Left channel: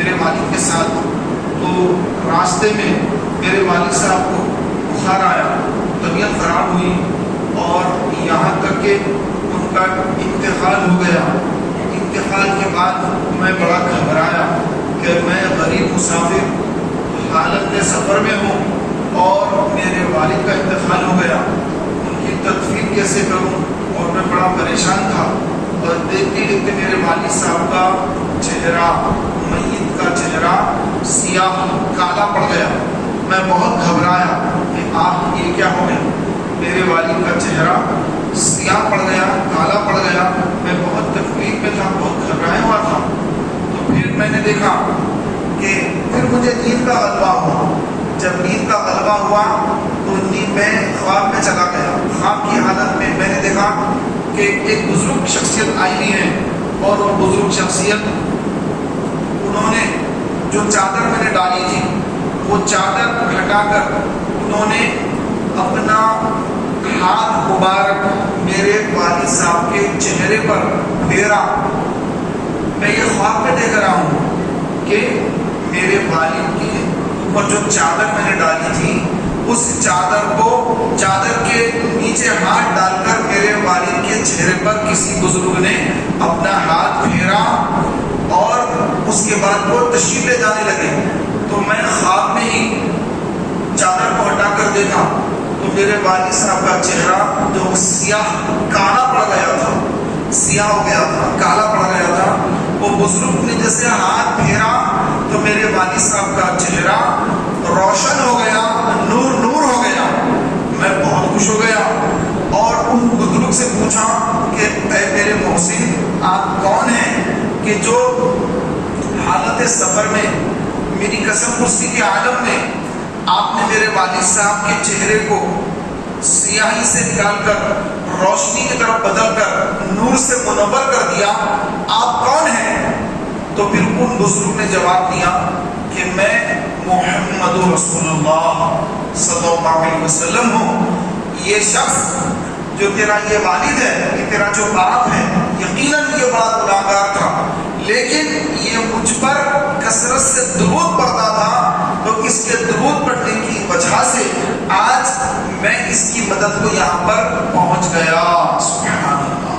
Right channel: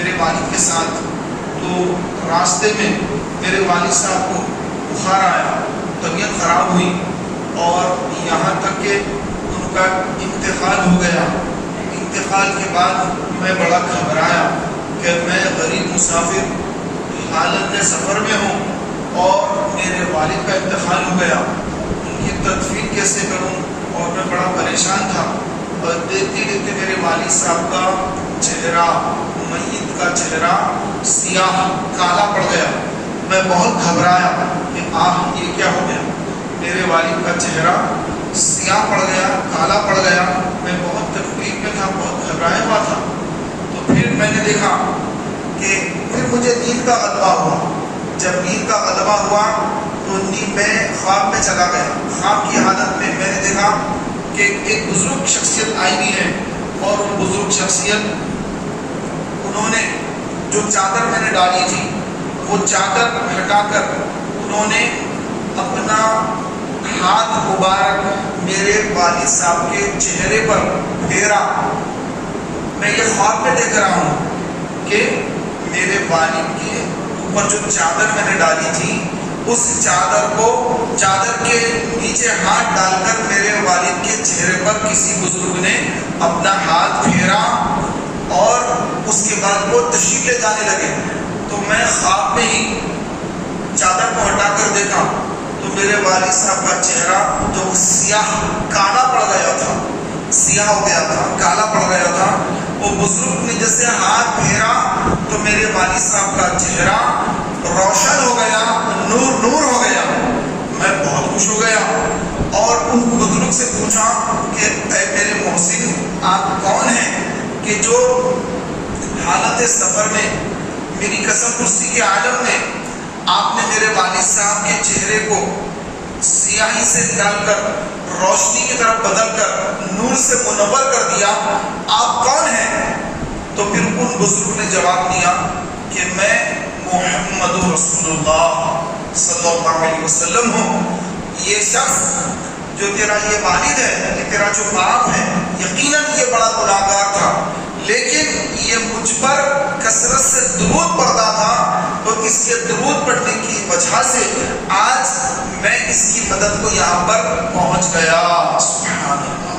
میرے والد کے ساتھ، تو راستے میں میرے والد صاحب کو بخار آیا، طبیعت خراب ہوئی اور یہاں تک کہ ان کا انتقال ہو گیا۔ انتقال کے بعد میں بڑا گھبرایا کہ میں غریب مسافر حالت میں سفر میں ہوں اور میرے والد کا انتقال ہو گیا، ان کی تدفین کیسے کروں، اور میں بڑا پریشان تھا۔ اور دیکھتے دیکھتے میرے والد صاحب کا چہرہ، میت کا چہرہ سیاہ کالا پڑ گیا۔ میں بہت گھبرایا کہ یہ کیا ہو گیا، میرے والد کا چہرہ سیاہ پڑ گیا، کالا پڑ گیا۔ میں بہت تکلیف میں تھا، بہت گھبرایا ہوا تھا۔ تو پھر میں نے دیکھا کہ پھر مجھے نیند کا غلبہ ہوا۔ جب نیند کا غلبہ ہوا تو میں خواب میں چلا گیا۔ خواب کی حالت میں میں نے دیکھا کہ ایک بزرگ شخصیت آئی ہوئی ہے، اور وہ بزرگ شخصیت، انہوں نے جو چادر میں نے ڈالی تھی وہ چادر ہٹا کر انہوں نے اپنا ہاتھ مبارک میرے والد صاحب کے چہرے پر پھیرا۔ میں یہ خواب میں دیکھ رہا ہوں کہ میرے والد کے اوپر جو چادر میں نے ڈالی تھی، اس چادر کے نیچے ہاتھ ڈال کر میرے والد کے چہرے پر کسی بزرگ نے اپنا ہاتھ پھیرا، اور اس کے بعد وہ تشریف لے جانے لگے۔ تو میں خواب میں ہی چادر کو ہٹا کر دیکھا تو میرے والد صاحب کا چہرہ جو سیاہ کالا پڑ گیا تھا، سیاہ ہو گیا تھا، کالا پڑ گیا تھا، وہ بزرگ نے جیسے ہاتھ پھیرا تو میرے والد صاحب کا چہرہ روشن ہو گیا، نور ہو گیا۔ میں بہت خوش ہو گیا اور ان بزرگ سے پوچھا کہ اے میرے محسن، آپ کون ہیں کہ جو حالت سفر میں میری قسم کرسی کے عالم میں آپ نے میرے والد صاحب کے چہرے کو سیاہی سے نکال کر روشنی کی طرف بدل کر نور سے منور کر دیا، آپ کون ہیں؟ تو پھر ان بزرگ نے جواب دیا کہ میں محمد رسول اللہ صلی اللہ علیہ وسلم ہوں۔ یہ شخص جو تیرا یہ والد ہے، یہ تیرا جو باپ ہے، یقیناً یہ بڑا گناہگار تھا، لیکن یہ مجھ پر کثرت سے درود پڑھتا تھا، تو اس کے درود پڑھنے کی وجہ سے آج میں اس کی مدد کو یہاں پر پہنچ گیا۔ سبحان اللہ۔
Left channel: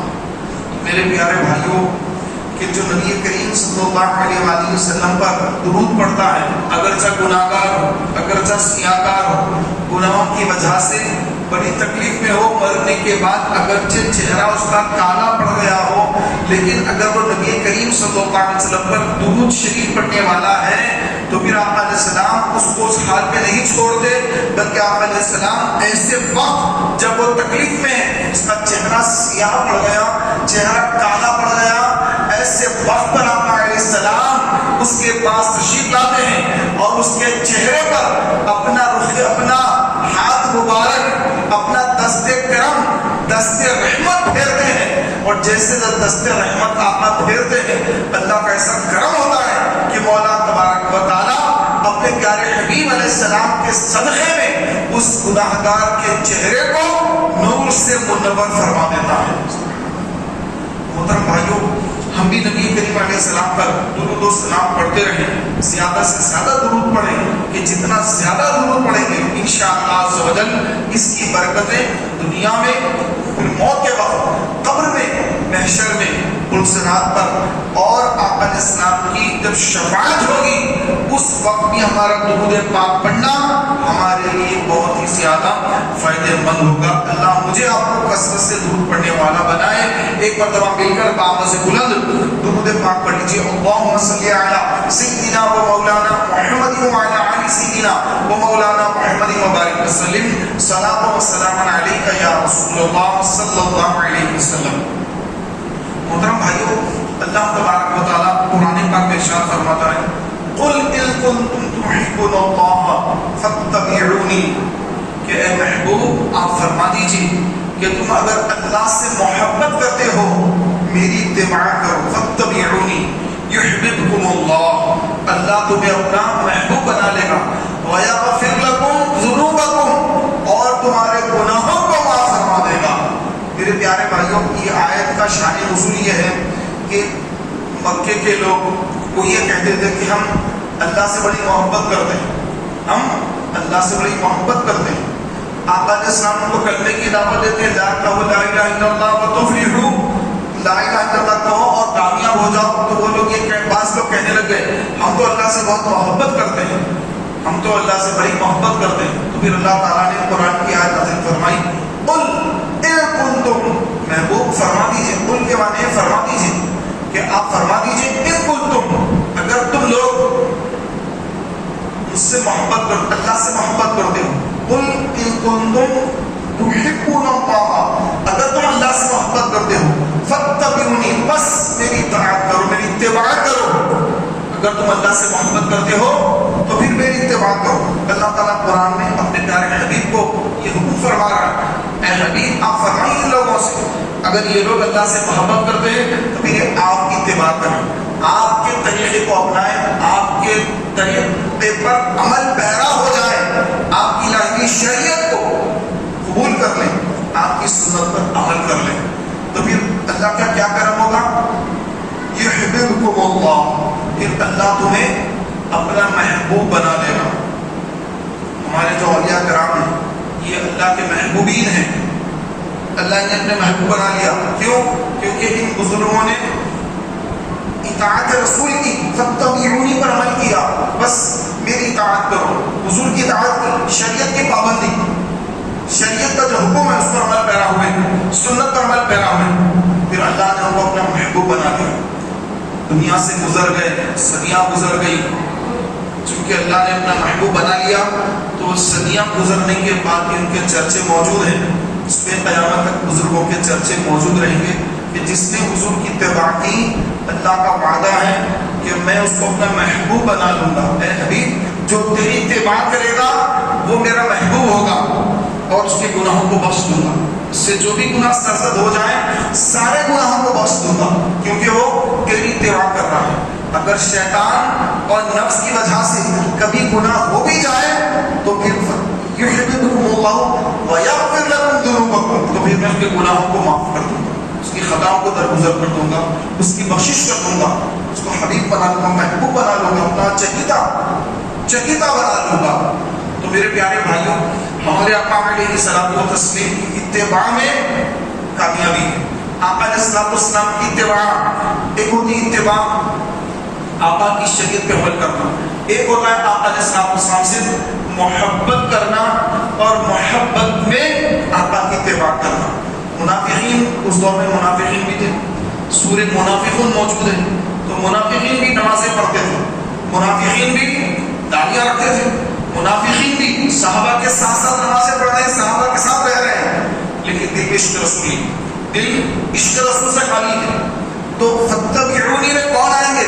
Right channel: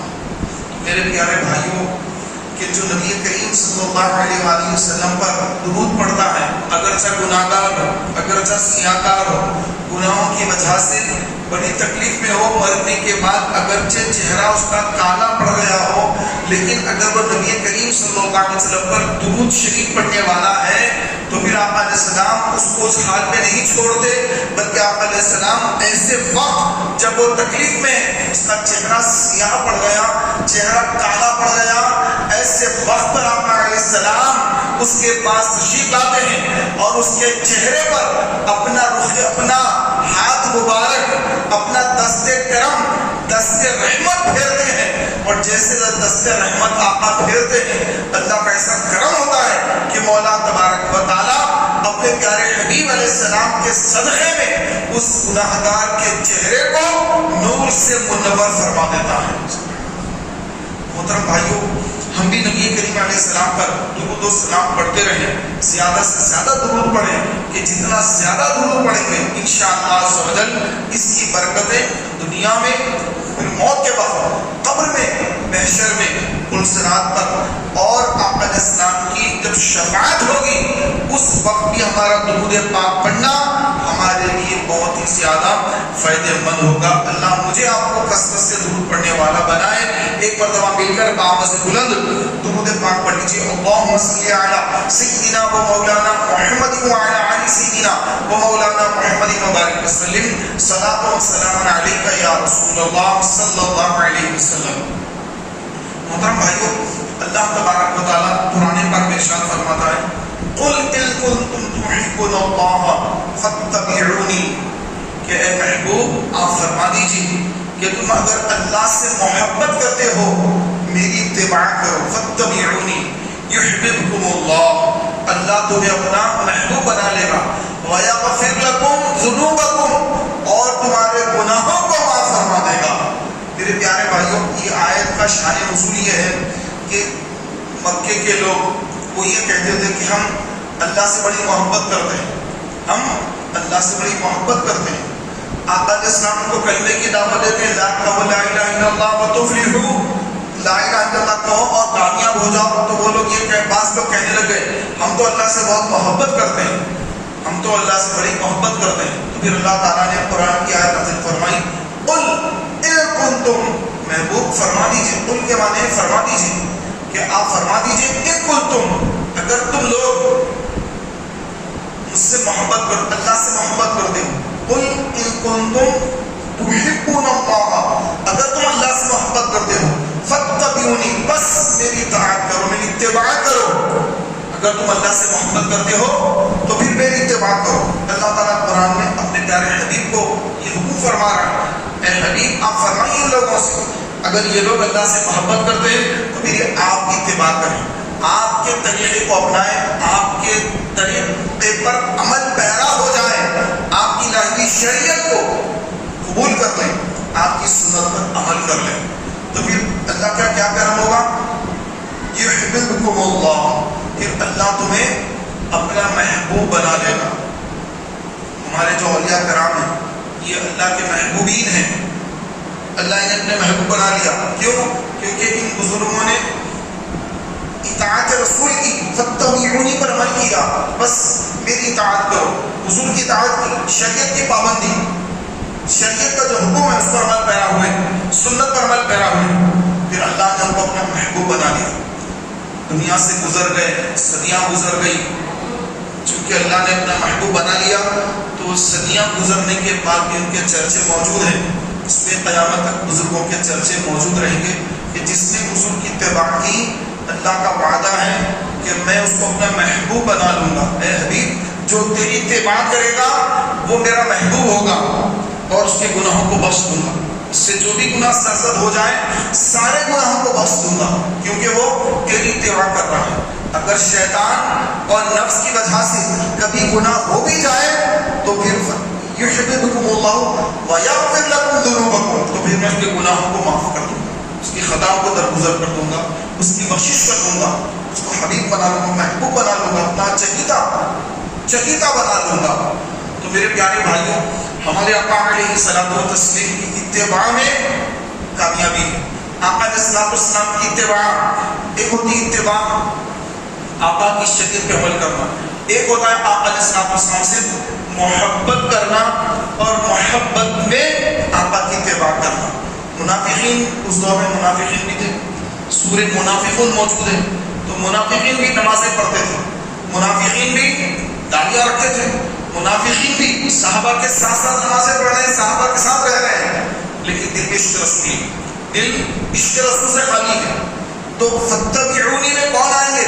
میرے پیارے بھائیوں، کہ جو نبی کریم صلی اللہ علیہ وآلہ وسلم پر درود پڑھتا ہے، اگرچہ گناہگار ہو، اگرچہ سیاہکار ہو، گناہوں کی وجہ سے بڑی تکلیف میں ہو، مرنے کے بعد اگرچہ چہرہ اس کا کالا پڑ گیا ہو، لیکن اگر وہ نبی کریم صلی اللہ علیہ وسلم پر درود شریف پڑھنے والا ہے تو پھر آپ علیہ السلام اس کو اس حال میں نہیں چھوڑتے، بلکہ آپ علیہ السلام ایسے وقت جب وہ تکلیف میں اس کا چہرہ سیاہ پڑ گیا، چہرہ کالا پڑ گیا، ایسے وقت پر آپ علیہ السلام اس کے پاس تشریف لاتے ہیں اور اس کے چہرے پر اپنا ہاتھ مبارک، اپنا دست کرم، دست رحمت پھیرتے ہیں، اور جیسے دست رحمت آپ پھیرتے ہیں، اللہ کا ایسا کرم ہوتا ہے کہ مولا تبارک و تعالیٰ اپنے پیارے حبیب علیہ السلام کے صدقے میں اس گناہگار کے چہرے کو نور سے منور فرما دیتا ہے۔ محترم بھائیوں، ہم بھی نبی کریم علیہ السلام پر درود و سلام پڑھتے رہیں، زیادہ سے زیادہ درود پڑھیں، کہ جتنا زیادہ درود پڑھیں گے انشاءاللہ عز و جل اس کی برکتیں دنیا میں، پھر موت کے وقت، قبر میں، محشر میں، پلسرات پر، اور آقا علیہ السلام کی جب شفاعت ہوگی اس وقت بھی ہمارا درود پاک پڑھنا ہمارے لیے بہت ہی زیادہ فائدہ مند ہوگا۔ اللہ مجھے آپ کو کثرت سے درود پڑھنے والا بنائے۔ ایک مرتبہ مل کر آواز سے بلند درود پاک پڑھ لیجیے۔ اللہم صلی علی سیدنا و مولانا محمد وعلی آل سیدنا و مولانا محمد مبارک وسلم، صلاۃ و سلام علیک یا رسول اللہ صلی اللہ علیہ وسلم۔ محترم بھائیوں، اللہ تبارک و تعالیٰ قرآن پاک میں ارشاد فرماتا ہے، قل ان کنتم تحبون اللہ فاتبعونی، کہ اے محبوب آپ فرما دیجیے کہ تم اگر اللہ سے محبت کرتے ہو میری اتباع کرو، فاتبعونی یحببکم اللہ، اللہ تمہیں اپنا محبوب بنا لے گا، ویغفر لکم ذنوبکم، اور تمہارے گناہوں کو معاف فرما دے گا۔ میرے پیارے بھائیوں، یہ آیت کا شان نزول یہ ہے کہ مکے کے لوگ وہ یہ کہتے تھے کہ ہم اللہ سے بڑی محبت کرتے ہیں، ہم اللہ سے بڑی محبت کرتے ہیں۔ آقا علیہ السلام کو کلمے کی دعوت دیتے ہیں، لا الہ الا اللہ وتفلحوا، لا الہ الا اللہ کہو اور کامیاب ہو جاؤ۔ تو وہ لوگ بعض لوگ کہنے لگ گئے ہم تو اللہ سے بہت محبت کرتے ہیں، ہم تو اللہ سے بڑی محبت کرتے ہیں۔ تو پھر اللہ تعالیٰ نے قرآن کی آیت نازل فرمائی، قل ان کنتم، محبوب فرما دیجئے، قل کے معنی ہے فرما دیجئے، کہ آپ فرما دیجئے ان کنتم، اگر تم لوگ مجھ سے محبت کرتے، اللہ سے محبت کرتے ہو، قل ان کنتم تحبون اللہ، اگر تم اللہ سے محبت کرتے ہو، فاتبعونی، بس میری اطاعت کرو، میری اتباع کرو۔ اگر تم اللہ سے محبت کرتے ہو تو پھر میری اتباع کرو۔ اللہ تعالیٰ قرآن میں اپنے پیارے حبیب کو یہ حکم فرما رہا ہے، اے حبیب آپ فرمائیے ان لوگوں سے اگر یہ لوگ اللہ سے محبت کرتے ہیں تو پھر آپ کی اتباع کریں، آپ کے طریقے کو اپنائیں، آپ کے طریقے پر عمل پیرا ہو جائیں، آپ کی الہی شریعت کو قبول کر لیں، آپ کی سنت پر عمل کر لیں، تو پھر اللہ کا کیا کرم ہوگا؟ یحببکم اللہ، پھر اللہ تمہیں اپنا محبوب بنا لے گا۔ ہمارے جو اولیاء کرام ہیں یہ اللہ کے محبوبین ہیں، اللہ نے اپنے محبوب بنا لیا، کیوں؟ کیونکہ ان بزرگوں نے اطاعت رسول کی، فاتبعونی پر عمل کیا، بس میری اطاعت کرو، حضور کی اطاعت کی، شریعت کی پابندی، شریعت کا جو حکم ہے اس پر عمل پیرا ہوئے، سنت پر عمل پیرا ہوئے، پھر اللہ نے ان کو اپنا محبوب بنا لیا۔ دنیا سے گزر گئے، صدیاں گزر گئی، چونکہ اللہ نے اپنا محبوب بنا لیا تو صدیاں گزرنے کے بعد بھی ان کے چرچے موجود ہیں، اس پہ قیامت تک بزرگوں کے چرچے موجود رہیں گے کہ جس نے حضور کی اتباع کی، اللہ کا وعدہ ہے کہ میں اس کو اپنا محبوب بنا لوں گا۔ اے حبیب جو تیری اتباع کرے گا وہ میرا محبوب ہوگا اور اس کے گناہوں کو بخش دوں گا، اس سے جو بھی گناہ سرزد ہو جائیں سارے گناہوں کو بخش دوں گا، کیونکہ وہ تیری اتباع کر رہا ہے۔ اگر شیطان اور نفس کی وجہ سے کبھی گناہ ہو بھی جائے تو پھر یحببکم اللہ ویغفر لکم ذنوبکم، تو پھر میں اس کے گناہوں کو معاف کر دوں گا، اس کی خطاؤں کو درگزر کر دوں گا، اس کی بخشش کر دوں گا، اس کو حبیب بنا لوں گا، محبوب بنا لوں گا، اپنا چہیتا بنا لوں گا۔ تو میرے پیارے بھائیوں، ہمارے آقا علیہ الصلوۃ والتسلیم کی اتباع میں کامیابی ہے۔ آقا علیہ السلام کی اتباع، ایک ہوتی ہے اتباع آقا کی شریعت پہ عمل کرنا، ایک ہوتا ہے آقا علیہ السلام سے محبت کرنا اور محبت میں آقا کی اتباع کرنا۔ منافقین، اس دور میں منافقین بھی تھے، سورہ منافقون موجود ہے، تو منافقین بھی نمازیں پڑھتے تھے، منافقین بھی داڑیاں رکھتے تھے، منافقین بھی صحابہ کے ساتھ ساتھ نمازیں پڑھ رہے ہیں، صحابہ کے ساتھ رہ رہے ہیں، لیکن دل میں عشق رسول، دل عشق رسول سے خالی ہے۔ تو فاتبعونی میں کون آئیں گے؟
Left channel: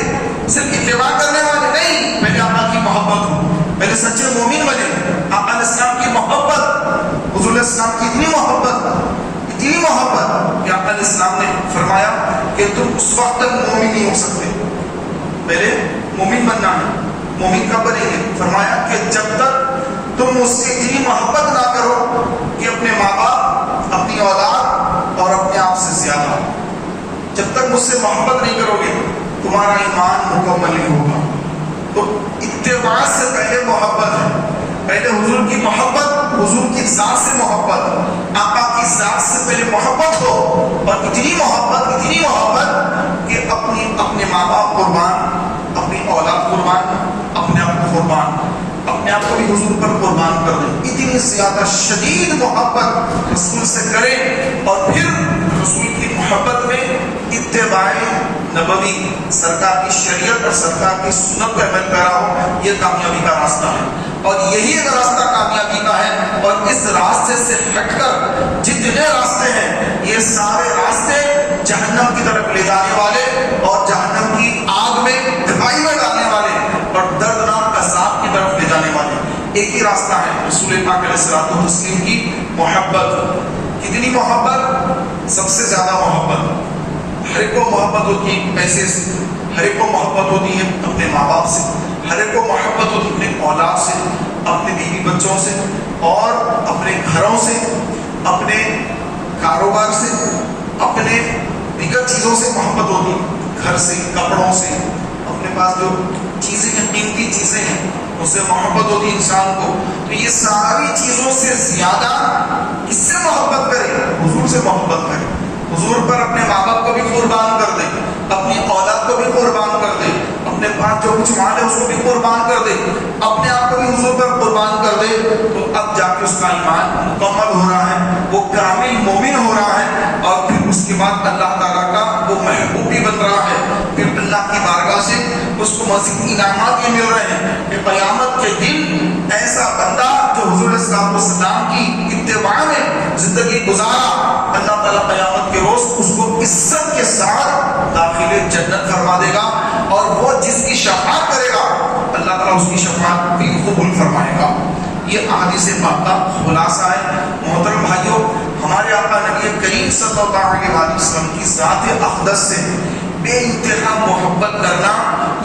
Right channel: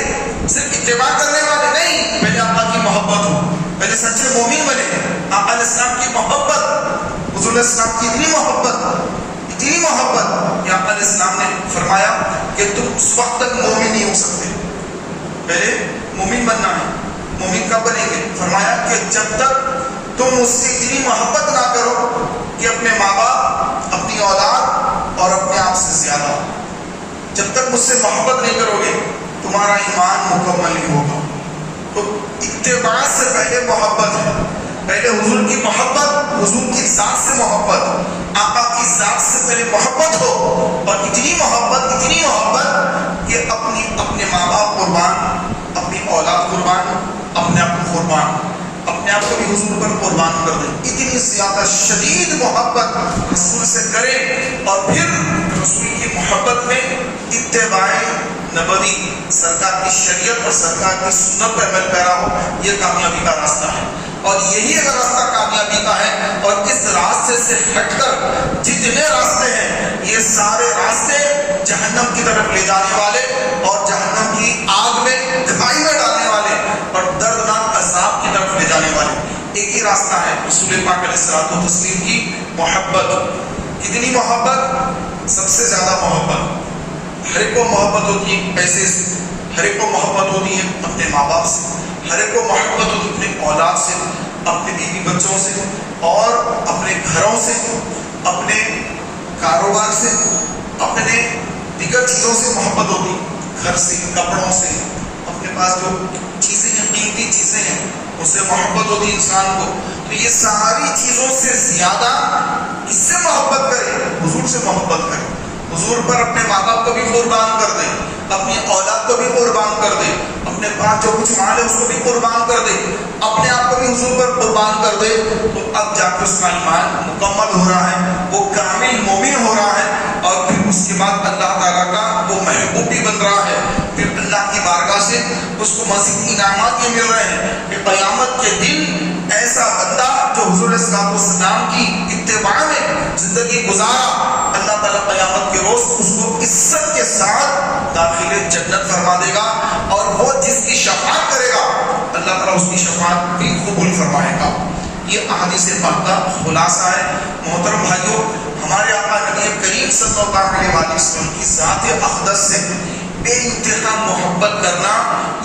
صرف اتباع کرنے والے نہیں، پہلے آقا کی محبت ہو، پہلے سچے مومن بنے، آقا علیہ السلام کی محبت، حضور علیہ السلام کی اتنی محبت کہ آقا علیہ السلام نے فرمایا کہ تم اس وقت تک مومن نہیں ہو سکتے، پہلے مومن بننا ہے۔ مومن کب بنیں گے؟ فرمایا کہ جب تک تم اس سے اتنی محبت نہ کرو کہ اپنے ماں باپ، اپنی اولاد اور اپنے آپ سے زیادہ، جب تک مجھ سے محبت نہیں کرو گے تمہارا ایمان مکمل نہیں ہوگا۔ تو اتباع سے پہلے محبت ہے، پہلے حضور کی محبت، حضور کی ذات سے محبت، آقا کی ذات سے پہلے محبت ہو، اور اتنی محبت کہ اپنے ماں باپ قربان، اپنی اولاد قربان، اپنے آپ کو قربان، اپنے آپ کو بھی حضور پر قربان کر دیں، اتنی زیادہ شدید محبت رسول سے کریں، اور پھر رسول کی محبت میں اتباع نبوی، سرکار کی شریعت اور سرکار کی سنت پر عمل پیرا ہو، یہ کامیابی کا راستہ ہے۔ اور یہی اگر راستہ کامیابی کا ہے، اور اس راستے سے ہٹ کر جتنے راستے ہیں یہ سارے راستے جہنم کی طرف لے جانے والے اور جہنم کی آگ میں کھائی میں ڈالنے والے اور دردناک عذاب کی طرف لے جانے والے، ایک ہی راستہ ہے رسول پاک علیہ الصلوۃ والتسلیم کی محبت۔ کتنی محبت؟ سب سے زیادہ محبت۔ ہر ایک کو محبت ہوتی ہے پیسے سے، ہر ایک کو محبت ہوتی ہے اپنے ماں باپ سے، ہر ایک کو محبت ہوتی ہے اپنے اولاد سے، اپنے بیوی بچوں سے، اور اپنے گھروں سے، اپنے کاروبار سے، اپنے دیگر چیزوں سے محبت ہوتی ہے، گھر سے، کپڑوں سے، اپنے پاس جو چیزیں ہیں، قیمتی چیزیں ہیں، اس سے محبت ہوتی ہے انسان کو، تو یہ ساری چیزوں سے زیادہ کس سے محبت کرے؟ حضور سے محبت کرے، حضور پر اپنے ماں باپ کو بھی قربان کر دے، اپنی اولاد کو بھی قربان کر دے، اپنے پاس جو کچھ مال ہے اس کو بھی قربان کر دے، اپنے آپ کو بھی حضور پر قربان کر دے، تو اب جا کے اس کا ایمان مکمل ہو رہا ہے، وہ کامل مومن ہو رہا ہے، اور پھر اس کے بعد اللہ تعالیٰ کا وہ محبوب بھی بن رہا ہے، پھر اللہ کی بارگاہ سے اس کو مزید انعامات یہ مل رہے ہیں کہ قیامت کے دن ایسا بندہ جو حضور علیہ الصلوۃ والسلام کی اتباع میں زندگی گزارا، اللہ تعالیٰ قیامت کے روز اس کو عزت کے ساتھ داخل جنت فرما دے گا، اور وہ جس کی شفاعت کرے گا اللہ تعالیٰ اس کی شفاعت بھی قبول فرمائے گا۔ یہ احادیث پاک کا خلاصہ ہے۔ محترم بھائیوں، ہمارے آقا نبی کریم صلی اللہ علیہ وسلم کی ذات اقدس سے بے انتہا محبت کرنا،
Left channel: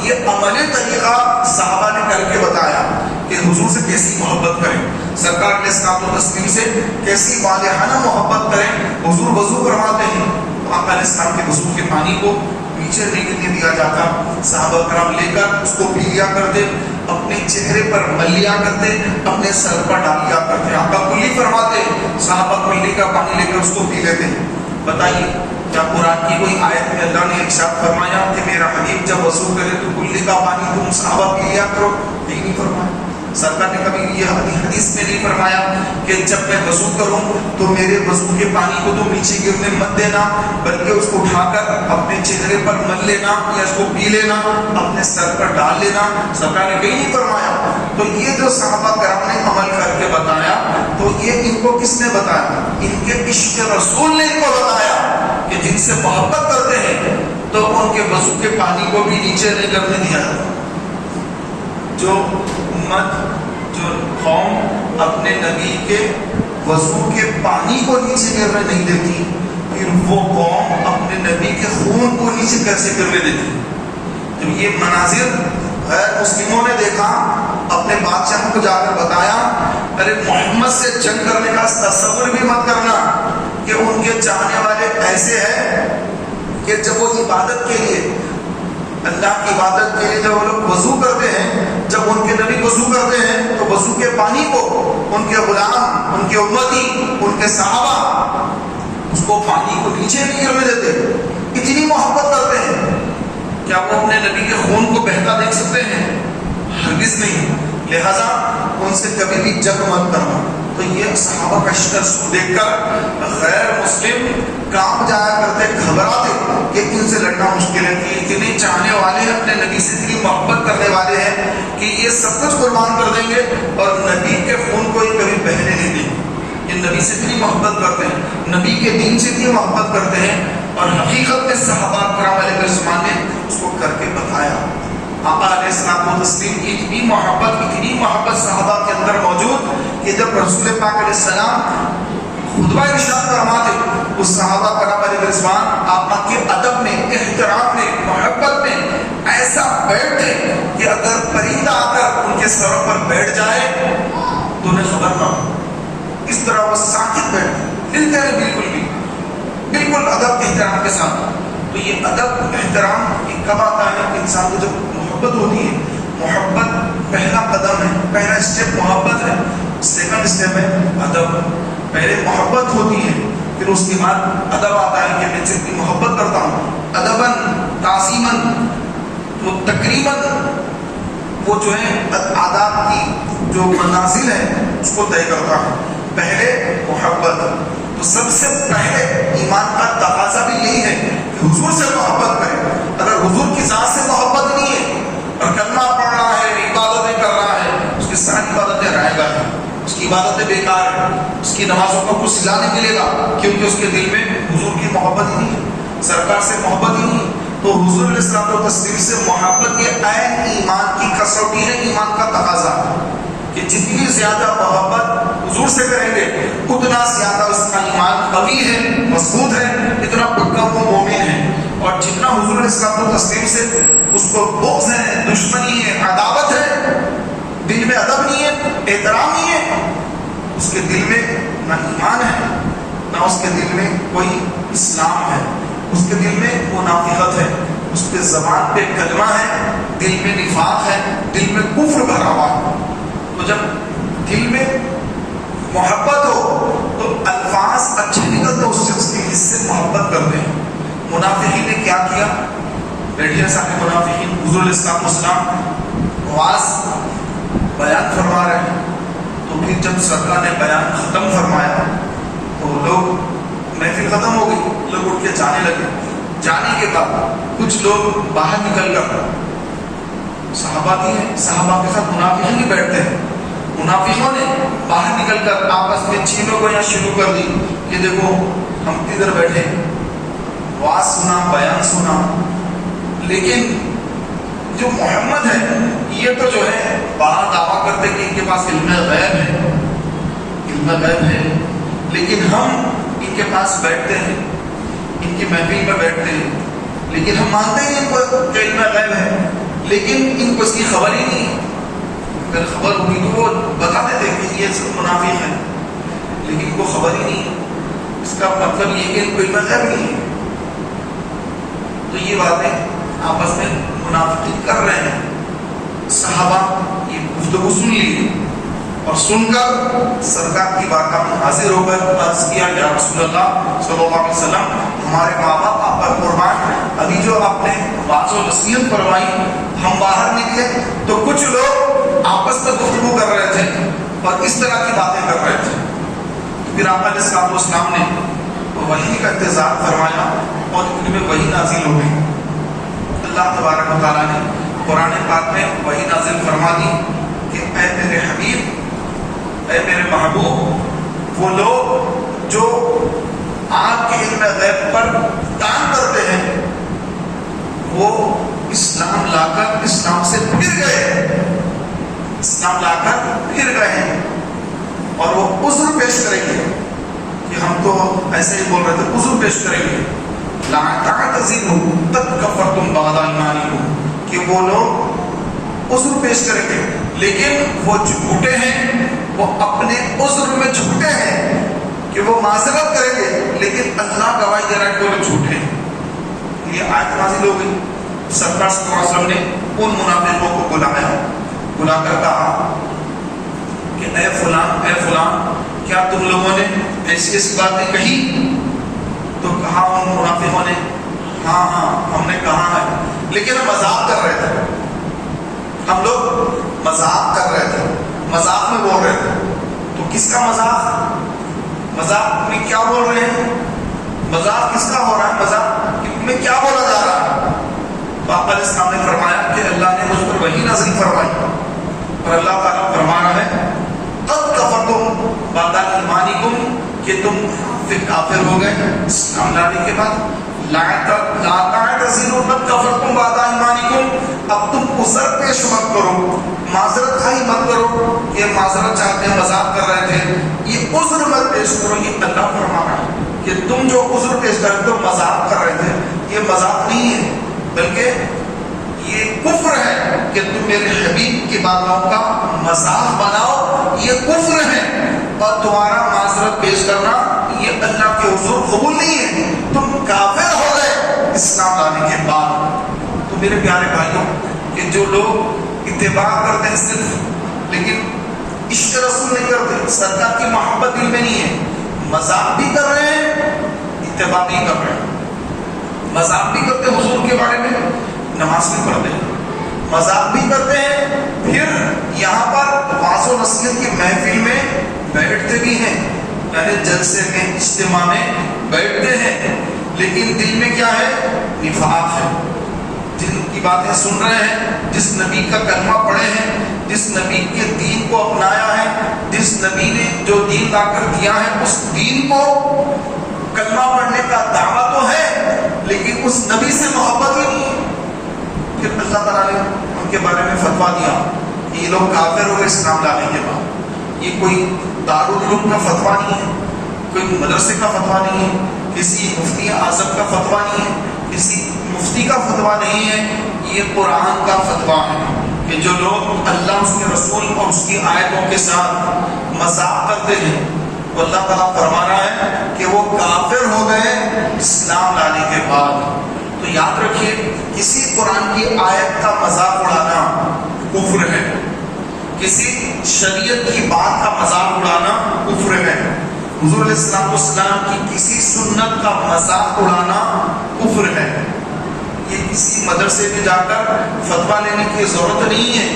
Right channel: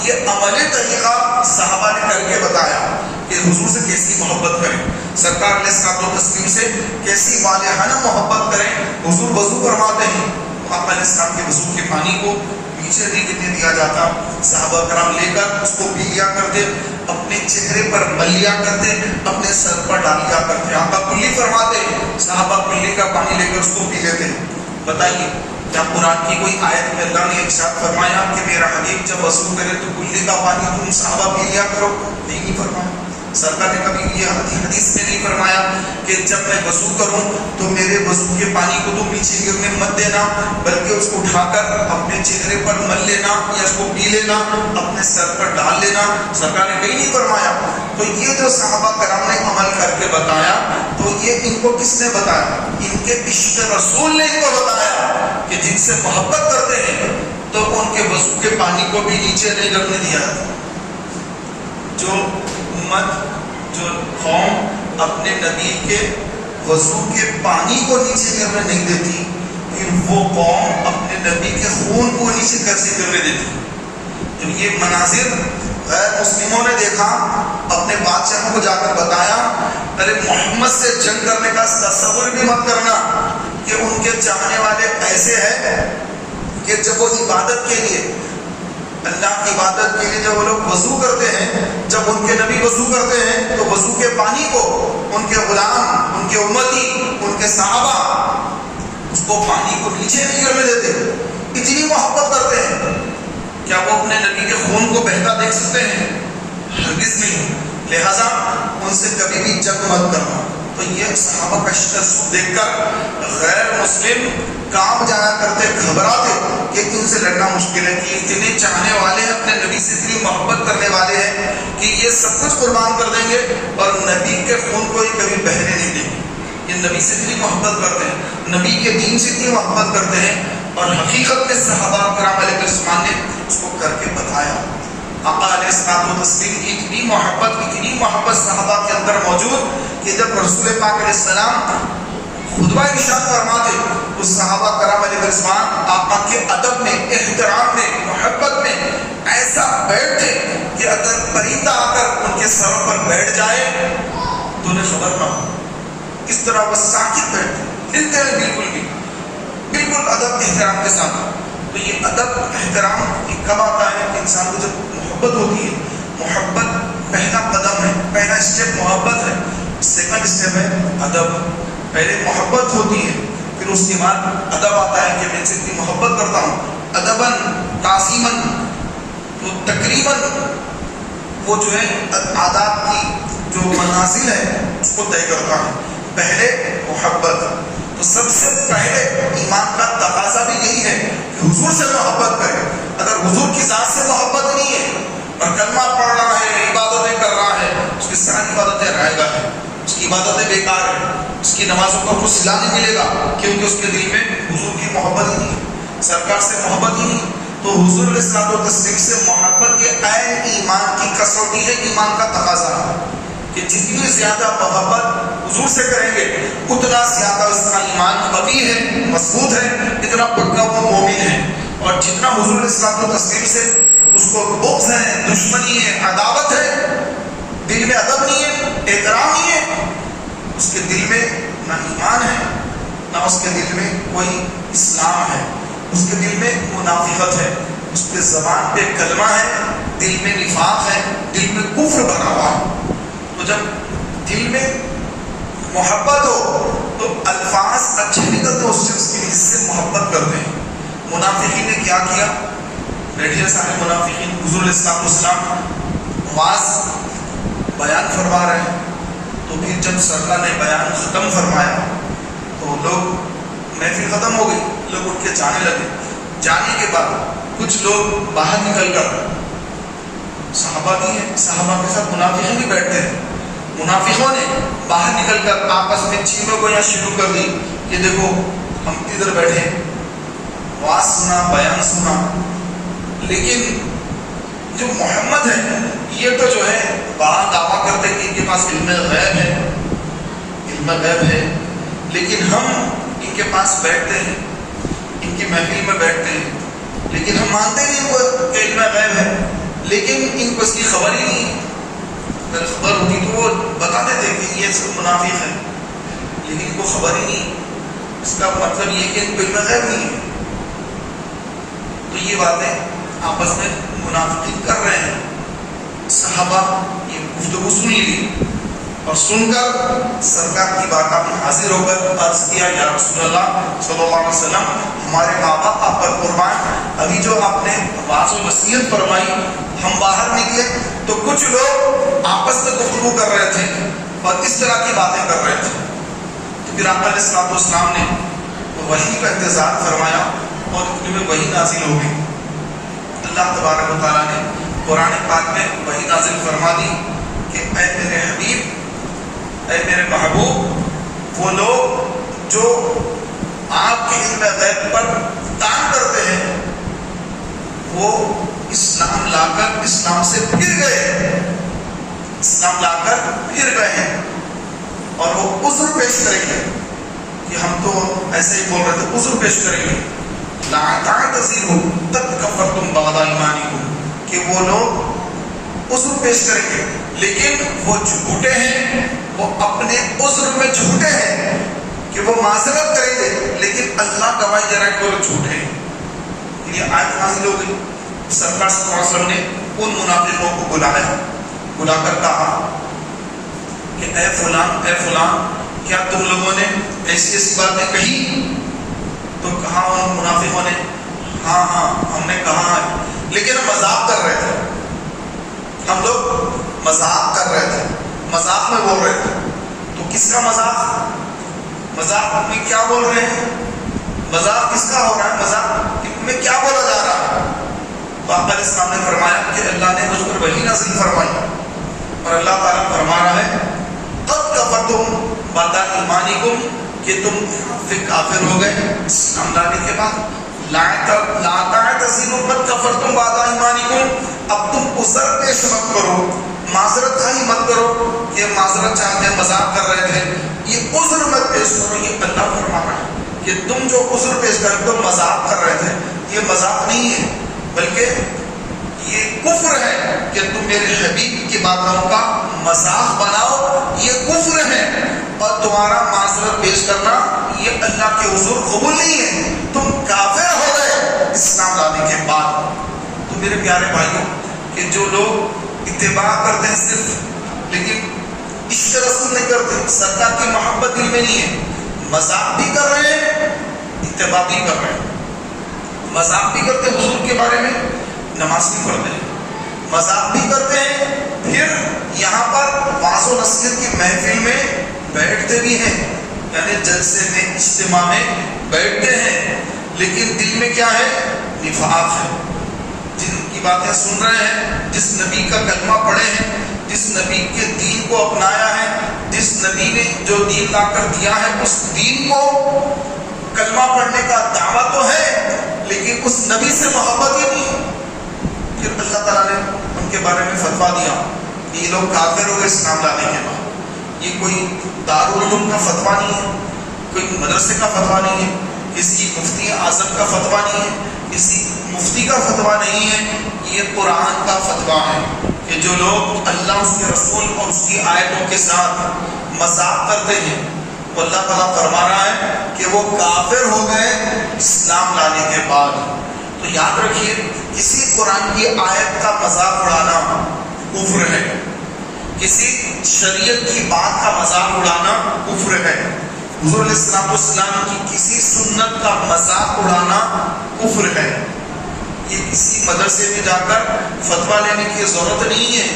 یہ عملی طریقہ صحابہ نے کر کے بتایا کہ حضور سے کیسی محبت کریں، سرکار علیہ الصلوۃ والتسلیم سے کیسی والہانہ محبت کریں۔ حضور وضو کرواتے ہیں، آقا علیہ السلام کے وضو کے پانی کو نیچے نہیں دیا جاتا، صحابہ کرام لے کر اس کو پی لیا کرتے، اپنے چہرے پر مل لیا کرتے، اپنے سر پر ڈال لیا کرتے۔ آقا کلی فرماتے، صحابہ کلی کا پانی لے کر اس کو پی لیتے۔ بتائیے کیا قرآن کی کوئی آیت میں اللہ نے ارشاد فرمایا کہ میرا حبیب جب وضو کرے تو کلی کا پانی تم صحابہ پی لیا کرو؟ نہیں فرمایا۔ سرکار نے کبھی یہ حدیث میں نہیں فرمایا کہ جب میں وضو کروں تو میرے وضو کے پانی کو تم نیچے گرنے مت دینا، بلکہ اس کو اٹھا کر اپنے چہرے پر مل لینا یا اس کو پی لینا، اپنے سر پر ڈال لینا۔ سرکار نے کہیں نہیں فرمایا۔ تو یہ جو صحابہ کرام نے عمل کر کے بتایا، تو یہ ان کو کس نے بتایا؟ ان کے عشق رسول نے ان کو بتایا کہ جن سے محبت کرتے ہیں تو ان کے وضو کے پانی کو بھی نیچے نہیں گرنے دیا۔ جو امت، جو قوم اپنے نبی کے وضو کے پانی کو نیچے گرنے نہیں دیتی، پھر وہ قوم اپنے نبی کے خون کو نیچے کیسے گرنے دیتی؟ تو یہ مناظر غیر مسلموں نے دیکھا، اپنے بادشاہوں کو جا کر بتایا، ارے محمد سے جنگ کرنے کا تصور بھی مت کرنا کہ ان کے چاہنے والے ایسے ہیں کہ جب وہ عبادت کے لیے، اللہ کی عبادت کے لیے جب وہ لوگ وضو کرتے ہیں، جب ان کے نبی وضو کرتے ہیں تو وضو کے پانی کو ان کے غلام، ان کے امتی، ان کے صحابہ اس کو پانی کو نیچے نہیں گرنے دیتے، اتنی محبت کرتے ہیں۔ کیا وہ اپنے نبی کے خون کو بہتا دیکھ سکتے ہیں؟ ہرگز نہیں۔ لہذا ان سے کبھی بھی جنگ مت کرنا۔ تو یہ صحابہ کا شکست دیکھ کر غیر مسلم کام جایا کرتے، گھبراتے کہ ان سے لڑنا مشکل ہے، کہ اتنے چاہنے والے ہیں، اپنے نبی سے اتنی محبت کرنے والے ہیں کہ یہ سب کچھ قربان کر دیں گے اور نبی کے خون کو یہ کبھی بہنے نہیں دیں گے۔ یہ نبی سے اتنی محبت کرتے ہیں، نبی کے دین سے اتنی محبت کرتے ہیں، اور حقیقت میں صحابہ کرام علیہ الرضوان نے اس کو کر کے بتایا۔ آقا علیہ الصلوۃ والتسلیم کی اتنی محبت صحابہ کے اندر موجود کہ جب رسول پاک علیہ السلام خطبہ ارشاد فرماتے، اس صحابہ کرام علیہ الرضوان آقا کے ادب میں، احترام میں، محبت میں ایسا بیٹھتے کہ اگر پرندہ آ کر ان کے سروں پر بیٹھ جائے تو انہیں خبر نہ ہو، اس طرح وہ ساکت بیٹھتے، ہلتے ہیں بالکل ادب احترام کے ساتھ۔ تو یہ ادب احترام کب آتا ہے؟ انسان کو جب محبت ہوتی ہے۔ محبت پہلا قدم ہے، پہلا اسٹیپ محبت ہے، سیکنڈ اسٹیپ ہے ادب۔ پہلے محبت ہوتی ہے، پھر اس کے بعد ادب آتا ہے کہ میں جتنی محبت کرتا ہوں، ادباً، تعظیماً، وہ تقریباً وہ جو ہے آداب کی جو منازل ہے اس کو طے کرتا ہے۔ پہلے محبت، تو سب سے پہلے ایمان کا تقاضا بھی یہی ہے کہ حضور سے محبت کرے۔ اگر حضور کی ذات سے محبت نہیں ہے اور کلمہ پڑھ رہا ہے، عبادتیں کر رہا ہے، اس کی ساری عبادتیں رائے گا ہے، اس کی عبادتیں بیکار ہیں، اس کی نمازوں کو کچھ صلہ نہیں ملے گا، کیونکہ اس کے دل میں حضور کی محبت ہی نہیں ہے، سرکار سے محبت ہی نہیں ہے۔ تو حضور علیہ الصلوۃ والتسلیم سے محبت یہ عین ایمان کی کسوٹی ہے، ایمان کا تقاضا ہے کہ جتنی زیادہ محبت حضور سے کریں گے اتنا زیادہ اس کا ایمان قوی ہے، مضبوط ہے، اتنا پکا وہ مومن ہے۔ اور جتنا حضور علیہ الصلوۃ والتسلیم سے اس کو بغض ہے، دشمنی ہے، عداوت ہے، دل میں ادب نہیں ہے، احترام نہیں ہے، اس کے دل میں نہ ایمان ہے، نہ اس کے دل میں کوئی اسلام ہے، اس کے دل میں منافقت ہے، اس کے زبان پہ کلمہ ہے دل میں نفاق ہے، دل میں کفر بھرا ہوا ہے۔ تو جب دل میں محبت ہو تو الفاظ اچھے نکلتے اس شخص کے جس سے محبت کرتے ہیں۔ منافقین نے کیا کیا؟ بیٹھے سارے منافقین حضور علیہ السلام واز بیان فرما رہے ہیں، تو پھر جب سرکار نے بیان ختم فرمایا تو لوگ محفل ختم ہو گئی، لوگ اٹھ کے جانے لگے۔ جانے کے بعد کچھ لوگ باہر نکل کر صحابہ ہیں، صحابہ کے ساتھ منافقین بھی بیٹھتے ہیں، منافقوں نے باہر نکل کر آپس میں چھینوں گویاں شروع کر دی کہ دیکھو ہم ادھر بیٹھے واز سنا، بیان سنا، لیکن جو محمد ہے یہ تو جو ہے بڑا دعویٰ کرتے کہ ان کے پاس علم غیب ہے، علم غیب ہے، لیکن ہم ان کے پاس بیٹھتے ہیں، ان کی محفل میں بیٹھتے ہیں، لیکن ہم مانتے ہیں ان کو علم غیب ہے، لیکن ان کو اس کی خبر ہی نہیں ہے۔ اگر خبر ہوتی تو وہ بتا دیتے کہ یہ سب منافق ہے، لیکن ان کو خبر ہی نہیں، اس کا مطلب یہ کہ ان کو علم غیب نہیں ہے۔ تو یہ باتیں آپس میں منافقین کر رہے ہیں۔ صحابہ یہ گفتگو سن لی اور سن کر سرکار کی بارگاہ میں حاضر ہو کر عرض کیا، یا رسول اللہ صلی اللہ علیہ وسلم، ہمارے ماں باپ آپ پر قربان، ابھی جو آپ نے واعظ و نصیحت فرمائی، ہم باہر نکلے تو کچھ لوگ آپس میں گفتگو کر رہے تھے اور اس طرح کی باتیں کر رہے تھے۔ تو پھر آقا علیہ السلام نے وحی کا انتظار فرمایا اور ان میں وحی نازل ہو گئی۔ اللہ تبارک و تعالیٰ نے قرآن پاک میں وحی نازل فرما دی کہ اے میرے حبیب، اے میرے محبوب، وہ لوگ جو آپ کے علم غیب پر کام کرتے ہیں وہ اسلام لا کر اسلام سے پھر گئے، اسلام لا کر پھر گئے ہیں، اور وہ عذر پیش کریں گے کہ ہم تو ایسے ہی بول رہے تھے، عذر پیش کریں گے، لا تعتذروا قد کفرتم بعد ایمانکم، کہ وہ لوگ عذر پیش کریں گے، لیکن وہ جھوٹے ہیں، وہ اپنے عذر میں جھوٹے ہیں کہ وہ معذرت کریں گے، لیکن اللہ گواہی دے رہا ہے کہ وہ جھوٹے ہیں۔ یہ آیت نازل ہو گئی۔ سرکار صلی اللہ علیہ وسلم نے ان منافقوں کو بلا کر کہا کہ اے فلان، اے فلان، کیا تم لوگوں نے ایسی باتیں کہی؟ تو کہا ان منافقوں نے، ہاں ہاں ہم نے کہا ہے، لیکن ہم مذاق کر رہے تھے، ہم لوگ مذاق کر رہے تھے، مذاق میں بول رہے تھے۔ تو کس کا مذاق؟ مذاق میں کیا بول رہے ہیں؟ مذاق کس کا ہو رہا ہے؟ مذاق میں کیا بولا جا رہا ہے؟ تو آقا علیہ السلام نے فرمایا کہ اللہ نے مجھ پر وحی نازل فرمائی اور اللہ تعالیٰ فرما رہا ہے قد کفرتم بعد ایمانکم، کہ تم کافر ہو گئے اسلام لانے کے بعد۔ لا تعتذروا قد کفرتم بعد ایمانکم، اب تم عذر پیش مت کرو، معذرت خواہی مت کرو کہ معذرت چاہتے ہیں، مذاق کر رہے تھے، یہ عذر مت پیش کرو۔ یہ اللہ فرما رہا ہے کہ تم جو عذر پیش کر تو مذاق کر رہے تھے، یہ مذاق نہیں ہے، بلکہ یہ کفر ہے کہ تم میرے حبیب کی باتوں کا مذاق بناؤ، یہ کفر ہے، اور تمہارا معذرت پیش کرنا یہ اللہ کے حضور قبول نہیں ہے، تم کافر ہو گئے اسلام لانے کے بعد۔ تو میرے پیارے بھائیوں، کہ جو لوگ اتباع کرتے ہیں صرف، لیکن عشق رسول نہیں کرتے، سرکار کی محبت دل میں نہیں ہے، مذاق بھی کر رہے ہیں، اتباع بھی کر رہے ہیں، مذاق بھی کرتے ہیں حضور کے بارے میں، نماز بھی پڑھتے ہیں، مذاق بھی کرتے ہیں، پھر یہاں پر واعظ و نصیحت کی محفل میں بیٹھتے بھی ہیں، یعنی جلسے میں، اجتماع میں بیٹھتے ہیں، لیکن دل میں کیا ہے؟ نفاق ہے۔ جن کی باتیں سن رہے ہیں، جس نبی کا کلمہ پڑھے ہیں، جس نبی کے دین کو اپنایا ہے، جس نبی نے جو دین لا کر دیا ہے، اس دین کو کلمہ پڑھنے کا دعویٰ تو ہے، لیکن اس نبی سے محبت ہی نہیں ہے۔ پھر اللہ تعالیٰ نے ان کے بارے میں فتویٰ دیا کہ یہ لوگ کافر ہو گئے اسلام لانے کے بعد۔ یہ کوئی دارالعلوم کا فتویٰ نہیں ہے، کوئی مدرسے کا فتویٰ نہیں ہے، کسی مفتی اعظم کا فتویٰ نہیں ہے، کسی مفتی کا فتویٰ نہیں ہے، یہ قرآن کا فتویٰ ہے کہ جو لوگ اللہ، اس کے رسول اور اس کی آیتوں کے ساتھ مذاق کرتے ہیں، تو اللہ تعالیٰ فرما رہا ہے کہ وہ کافر ہو گئے اسلام لانے کے بعد۔ تو تو یاد رکھیے کسی قرآن کی آیت کا مذاق اڑانا کفر ہے، کسی شریعت کی بات کا مذاق اڑانا کفر ہے، حضور علیہ السلام کی کسی سنت کا مذاق اڑانا کفر ہے۔ یہ کسی مدرسے میں جا کر فتویٰ لینے کی ضرورت نہیں ہے،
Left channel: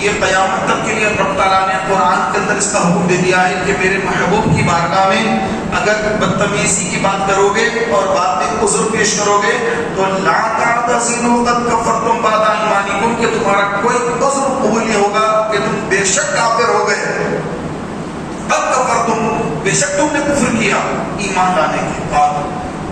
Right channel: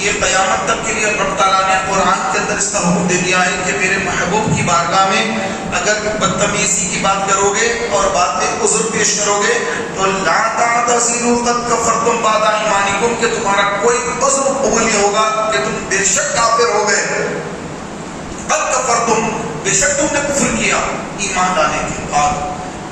یہ قیامت تک کے لیے رب تعالیٰ نے قرآن کے اندر اس کا حکم دے دیا ہے کہ میرے محبوب کی بارگاہ میں اگر بدتمیزی کی بات کرو گے اور بعد میں عذر پیش کرو گے تو لا تعتذروا قد کفرتم بعد ایمانکم، کہ تمہارا کوئی عذر قبول نہیں ہوگا کہ تم بے شک کافر ہو گئے، قد کفرتم، بے شک تم نے کفر کیا ایمان لانے کے بعد۔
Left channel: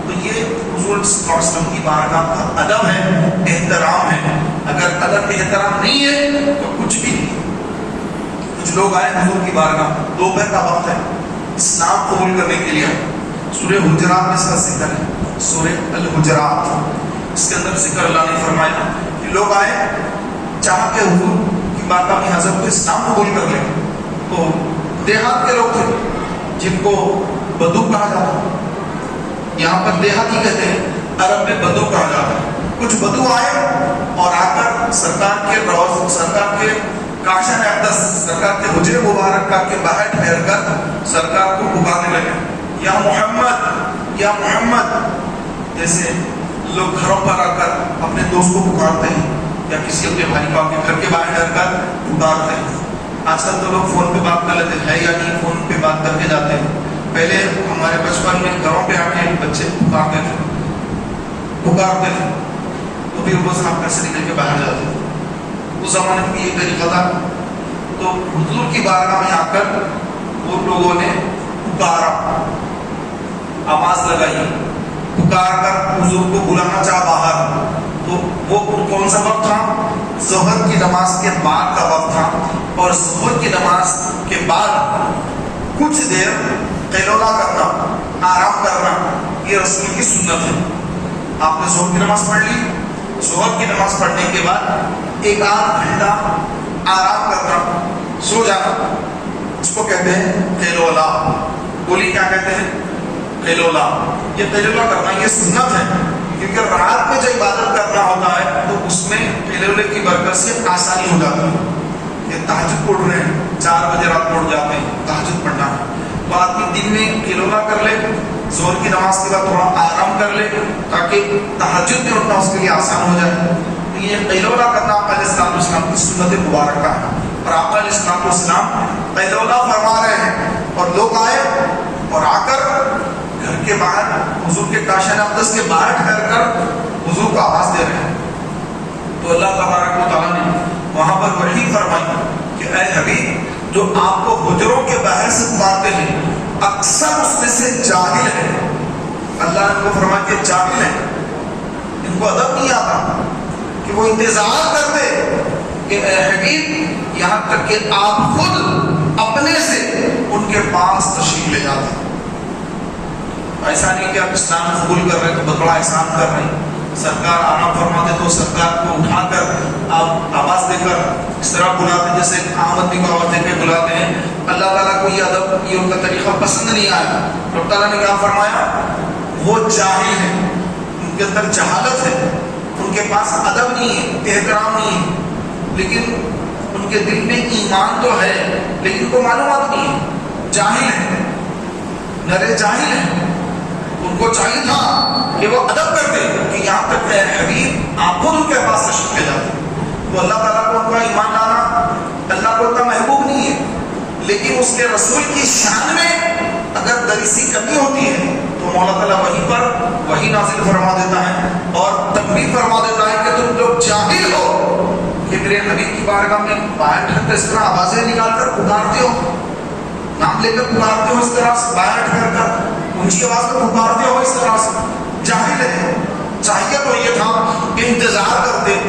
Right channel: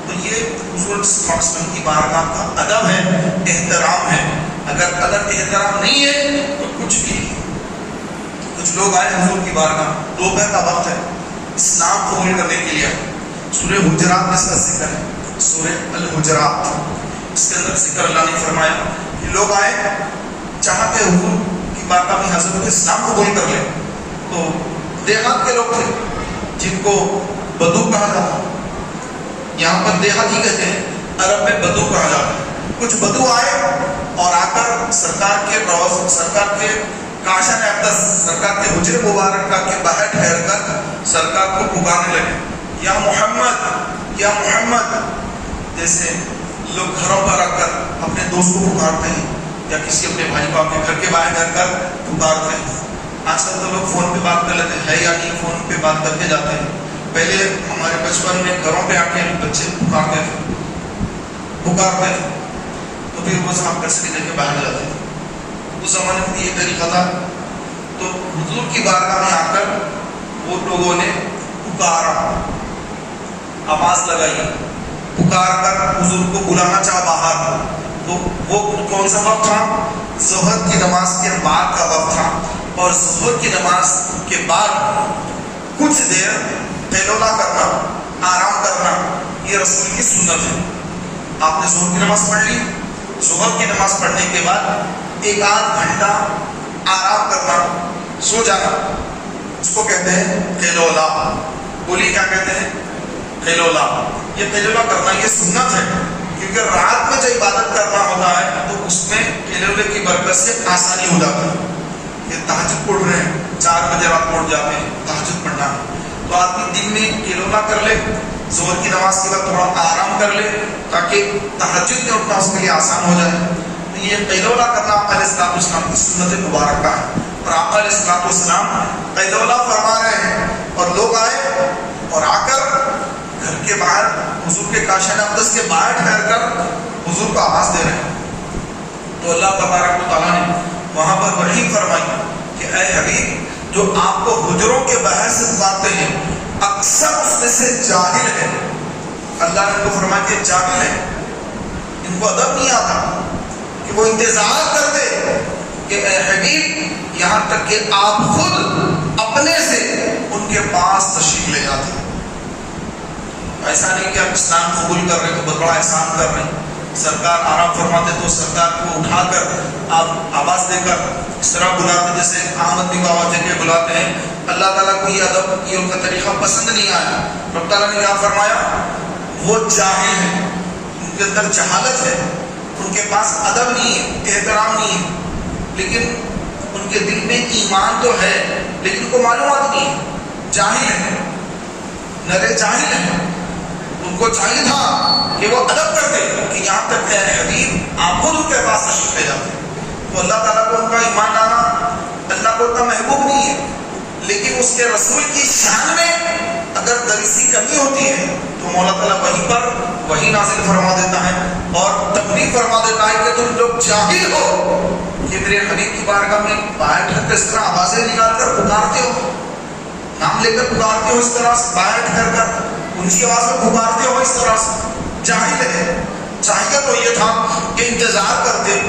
تو یہ حضور صلی اللہ علیہ وسلم کی بارگاہ کا ادب ہے، احترام ہے۔ اگر ادب احترام نہیں ہے تو کچھ بھی نہیں۔ کچھ لوگ آئے حضور کی بارگاہ، دوپہر کا وقت ہے، اسلام قبول کرنے کے لیے، سورہ حجرات میں اس کا ذکر ہے، سورہ الحجرات، اس کے اندر ذکر اللہ نے فرمایا کہ لوگ آئے چاہتے حضور کی بارگاہ میں حضرت کو اسلام قبول کر لیں۔ تو دیہات کے لوگ تھے جن کو بدو کہا جاتا ہے، یہاں پر دیہاتی کہتے ہیں، عرب میں بدو کہا جاتا ہے۔ کچھ بدو آئے اور آ کر سرکار کے کاشان اقدس، سرکار کے حجرے مبارکہ کے باہر ٹھہر کر سرکار کو پکارنے لگے، یا محمد یا محمد، جیسے لوگ گھروں پر آ کر اپنے دوست کو پکارتے ہیں یا کسی اپنے بھائی کو کے گھر کے باہر ٹھہر کر پکارتے ہیں۔ آج کل تو لوگ فون پہ بات کر لیتے ہیں یا نہیں، فون پہ بات کر کے جاتے ہیں۔ پہلے ہمارے بچپن میں گھروں پہ آ کے بچے پکارتے تھے تو پھر وہ صاحب گھر سے نکل کے باہر جاتے تھے۔ اس زمانے میں یہ طریقہ تھا۔ تو حضور کی بارگاہ میں آ کر وہ لوگوں نے پکارا، آواز لگائی، پکار کر حضور کو بلانا چاہا باہر۔ تو وہ کون سا وقت تھا؟ ظہر کی نماز کے بعد کا وقت تھا، اور ظہر کی نماز کے بعد کچھ دیر قیلولہ کرنا، آرام کرنا، یہ رسول کی سنت ہے۔ آپ نے ظہر کی نماز پڑھ لی، ظہر کی نماز پڑھنے کے بعد 1-8 گھنٹہ آرام کرنا، سو جانا، اس کو کہتے ہیں قیلولہ۔ بولی کیا کہتے ہیں؟ قیلولہ۔ یہ قیلولہ کرنا یہ سنت ہے، کیونکہ رات میں جو عبادت کرنا ہوتا ہے تو اس میں قیلولے کی برکت سے آسانی ہو جاتی ہے۔ کہ تہجد پڑھ رہے ہیں، 4 بجے رات پڑھ جاتے ہیں، تہجد پڑھنا ہے، تو آدمی دن میں قیلولہ کر لے، ظہر کی نماز کے بعد تھوڑا آرام کر لے تاکہ تہجد میں اٹھنا اس کے لیے آسان ہو جائے۔ تو یہ قیلولہ کرنا آقا علیہ السلام کی سنت مبارکہ ہے، اور آقا علیہ السلام قیلولہ فرما رہے ہیں، اور لوگ آئے اور آ کر گھر کے باہر حضور کے کاشان اقدس کے باہر ٹھہر کر حضور کو آواز دے رہے ہیں۔ تو اللہ تبارک و تعالیٰ نے وہاں پر وحی فرمائی کہ اے حبیب، جو آپ کو حجروں کے باہر سے پکارتے ہیں اکثر اس میں سے جاہل ہے۔ اللہ نے ان کو فرمایا کہ جاہل ہے، ان کو ادب نہیں آتا، کہ وہ انتظار کرتے کہ اے حبیب یہاں تک کہ آپ خود اپنے سے ان کے پاس تشریف لے جاتے۔ ایسا نہیں کہ آپ اسلام قبول کر رہے ہیں تو بہت بڑا احسان کر رہے ہیں۔ سرکار آرام فرماتے تو سرکار کو اٹھا کر آپ آواز دے کر اس طرح بلاتے جیسے عام آدمی کو آواز دے کے بلاتے ہیں۔ اللہ تعالیٰ کو یہ ادب، یہ ان کا طریقہ پسند نہیں آیا۔ رب تعالیٰ نے کیا فرمایا؟ وہ جاہل ہیں، ان کے اندر جہالت ہے، ان کے پاس ادب نہیں ہے، احترام نہیں ہے، لیکن ان کے دل میں ایمان تو ہے لیکن ان کو معلومات نہیں ہے، جاہل ہیں، نرے جاہل ہیں۔ ان کو چاہیے تھا کہ وہ ادب کرتے کہ یہاں تک اے حبیب آپ خود ان کے پاس تشریف لے جاتے۔ تو اللہ تعالیٰ کو ان کا ایمان لانا، اللہ کو ان کا محبوب نہیں ہے، لیکن اس کے رسول کی شان میں اگر ذری سی کمی ہوتی ہے تو مولا تعالیٰ وہیں پر وہی نازل فرما دیتا ہے اور تنبیہ فرما دیتا ہے کہ تم لوگ جاہل ہو کہ میرے حبیب کی بارگاہ میں باہر ٹھہر کر اس طرح آوازیں نکال کر پکارتے ہو، نام لے کر پکارتے ہو، اس طرح سے باہر ٹھہر کر اونچی آواز میں پکارتے ہو، اس طرح سے جاہل ہے۔ چاہیے تو یہ تھا کہ انتظار کرتے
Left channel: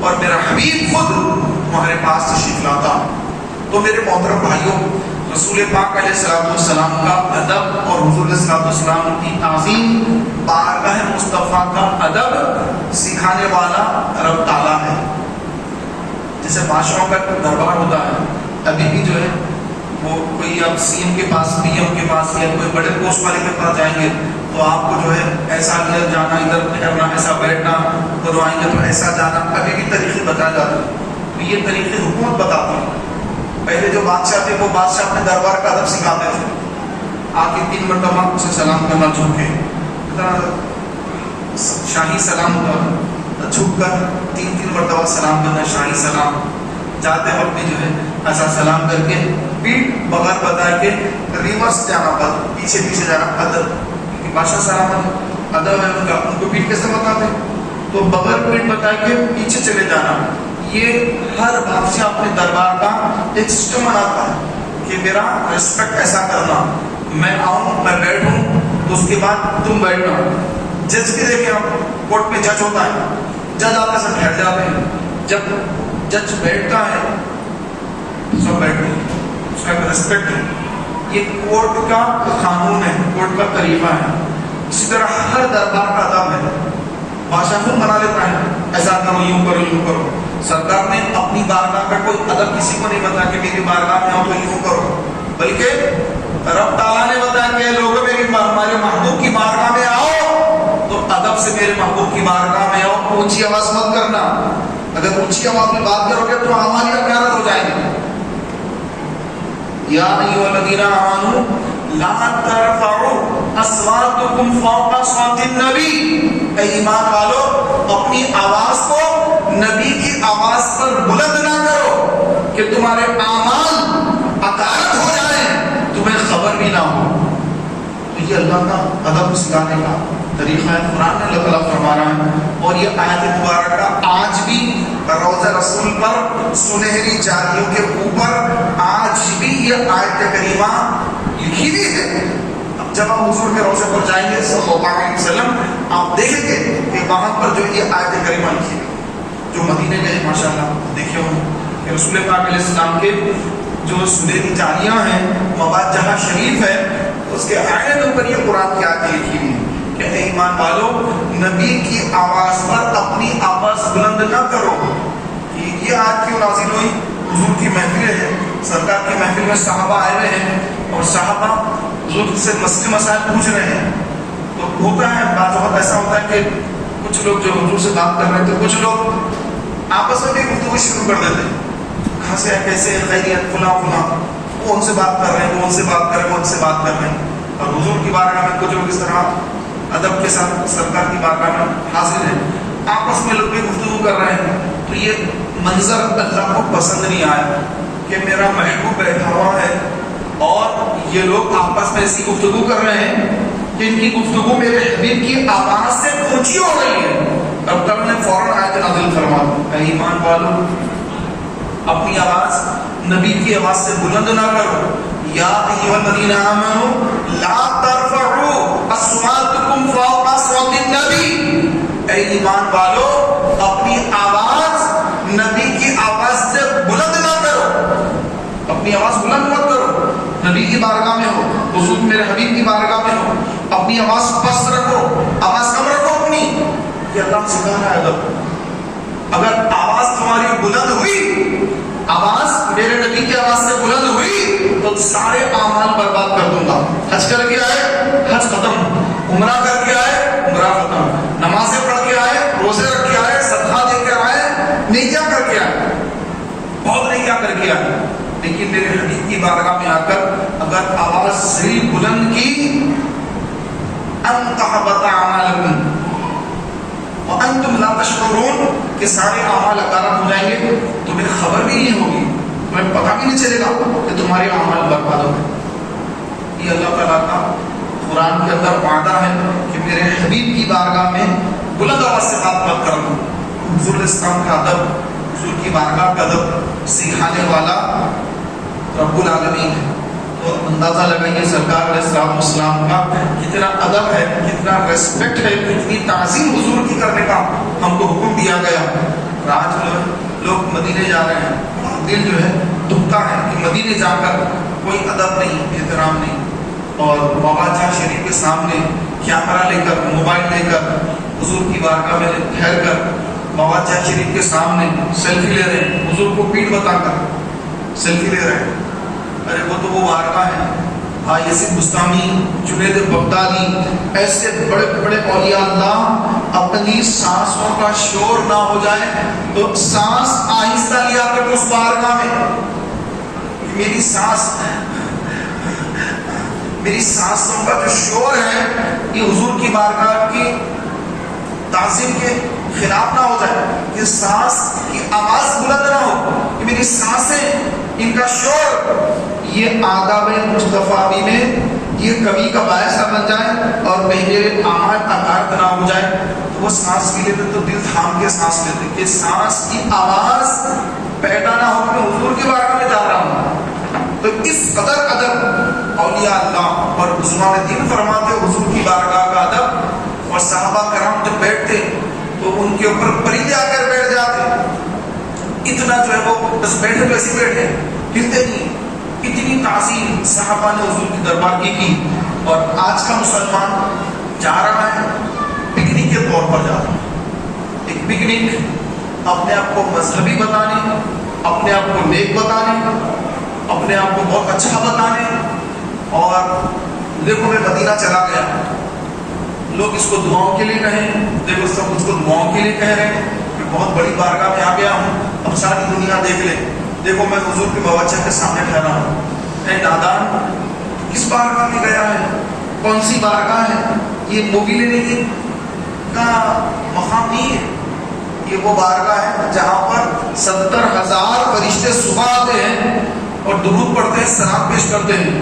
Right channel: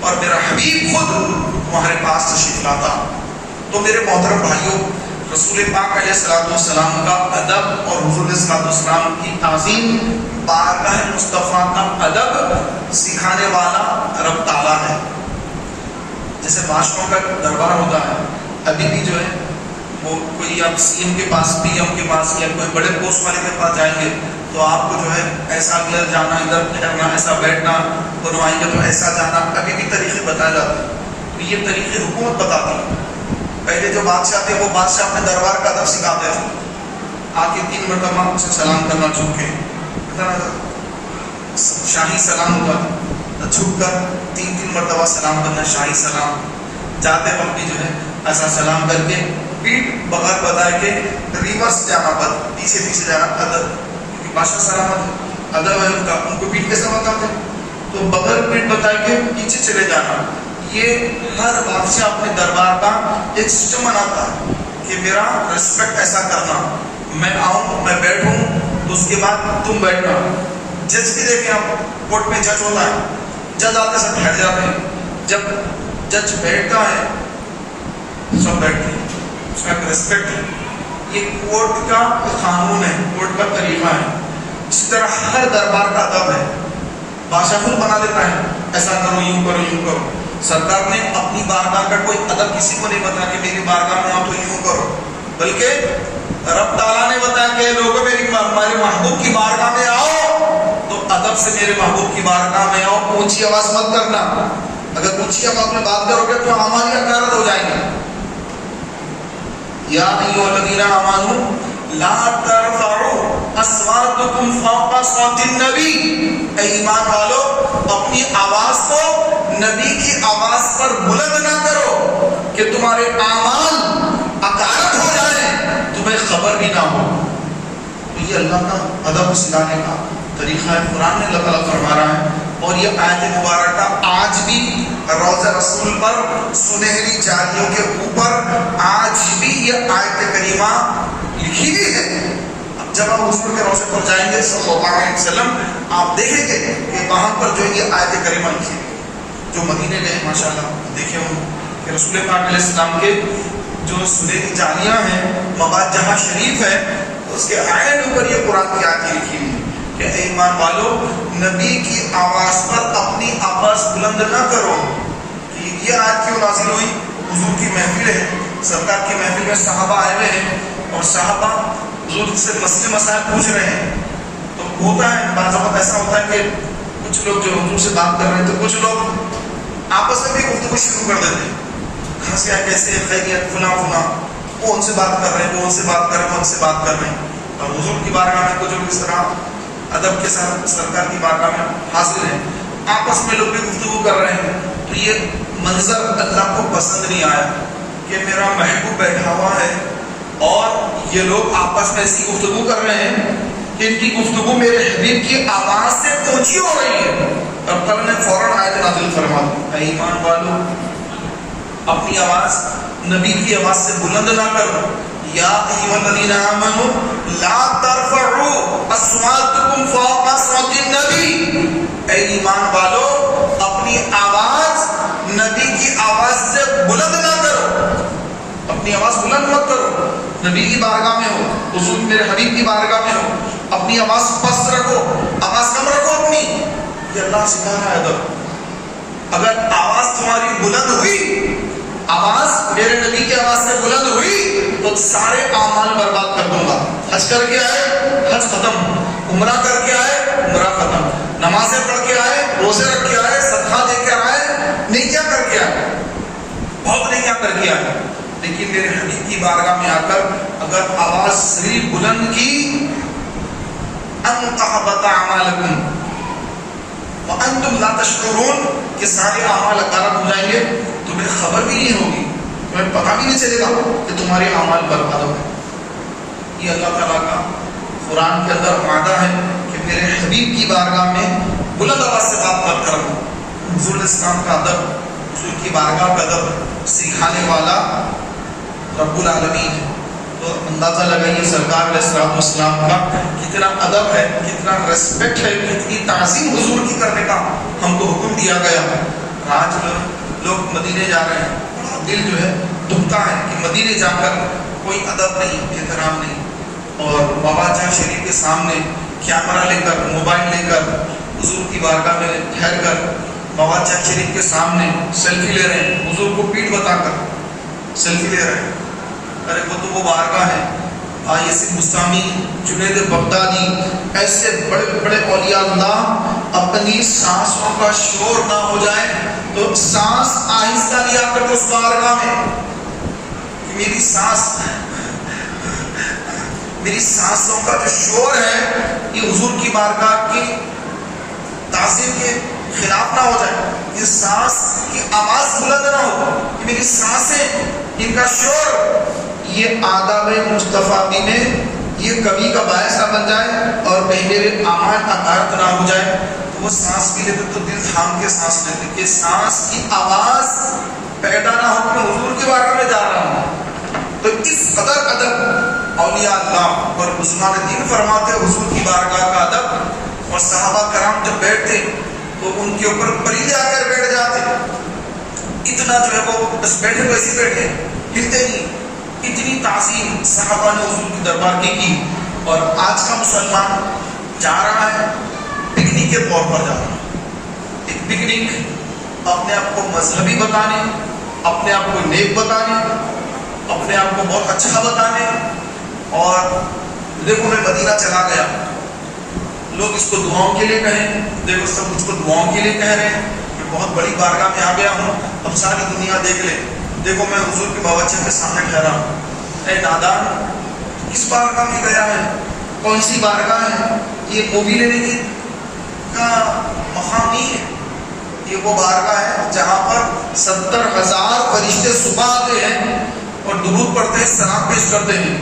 اور میرا حبیب خود تمہارے پاس تشریف لاتا۔ تو میرے محترم بھائیوں، رسول پاک علیہ السلام کا ادب اور حضور علیہ السلام کی تعظیم، بارگاہ مصطفیٰ کا ادب سکھانے والا رب تعالیٰ ہے۔ جیسے معاشروں کا دربار ہوتا ہے، ابھی بھی جو ہے وہ کوئی آپ سی ایم کے پاس، پی ایم کے پاس یا کوئی بڑے پوسٹ والے کے پاس جائیں گے تو آپ کو جو ہے ایسا ادھر جانا، ادھر کرنا، ایسا بیٹھنا، بنوائیں گے تو ایسا جانا، ابھی بھی طریقے بتائے جاتے ہیں۔ یہ طریقے حکومت بتاتی ہے۔ پہلے جو بادشاہ تھے وہ بادشاہ اپنے دربار کا ادب سکھاتے تھے، آ کے 3 مرتبہ اسے سلام کرنا، جھک کے شاہی سلام ہوتا، جھک کر 3 مرتبہ سلام کرنا، شاہی سلام۔ جاتے وقت بھی جو ہے ایسا سلام کر کے پیٹ بغیر بتائے کہ ریورس جانا، پیچھے پیچھے جانا، ادب، کیونکہ بادشاہ سلامت ادب ہے ان کا، ان کو پیٹ کیسے بتاتے، تو بغیر پیٹ بتائے کے پیچھے چلے جانا۔ یہ ہر بادشاہ اپنے دربار کا ایک سسٹم بناتا ہے کہ میرا ریسپیکٹ ایسا کرنا، میں آؤں، میں بیٹھوں تو اس کے بعد تم بیٹھنا۔ جج بھی دیکھیں آپ، کورٹ میں جج ہوتا ہے، جج آتے سب بیٹھ جاتے ہیں، جب جج بیٹھتا ہے سب بیٹھتے ہیں، اس کا ایک ریسپیکٹ ہے۔ یہ کورٹ کا قانون ہے، کورٹ کا طریقہ ہے۔ اسی طرح ہر دربار کا ادب ہے۔ بادشاہ خود بنا لیتا ہے، ایسا کرو، یوں کرو، یوں کرو۔ سرکار نے اپنی بارگاہ کا کوئی ادب کسی کو نہیں بتایا کہ میری بارگاہ میں آؤ تو یوں کرو، بلکہ رب تعالیٰ نے بتایا کہ لوگوں میرے محبوب کی بارگاہ میں آؤ تو ادب سے میرے محبوب کی بارگاہ میں آؤ، اونچی آواز مت کرنا۔ اگر اونچی آواز میں بات کرو گے تو ہماری حقارت ہو جائے گی۔ یا ایھا الذین آمنوا لا ترفعوا اصواتکم فوق صوت النبی، اے ایمان والو اپنی آواز کو نبی کی آواز پر بلند نہ کرو کہ تمہارے اعمال حقارت ہو جائیں، تمہیں خبر بھی نہ ہو۔ یہ اللہ کا ادب سکھانے کا طریقہ ہے، قرآن نے اللہ تعالیٰ فرما رہا ہے۔ اور یہ آیت مبارکہ آج بھی روضہ رسول پر سنہری جالیوں کے اوپر آج بھی یہ آیت کریمہ لکھی ہوئی ہے۔ اب جب آپ حضور کے روضے پر جائیں گے صلی اللہ علیہ وسلم، آپ دیکھیں گے کہ وہاں پر جو یہ آیت کریمہ لکھی ہے۔ جو مدینے گئے ماشاءاللہ دیکھے ہوں کہ رسول پاک علیہ السلام کے جو سنہری جالیاں ہیں، مباد جہاں شریف ہے، اس کے عین اوپر یہ قرآن کی آیت لکھی ہوئی ہے کہ اے ایمان والو نبی کی آواز پر اپنی آواز بلند نہ کرو۔ یہ آیت کیوں نازل ہوئی؟ حضور کی محفل ہے، سرکار کی محفل میں صحابہ آئے ہوئے ہیں اور صحابہ حضور سے مسائل پوچھ رہے ہیں۔ تو ہوتا ہے بعض وقت ایسا ہوتا ہے کہ کچھ لوگ جو حضور سے بات کر رہے ہیں تو کچھ لوگ آپس میں بھی گفتگو شروع کر دیتے ہیں، کہاں سے کیسے خیریت فلاں فلاں، وہ ان سے بات کر رہے ہیں، وہ ان سے بات کر رہے ہیں، وہ ان سے بات کر رہے ہیں۔ اور حضور کی بارگاہ میں کچھ لوگ اس طرح ادب کے ساتھ سرکار کی بارگاہ میں حاضر ہیں، آپس میں لوگ بھی گفتگو کر رہے ہیں۔ تو یہ منظر اللہ کو پسند نہیں آیا کہ میرا محبوب بیٹھا ہوا ہے اور یہ لوگ آپس میں ایسی گفتگو کر رہے ہیں کہ ان کی گفتگو میرے حبیب کی آواز سے اونچی ہو رہی ہے۔ اب تب نے فوراً آیت نازل فرما دی، اے ایمان والو اپنی آواز نبی کی آواز سے بلند نہ کرو۔ یا ایھا الذین آمنوا لا ترفعوا اصواتکم فوق صوت النبی، اے ایمان والو اپنی آواز نبی کی آواز سے بلند نہ کرو، اپنی آواز بلند مت کرو۔ نبی کی بارگاہ میں ہو، حضور میرے حبیب کی بارگاہ میں ہو، اپنی آواز پست رکھو، آواز کم رکھو اپنی۔ یہ اللہ سکھا رہا ہے ادب۔ اگر آواز تمہاری بلند ہوئی، آواز میرے نبی کی آواز سے بلند ہوئی تو سارے اعمال برباد کر دوں گا۔ حج کر کے آئے حج ختم، عمرہ کر کے آئے عمرہ ختم، نمازیں پڑھ کے آئے، روزے رکھ کے آئے، صدقہ دے کر آئے، نیکیاں کر کے آئے، بہت نیکیاں کر کے آئے، لیکن میرے حبیب کی بارگاہ میں آ کر اگر آواز ذلیل بلند کی، ان تحبط اعمالکم وانتم لا تشعرون، کہ سارے اعمال غارت ہو جائیں گے، تمہیں خبر بھی نہیں ہوگی، تمہیں پتہ بھی نہیں چلے گا کہ تمہارے اعمال برباد ہو گئے۔ یہ اللہ تعالیٰ کا قرآن کے اندر وعدہ ہے کہ میرے حبیب کی بارگاہ میں بلند آواز سے بات مت کرنا۔ حضور اسلام کا ادب، حضور کی بارگاہ کا ادب سکھانے والا رب العالمین ہے۔ تو اندازہ لگائیے سرکار علیہ السلام کا کتنا ادب ہے، کتنا ریسپیکٹ ہے، کتنی تعظیم حضور کی کرنے کا ہم کو حکم دیا گیا۔ آج لوگ مدینے جا رہے ہیں، دل جو ہے دکھتا ہے کہ مدینے جا کر کوئی ادب نہیں، احترام نہیں، اور بابا جہاں شریف کے سامنے کیمرہ لے کر، موبائل لے کر، حضور کی بارگاہ میں ٹھہر کر بابا جہاں شریف کے سامنے سیلفی لے رہے ہیں، حضور کو پیٹھ بتا کر سیلفی لے رہے ہیں۔ ارے وہ تو وہ بارگاہ ہے یزید بستامی، جنید بغدادی، ایسے بڑے بڑے اولیاء اللہ اپنی سانسوں کا شور نہ ہو جائے تو سانس آہستہ لیا کرتے اس بارگاہ میں. میری سانسوں کا جو شور ہے یہ حضور کی بارگاہ کی تعظیم کے خلاف نہ ہو جائے. یہ سانس کی آواز بلند نہ ہو کہ میری سانسیں، ان کا شور یہ آداب مصطفی میں یہ کمی کا باعث نہ بن جائے اور کہیں میرے اعمال اکارت نہ ہو جائے. تو وہ سانس بھی لیتے تو دل تھام کے سانس لیتے کہ سانس کی آواز پیدا نہ ہو کہ حضور کی بارگاہ میں جا رہا ہوں. تو اس قدر ادب اولیاء اللہ اور بزرگان دین فرماتے حضور کی بارگاہ کا ادب. اور صحابہ کرام جب بیٹھتے تو ان کے اوپر پرندے آ کر بیٹھ جاتے. اتنا جو ہے وہ بس بیٹھے ویسے بیٹھے، ہلتے نہیں. اتنی تعظیم صحابہ نے حضور کی دربار کی. اور آج کا مسلمان جا رہا ہے پکنک کے طور پر جا رہا ہے. ایک پکنک اپنے آپ کو مذہبی بتانے، اپنے آپ کو نیک بتانے، اپنے آپ کو بہت اچھا بتانے. اور دیکھو میں مدینہ چلا گیا، لوگ اس کو دعاؤں کے لیے کہیں، دیکھو سب مجھ کو دعاؤں کے لیے کہہ رہے ہیں، میں بہت بڑی بارگاہ میں آ گیا ہوں، اب ساری دنیا دیکھ لے، دیکھو میں حضور کے باوچہ کے سامنے ٹھہرا ہوں. اے نادان، کس بارگاہ میں گیا ہے؟ کون سی بارگاہ ہے؟ یہ مووی لینے کی کا مقام نہیں ہے. یہ وہ بارگاہ ہے جہاں پر 70,000 فرشتے صبح آتے ہیں اور درود پڑھتے ہیں، سلام پیش کرتے ہیں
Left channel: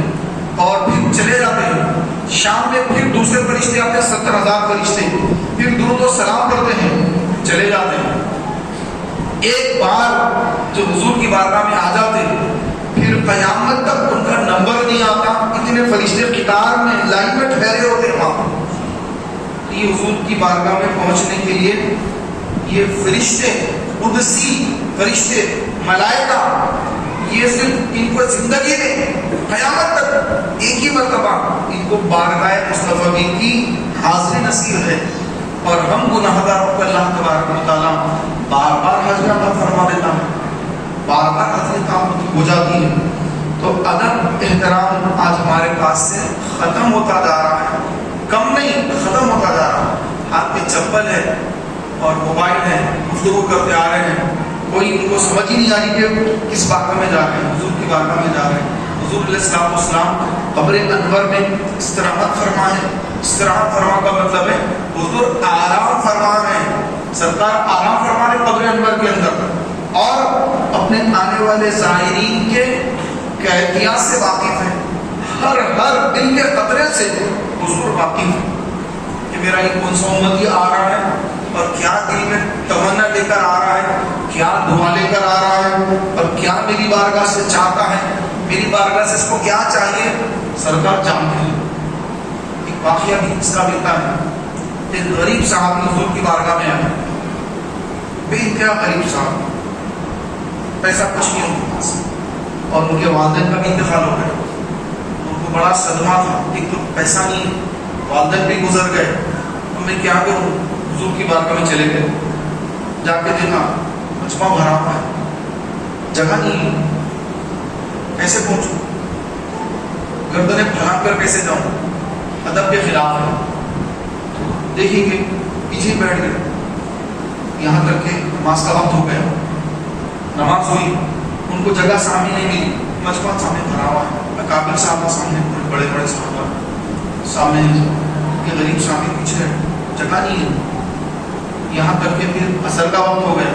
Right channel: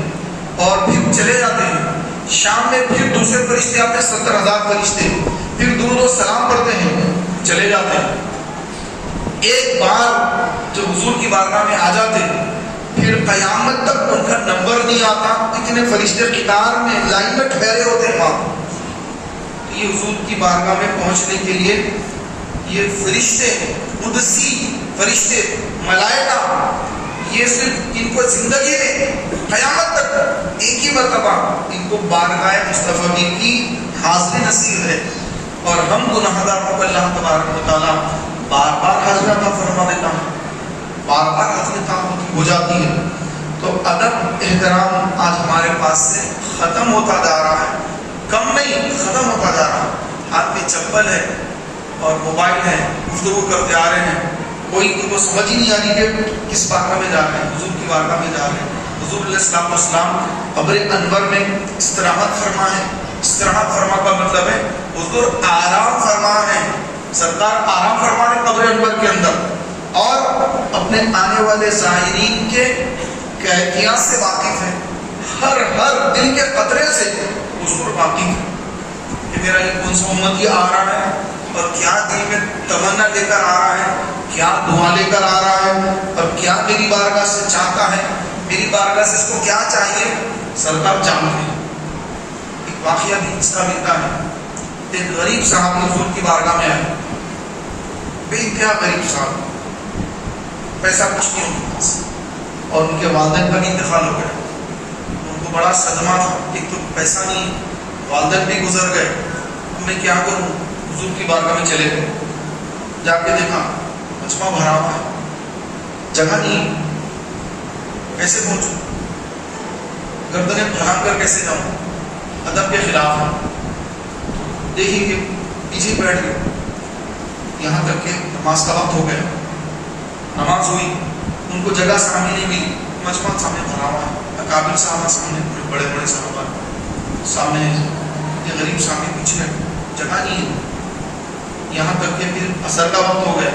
اور پھر چلے جاتے ہیں. شام میں پھر دوسرے فرشتے آتے ہیں، 70,000 فرشتے، پھر درود و سلام پڑھتے ہیں، چلے جاتے ہیں. ایک بار جو حضور کی بارگاہ میں آ جاتے پھر قیامت تک ان کا نمبر نہیں آتا. اتنے فرشتے قطار میں لائن میں ٹھہرے ہوتے ہیں وہاں. یہ حضور کی بارگاہ میں پہنچنے کے لیے یہ فرشتے، قدسی فرشتے، ملائکہ، یہ صرف ان کو زندگی میں قیامت تک ایک ہی مرتبہ ان کو بارگاہ مصطفی کی حاضری نصیب ہے. اور ہم گناہگاروں کو اللہ تبارک و تعالیٰ بار بار حاضری عطا فرما دیتا ہے، بار بار حاضری عطا ہو جاتی ہے. تو ادب احترام آج ہمارے پاس سے ختم ہوتا جا رہا ہے، کم نہیں ختم ہوتا جا رہا ہے. ہاتھ میں چپل ہے اور موبائل ہے، گفتگو کرتے آ رہے ہیں، کوئی ان کو سمجھ ہی نہیں آ رہی کہ کس بارگاہ میں جا رہے ہیں، حضور کی بارگاہ میں جا رہے ہیں. حضور علیہ السلام والسلام قبر انور میں استراحت فرما ہے. استراحت فرما کا مطلب ہے حضور آرام فرما ہے. سرکار آرام فرما ہے قبر انور کے اندر اور اپنے آنے والے زائرین کے کیفیات سے واقف ہے. ہر دل کے قطرے سے حضور واقف ہے کہ میرا یہ کون سا امتی آ رہا ہے اور کیا دل میں تمنا لے کر آ رہا ہے، کیا دعا لے کر آ رہا ہے اور کیا میری بارگاہ سے چاہتا ہے، میری بارگاہ سے اس کو کیا چاہیے. سرکار جانتے ہیں. ایک واقعہ بھی اس کا ملتا ہے. ایک غریب صاحب حضور کی بارگاہ میں آئے، بے انتہا غریب صاحب، پیسہ کچھ نہیں ان کے پاس، اور ان کے والدین کا بھی انتقال ہو گیا. ان کو بڑا صدمہ تھا، ایک تو پیسہ نہیں، والدین بھی گزر گئے، اب میں کیا کروں. حضور کی بارگاہ میں چلے گئے، جا کے دیکھا مجمع بھرا ہوا ہے، جگہ نہیں، کیسے پہنچوں، گردنیں پھیلا کر کیسے جاؤں، ادب کے خلاف ہے. دیکھیں گے پیچھے بیٹھ گئے، یہاں تک کہ نماز کا وقت ہو گیا. نماز ہوئی، ان کو جگہ سامنے نہیں ملی، مجمع سامنے بھرا ہوا ہے، اکابر صاحب سامنے، بڑے بڑے صاحب سامنے، یہ غریب سامنے پیچھے ہے، جگہ نہیں ہے. یہاں تک کہ پھر عصر کا وقت ہو گیا،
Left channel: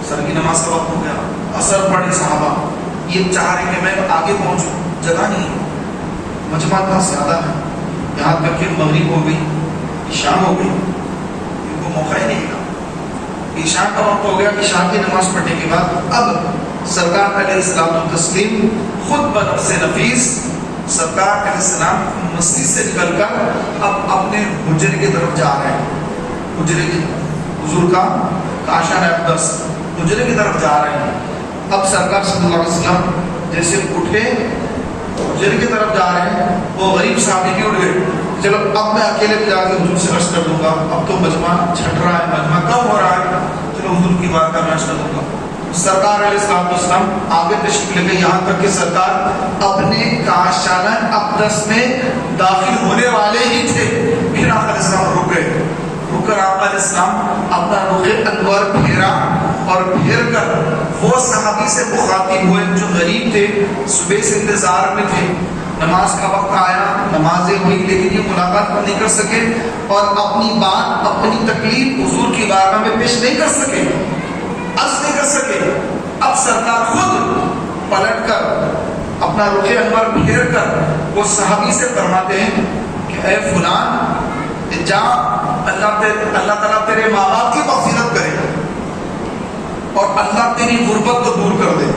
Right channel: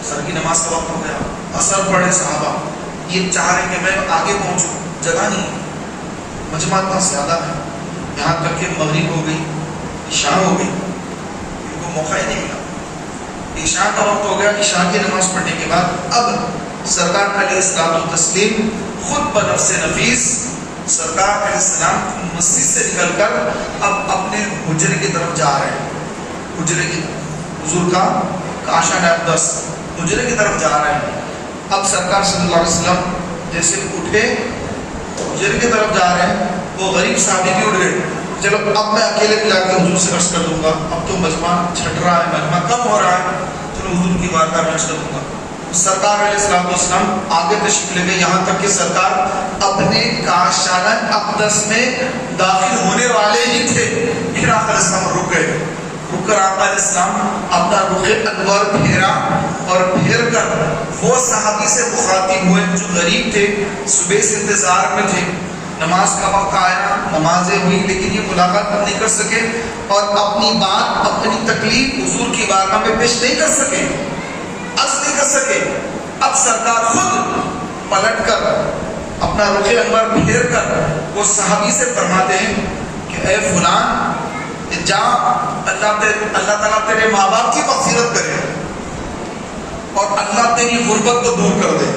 عصر کی نماز کا وقت ہو گیا، عصر پڑھے صحابہ، یہ چاہ رہے کہ میں آگے پہنچوں، جگہ نہیں، مجمع اتنا زیادہ ہے. یہاں تک کہ مغرب ہو گئی، عشاء ہو گئی، ان کو موقع ہی نہیں ملا. عشاء کا وقت ہو گیا. عشاء کی نماز پڑھنے کے بعد اب سرکار علیہ السلام تسلیم خود بنفس نفیس سرکار علیہ السلام مسجد سے نکل کر اب اپنے حجرے کی طرف جا رہے ہیں. حجرے کی حضور کا کاشان اقدس حجرے کی طرف جا رہے ہیں. اب سرکار صلی اللہ علیہ وسلم جیسے اٹھے حجرے کی طرف جا رہے ہیں، وہ غریب صحابی بھی اٹھ گئے، چلو اب میں اکیلے بھی جا کے حضور سے عرض کر دوں گا، اب تو مجمع چھٹ رہا ہے، مجمع کم ہو رہا ہے، چلو حضور کی بارگاہ میں عرض کر دوں گا. سرکار علیہ السلام آگے تشریف لے گئے، یہاں تک کہ سرکار اپنے کاشانہ اقدس میں داخل ہونے والے ہی تھے، پھر آقا علیہ السلام رک گئے۔ رک کر آقا علیہ السلام اپنا رخ انور پھیرا اور پھر کر وہ صحابی سے مخاطب ہوئے جو غریب تھے، صبح سے انتظار میں تھے، نماز کا وقت آیا، نمازیں ہوئی لیکن یہ ملاقات نہیں کر سکے اور اپنی بات، اپنی تکلیف حضور کی بارگاہ میں پیش نہیں کر سکے، عرض نہیں کر سکے۔ اب سرکار خود پلٹ کر اپنا رخ انور پھیر کر وہ صحابی سے فرماتے ہیں کہ اے فلان، جا اللہ تعالیٰ تیرے ماں باپ کی مغفرت کرے اور اللہ تیری غربت کو دور کر دے۔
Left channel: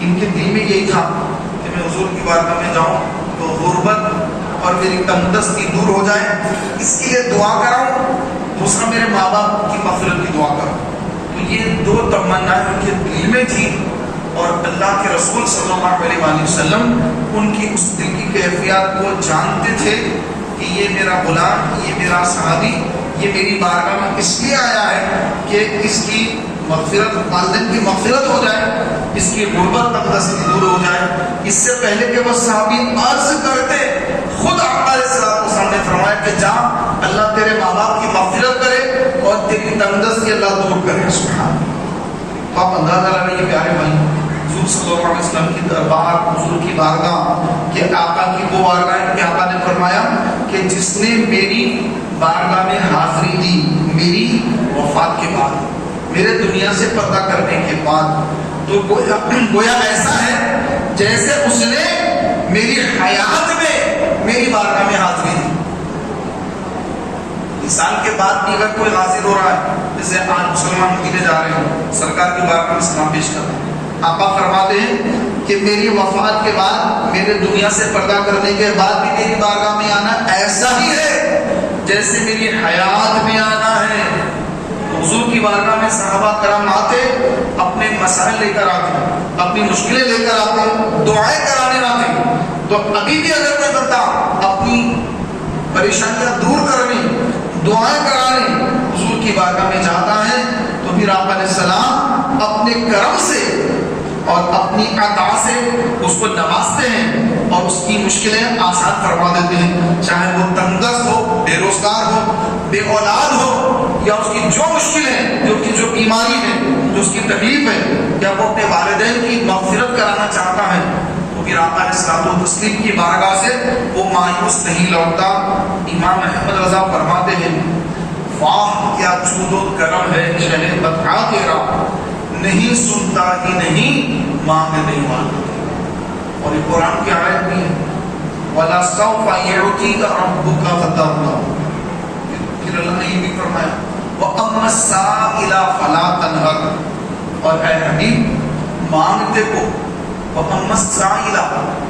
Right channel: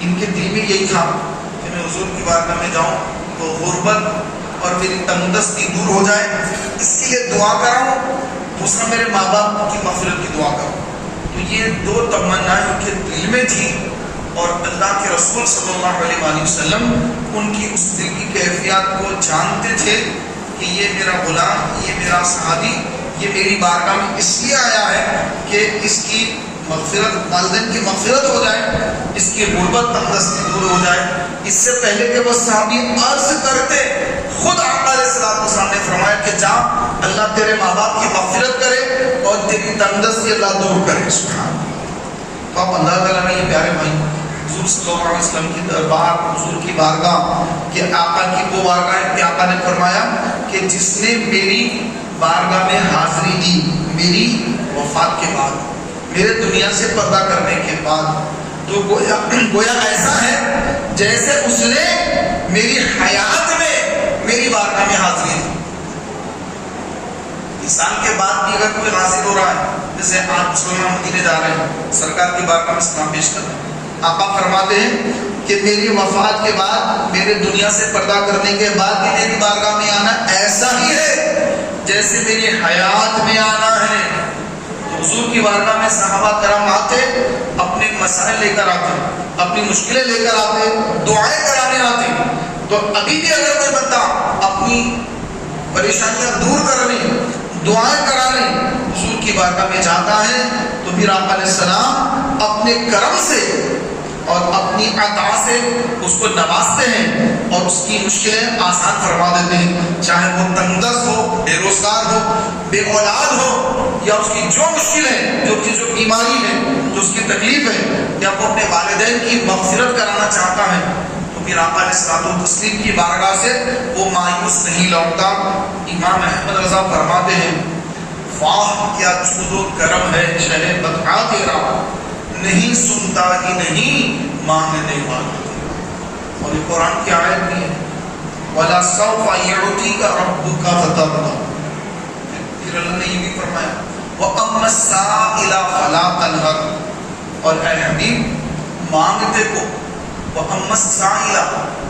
ان کے دل میں یہی تھا کہ میں حضور کی بارگاہ میں جاؤں تو غربت اور میری تنگدستی دور ہو جائے، اس کے لیے دعا کراؤں، دوسرا میرے ماں باپ کی مغفرت کی دعا کروں۔ تو یہ دو تمنائیں ان کے دل میں تھی اور اللہ کے رسول صلی اللہ علیہ وآلہ وسلم ان کی اس دل کی کیفیات کو جانتے تھے کہ یہ میرا غلام، یہ میرا صحابی، یہ میری بارگاہ میں اس لیے آیا ہے کہ اس کی مغفرت، والدین کی مغفرت ہو جائے، اس کی غربت تنگدستی دور ہو جائے۔ اس سے پہلے کہ وہ صحابی عرض کرتے، خود آقا علیہ السلام نے فرمایا کہ جا، اللہ تیرے ماں باپ کی مغفرت کرے اور تیری تنگدستی اللہ دور کرے۔ سبحان اللہ۔ تو آپ اندازہ لگائیں یہ پیارے بھائی، حضور صلی اللہ علیہ وسلم کی دربار، حضور کی بارگاہ، کہ آقا کی وہ بارگاہ ہے کہ آقا نے فرمایا کہ جس نے میری بارگاہ میں حاضری دی میری وفات کے بعد، میرے دنیا سے پردہ کرنے کے بعد، تو گویا ایسا ہے جیسے اس نے میری حیات میں میری بارگاہ میں حاضری دی۔ انسان کے بعد بھی اگر کوئی حاضر ہو رہا ہے، جیسے آج مسلمان مدینے جا رہے ہیں، سرکار کی بارگاہ میں سلام پیش کر رہے ہیں، آقا فرماتے ہیں کہ میری وفات کے بعد، میرے دنیا سے پردہ کرنے کے بعد بھی میری بارگاہ میں آنا ایسا ہی ہے جیسے میری حیات میں آنا ہے۔ حضور کی بارگاہ میں صحابہ کرام آتے، اپنے مسائل لے کر آتے، اپنی مشکلیں لے کر آتے، دعائیں کرانے آتے۔ تو ابھی بھی اگر کوئی بندہ اپنی پریشانیاں دور کرنے، دعائیں کرانے حضور کی بارگاہ میں جاتا ہے، تو پھر آقا علیہ السلام اپنے کرم سے اور اپنی عطا سے اس کو نوازتے ہیں اور اس کی مشکلیں آسان فرما دیتے ہیں، چاہے وہ تنگدست ہو، بے روزگار ہو، بے اولاد ہو، یا اس کی جو مشکل ہے، جو بیماری ہے، جو اس کی تکلیف ہے، یا وہ اپنے والدین کی مغفرت کرانا چاہتا ہے، تو پھر آقا علیہ الصلوۃ والتسلیم کی بارگاہ سے وہ مایوس نہیں لوٹتا۔ امام احمد رضا فرماتے ہیں، واہ کیا جود و کرم ہے شہ بطحا تیرا، نہیں سنتا ہی نہیں مانگنے والا تیرا۔ اور یہ قرآن کی آیت بھی ہے، وَلَا سَوْفَ يُعْطِيكَ رَبُّكَ فَتَرْضَىٰ۔ پھر اللہ نے یہ بھی فرمایا، وَأَمَّا السَّائِلَ فَلَا تَنْهَرْ، اور اے حبیب مانگتے کو، وَأَمَّا السَّائِلَ،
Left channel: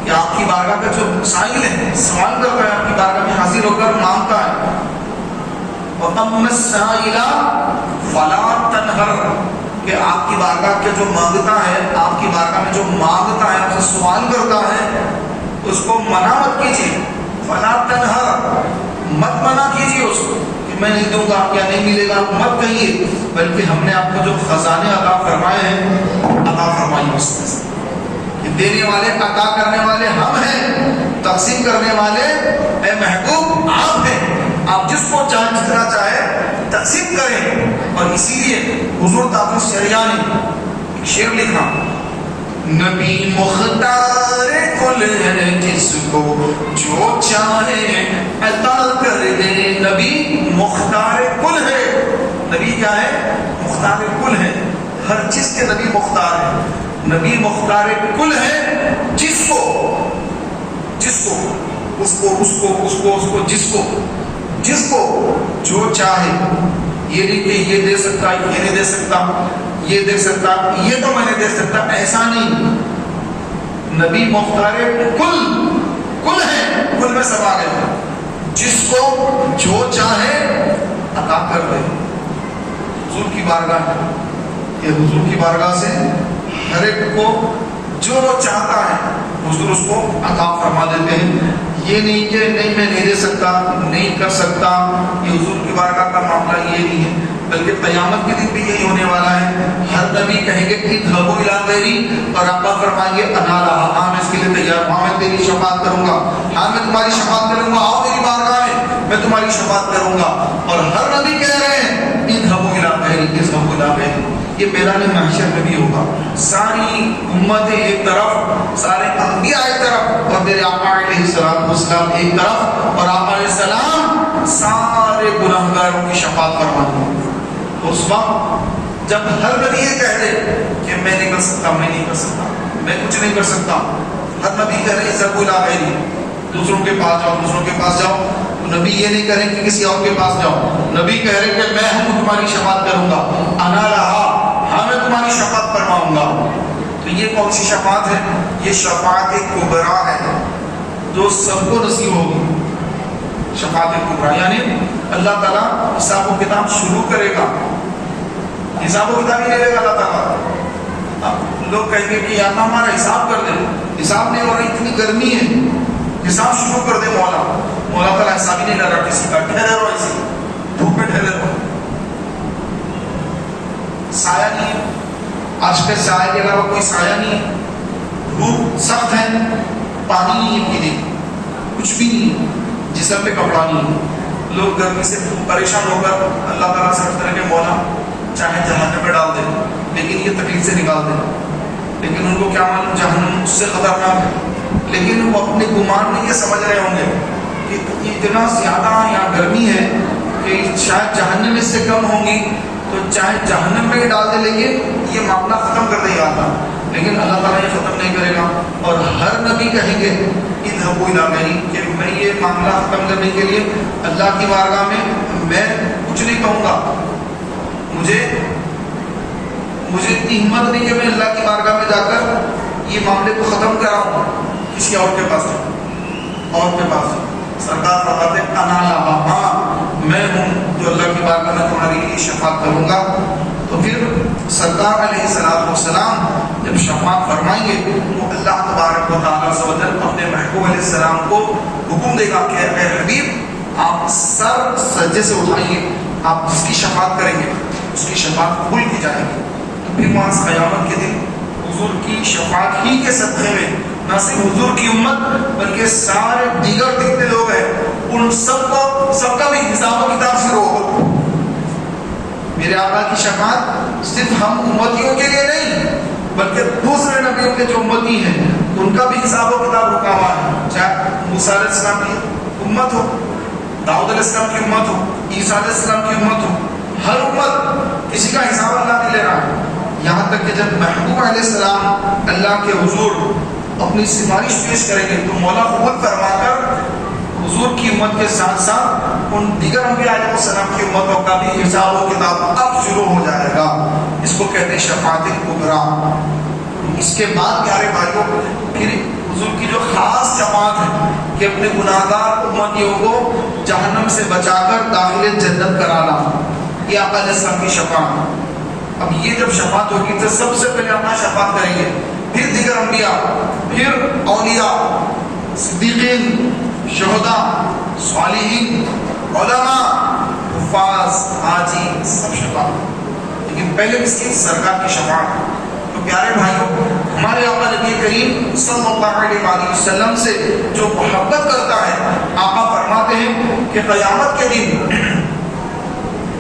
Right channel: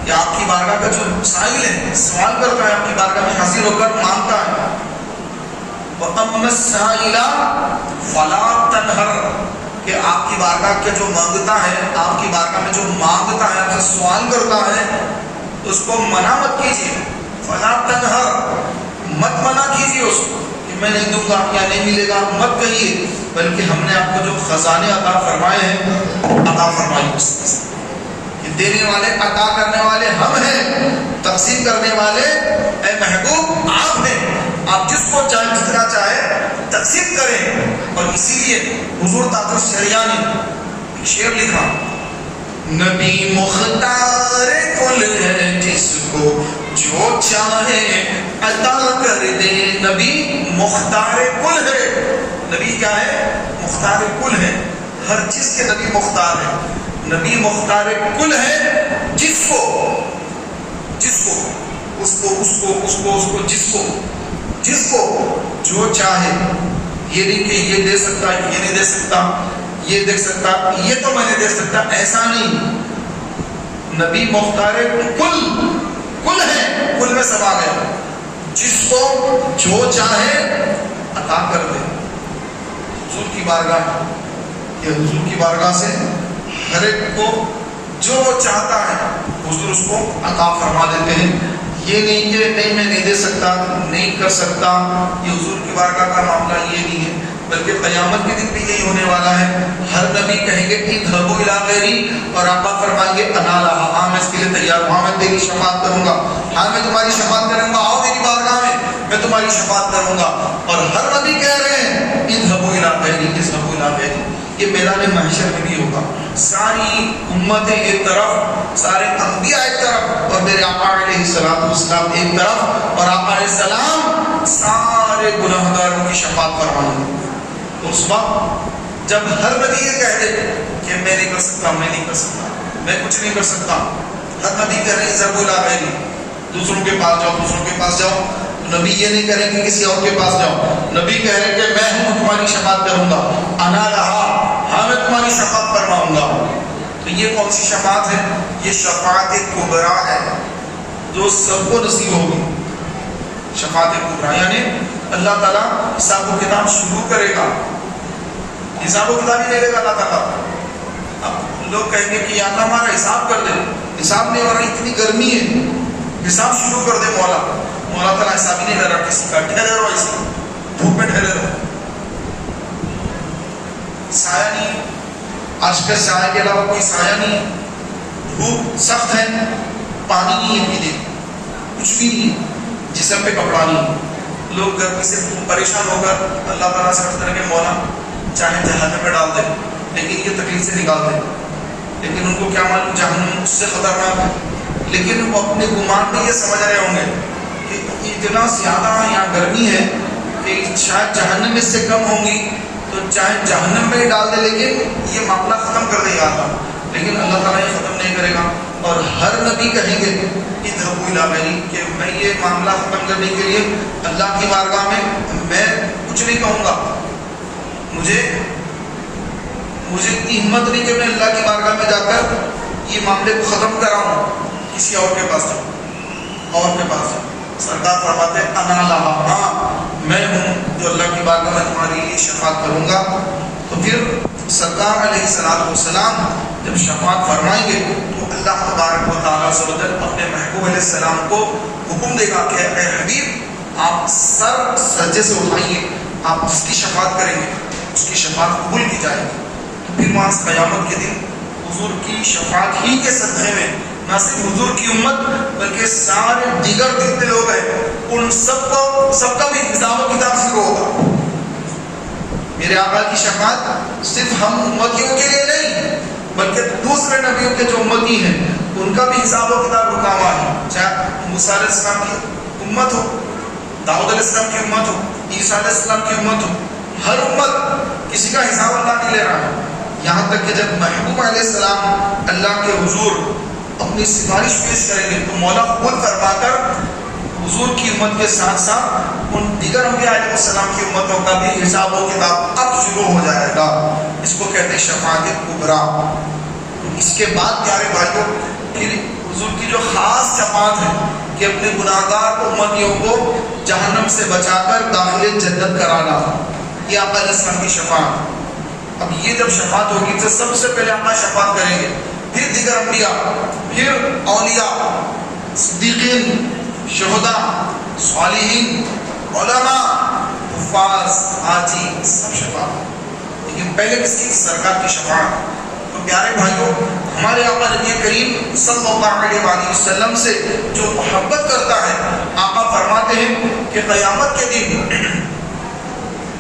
کہ آپ کی بارگاہ کا جو سائل ہے، سوال کرتا ہے، آپ کی بارگاہ میں حاضر ہو کر مانگتا ہے، وَأَمَّا السَّائِلَ فَلَا تَنْهَرْ، کہ آپ کی بارگاہ کے جو مانگتا ہے، آپ کی بارگاہ میں جو مانگتا ہے، آپ سے سوال کرتا ہے، اس کو منع مت کیجیے، فَلَا تَنْهَرْ، مت منع کیجیے اس کو کہ میں نہیں دوں گا یا نہیں ملے گا، مت کہیے، بلکہ ہم نے آپ کو جو خزانے عطا فرمائے ہیں عطا فرمائیے اس میں سے۔ دینے والے، عطا کرنے والے ہم ہیں، تقسیم کرنے والے اے محبوب آپ ہیں، آپ جس کو چاہے جتنا چاہے تقسیم کریں۔ اور اسی لیے حضور تاج الشریعہ نے ایک شعر لکھا، نبی مختار کل ہے جس کو جو چاہے عطا کر دے۔ نبی مختار کل ہے، نبی کیا ہے؟ مختار کل ہے، ہر چیز کے نبی مختار ہے۔ نبی مختار کل ہے، جس کو جو چاہے، یہ نہیں کہ یہ دے سکتا، یہ نہیں دے سکتا، یہ دے سکتا، یہ تو میں نہیں دے سکتا، ایسا نہیں۔ نبی مختار کل ہے، کل میں سب آ گئے، جس کو جو چاہے عطا کر دے۔ حضور کی بارگاہ، یہ حضور کی بارگاہ سے ہر ایک کو جو وہ چاہتا ہے حضور اس کو عطا فرما دیتے ہیں۔ یہ نہیں کہ نہیں میں نہیں دے سکتا، نہیں کر سکتا، یہ حضور کی بارگاہ کا معاملہ یہ نہیں ہے۔ بلکہ قیامت کے دن بھی یہی ہونے والا ہے. ہر نبی کہیں گے اذهبوا الی غیری، اور آقا فرمائیں گے انا لہا، ہاں میں اس کے لیے تیار ہوں، ہاں میں تیری شفاعت کروں گا، ہاں میں تمہاری شفاعت کروں گا، آؤ میری بارگاہ میں تمہاری شفاعت کروں گا. اور ہر نبی کہہ رہے ہیں اذهبوا الی غیری، اذهبوا الی غیری. یہ میدان محشر میں بھی ہوگا. ساری امتیں ایک طرف، سارے انبیاء ایک طرف، اور میرے آقا علیہ السلام ایک طرف، اور آقا علیہ السلام سارے گناہگاروں کی شفاعت فرمائیں گے. اس وقت جب ہر نبی یہ کہہ دے کہ میں نہیں کر سکتا، میں نہیں کر سکتا، میں کچھ نہیں کر سکتا، ہر نبی کہہ رہے اذهبوا الی غیری، دوسروں کے پاس جاؤ، دوسروں کے پاس جاؤ. نبی یہ نہیں کہہ رہے کہ کسی اور کے پاس جاؤ، نبی کہہ رہے کہ میں ہوں تمہاری شفاعت کروں گا، انا لہا، ہاں میں تمہاری شفاعت فرماؤں گا. تو یہ کون سی شفاعت ہے؟ یہ شفاعت کبریٰ ہے جو سب کو نصیب ہوگی. شفاعت کبریٰ یعنی اللہ تعالیٰ حساب و کتاب شروع کرے گا. حساب و کتاب ہی نہیں دے گا اللہ تعالیٰ. اب لوگ کہیں گے کہ یا اللہ ہمارا حساب کر دے، حساب نہیں ہو رہا، اتنی گرمی ہے، حساب شروع کر دے مولا. مولا تعالیٰ حساب ہی نہیں کر رہا کسی کا، ٹھہرے رہو ایسے دھوپ میں ٹھہرے رہو. سایہ نہیں، عرش کے سایہ کے علاوہ کوئی سایہ نہیں، دھوپ سخت ہے، پانی نہیں ہے پینے، کچھ بھی نہیں، جسم پہ کپڑا نہیں. لوگ گرمی سے پریشان ہو کر اللہ تعالیٰ سے کہتے ہیں کہ مولا چاہے جہنم میں ڈال دے لیکن یہ تکلیف سے نکال دے. لیکن ان کو کیا معلوم جہنم اس سے خطرناک ہے. لیکن وہ اپنے گمان میں یہ سمجھ رہے ہوں گے کہ اتنا زیادہ یہاں گرمی ہے کہ شاید جہنم اس سے کم ہوں گی، تو چاہے جہنم میں ہی ڈال دے لیکن یہ معاملہ ختم کر دے گا. لیکن اللہ تعالیٰ یہ ختم نہیں کرے گا. اور ہر نبی کہیں گے اذهبوا الی غیری کہ میں یہ معاملہ ختم کرنے کے لیے اللہ کی بارگاہ میں کچھ نہیں کہوں گا. مجھے اتنی ہمت نہیں کہ میں اللہ کی بارگاہ میں جا کر یہ معاملے کو ختم کراؤں، کسی اور کے پاس جاؤں. سرکار فرماتے ہیں انا لہا، ہاں میں ہوں جو اللہ کی بارگاہ میں تمہارے لیے شفاعت کروں گا. تو پھر سرکار علیہ السلام جب شفاعت فرمائیں گے تو اللہ تبارک و تعالیٰ عز و جل اپنے محبوب علیہ السلام کو حکم دے گا کہ اے حبیب آپ سر سجدے سے اٹھائیے، آپ جس کی شفاعت کریں گے اس کی شفاعت قبول کی جائے گی. تو پھر وہاں قیامت کے دن حضور کی شفاعت ہی کے صدقے میں نہ صرف حضور کی امت بلکہ سارے دیگر جتنے لوگ ہیں ان سب کا بھی حساب و کتاب شروع ہوگا. میرے آقا کی شفاعت صرف ہم امتیوں کے لیے نہیں بلکہ دوسرے نبیوں کے جو امتی ہیں ان کا بھی حساب و کتاب رکا ہوا ہے. چاہے موسیٰ علیہ السلام کی امت ہو، داؤد علیہ السلام کی امت ہو، عیسیٰ علیہ السلام کی امت ہو، ہر امت کسی کا حساب اللہ نہیں لے رہا ہے. یہاں تک کہ جب محبوب علیہ السلام اللہ کے حضور اپنی سفارش پیش کریں گے تو مولا قبول فرما کر حضور کی امت کے ساتھ ساتھ ان دیگر انبیاء علیہ السلام کی امتوں کا بھی حساب و کتاب اب شروع ہو جائے گا. اس کو کہتے ہیں شفاعت کبریٰ. اس کے بعد پیارے بھائیوں پھر حضور کی جو خاص شفاعت ہے کہ اپنے گناہگار امتیوں کو جہنم سے بچا کر داخل جنت کرانا، یہ آقا علیہ السلام کی شفاعت. اب یہ جب شفاعت ہوگی تو سب سے پہلے آقا شفاعت کریں گے، پھر دیگر انبیاء، پھر اولیاء، صدیقین، شہداء، صالحین، علماء، حفاظ، حاجی، سب شفاعت. لیکن پہلے کس کی؟ سرکار کی شفاعت. تو پیارے بھائیوں ہمارے آقا نبی کریم صلی اللہ علیہ وآلہ وسلم سے جو محبت کرتا ہے آقا فرماتے ہیں کہ قیامت کے دن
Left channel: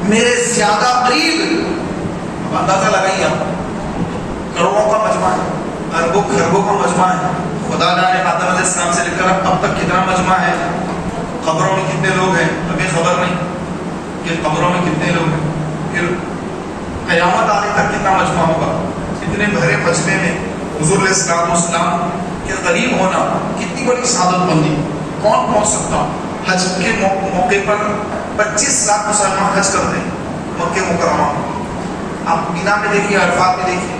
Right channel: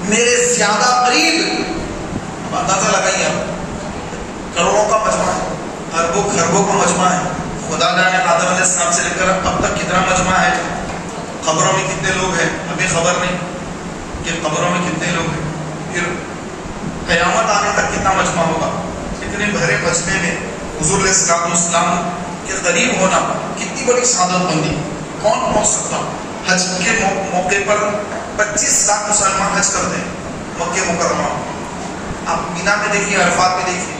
میرے زیادہ قریب، اندازہ لگائیے آپ، کروڑوں کا مجمع ہے، اربوں خربوں کا مجمع ہے. خدا جانے آدم علیہ السلام سے لے کر اب تک کتنا مجمع ہے. قبروں میں کتنے لوگ ہیں ابھی خبر نہیں کہ قبروں میں کتنے لوگ ہیں. پھر قیامت آنے تک کتنا مجمع ہوگا. اتنے بھرے مجمع میں حضور علیہ السلام کے قریب ہونا کتنی بڑی سعادت مندی. کون پہنچ سکتا؟ حج کے موقع پر 25 لاکھ مسلمان حج کرتے ہیں مکہ مکرمہ. آپ بنا میں دیکھیے، عرفات میں دیکھیے،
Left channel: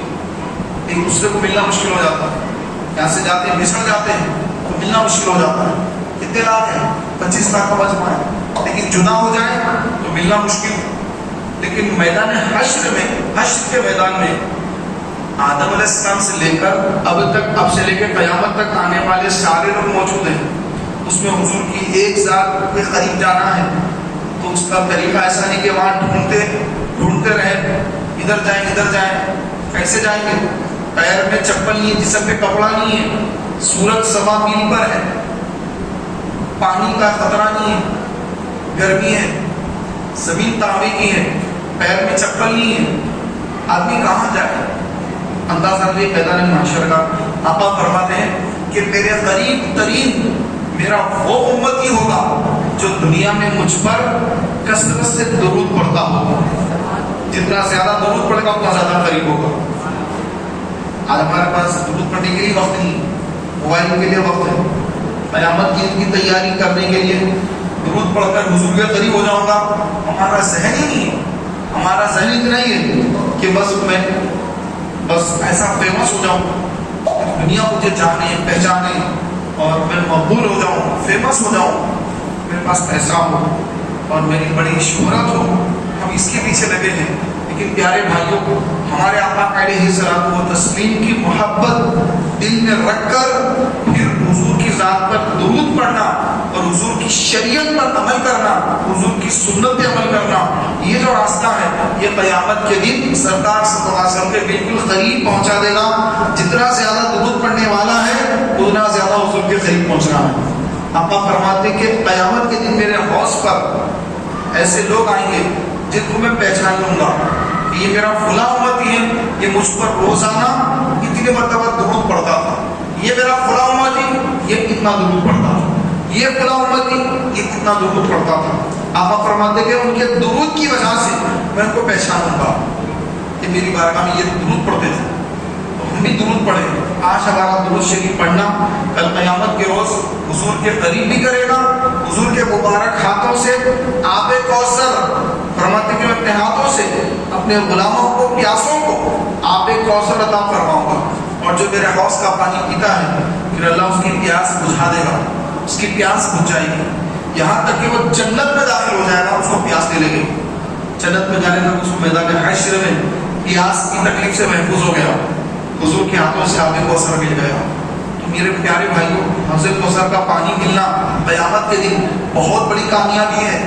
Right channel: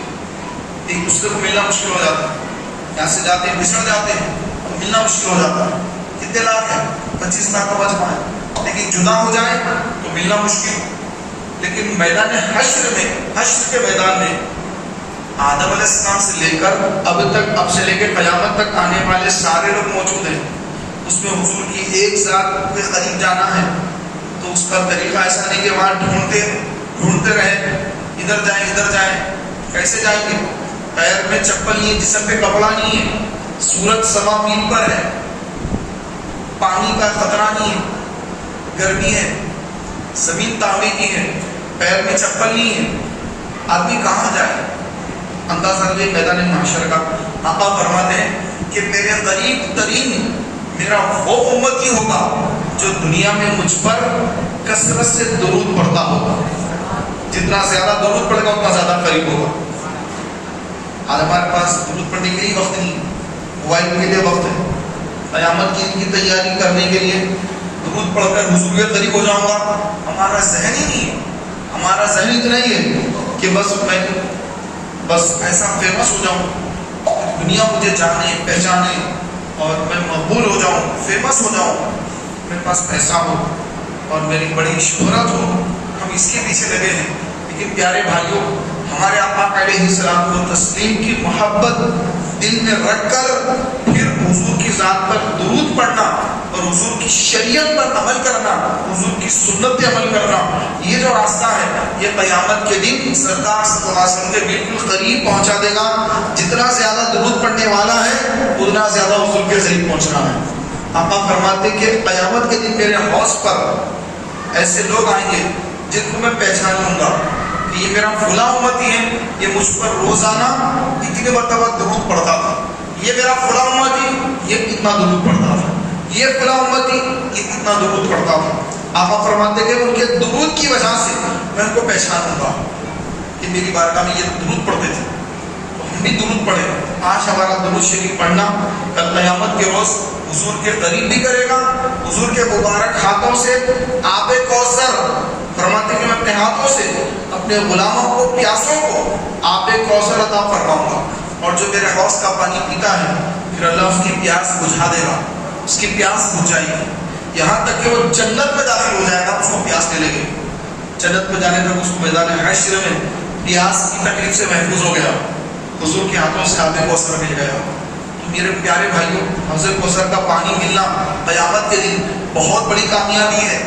ایک دوسرے کو ملنا مشکل ہو جاتا ہے. یہاں سے جاتے ہیں، بسر جاتے ہیں تو ملنا مشکل ہو جاتا ہے. کتنے لاکھ ہیں؟ 25 لاکھ کا مجمع ہے. لیکن جدا ہو جائے تو ملنا مشکل. لیکن میدان حشر میں، حشر کے میدان میں آدم علیہ السلام سے لے کر اب سے لے کے قیامت تک آنے والے سارے لوگ موجود ہیں. اس میں حضور کی ایک ذات کے قریب جانا ہے تو اس پر طریقہ ایسا نہیں کہ وہاں ڈھونڈتے ڈھونڈتے رہے، ادھر جائیں، کیسے جائیں گے؟ پیر میں چپل نہیں ہے، جسم پہ کپڑا نہیں ہے، سورج سوا میل پر ہے، پانی کا خطرہ نہیں ہے، گرمی ہے، زمین تانبے کی ہے، پیر میں چپل نہیں ہے، آدمی کہاں جائے؟ اندازہ لے میدان محشر کا۔ آقا فرماتے ہیں کہ میرے قریب ترین میرا وہ امتی ہوگا جو دنیا میں مجھ پر کثرت سے درود پڑھتا ہوگا۔ جتنا زیادہ درود پڑے گا اتنا زیادہ قریب ہوگا۔ آج ہمارے پاس درود پڑھنے کے لیے وقت نہیں، موبائل کے لیے وقت ہے، قیامت کی ان کی تیاری کرنے کے لیے درود پڑھ کر حضور کے قریب ہو جاؤں گا، ہمارا ذہن ہی نہیں ہے۔ ہمارا ذہن اتنا ہی ہے کہ بس ایسا فیمس ہو جاؤں، دنیا مجھے جانے پہچانے اور میں مقبول ہو جاؤں، فیمس ہو جاؤں، میرے پاس پیسہ ہو اور میری بڑی شہرت ہو، ہم اس کے پیچھے لگے ہیں۔ لیکن پیارے بھائیوں، ہمارے آقا علیہ السلام و تسلیم کی محبت دل میں رکھ کر پھر حضور کی ذات پر درود پڑھنا اور حضور کی شریعت پر عمل کرنا، حضور کی سنت پہ عمل کرنا، یہ جو راستہ ہے یہ قیامت کے دن سرکار صلی اللہ علیہ وسلم کے بالکل قریب پہنچا دے گا۔ جتنا زیادہ درود پڑھنے والا ہے اتنا زیادہ حضور کے قریب پہنچنا ہے۔ آقا فرماتے کہ قیامت کے دن میرے حوض پر ایسے لوگ آئیں گے جن کو میں پہچان لوں گا، یہ میرا فلاں امتی ہے، یہ مجھ پر روزانہ اتنی مرتبہ درود پڑھتا تھا، یہ میرا فلاں امتی یہ کتنا درود پڑھتا تھا، یہ فلاں امتی یہ کتنا درود پڑھتا تھا۔ آقا فرماتے کہ ان کے درود کی وجہ سے میں ان کو پہچانوں گا کہ میری بارگاہ میں یہ درود پڑھتے تھے، تو ہم بھی درود پڑھیں۔ آج ہمارا درود شریف پڑھنا کل قیامت کے روز حضور کے قریب بھی کرے گا۔ حضور کے مبارک ہاتھوں سے آب کوثر، فرماتے کہ میں اپنے ہاتھوں سے اپنے غلاموں کو، پیاسوں کو آب کوثر عطا فرماؤں گا، اور جو میرے حوض کا پانی پیتا ہے پھر اللہ اس کی پیاس بجھا دے گا، اس کی پیاس بجھ جائے گی، یہاں تک کہ وہ جنت میں داخل ہو جائے گا، اس کو پیاس نہیں لگے گی۔ جنت میں جانے تک اس کو میدان حشر میں پیاس کی تکلیف سے محفوظ ہو گیا، حضور کے ہاتھوں سے آب کوثر مل گیا۔ میرے پیارے بھائیوں، حوض کوثر کا پانی ملنا قیامت کے دن بہت بڑی کامیابی ہے،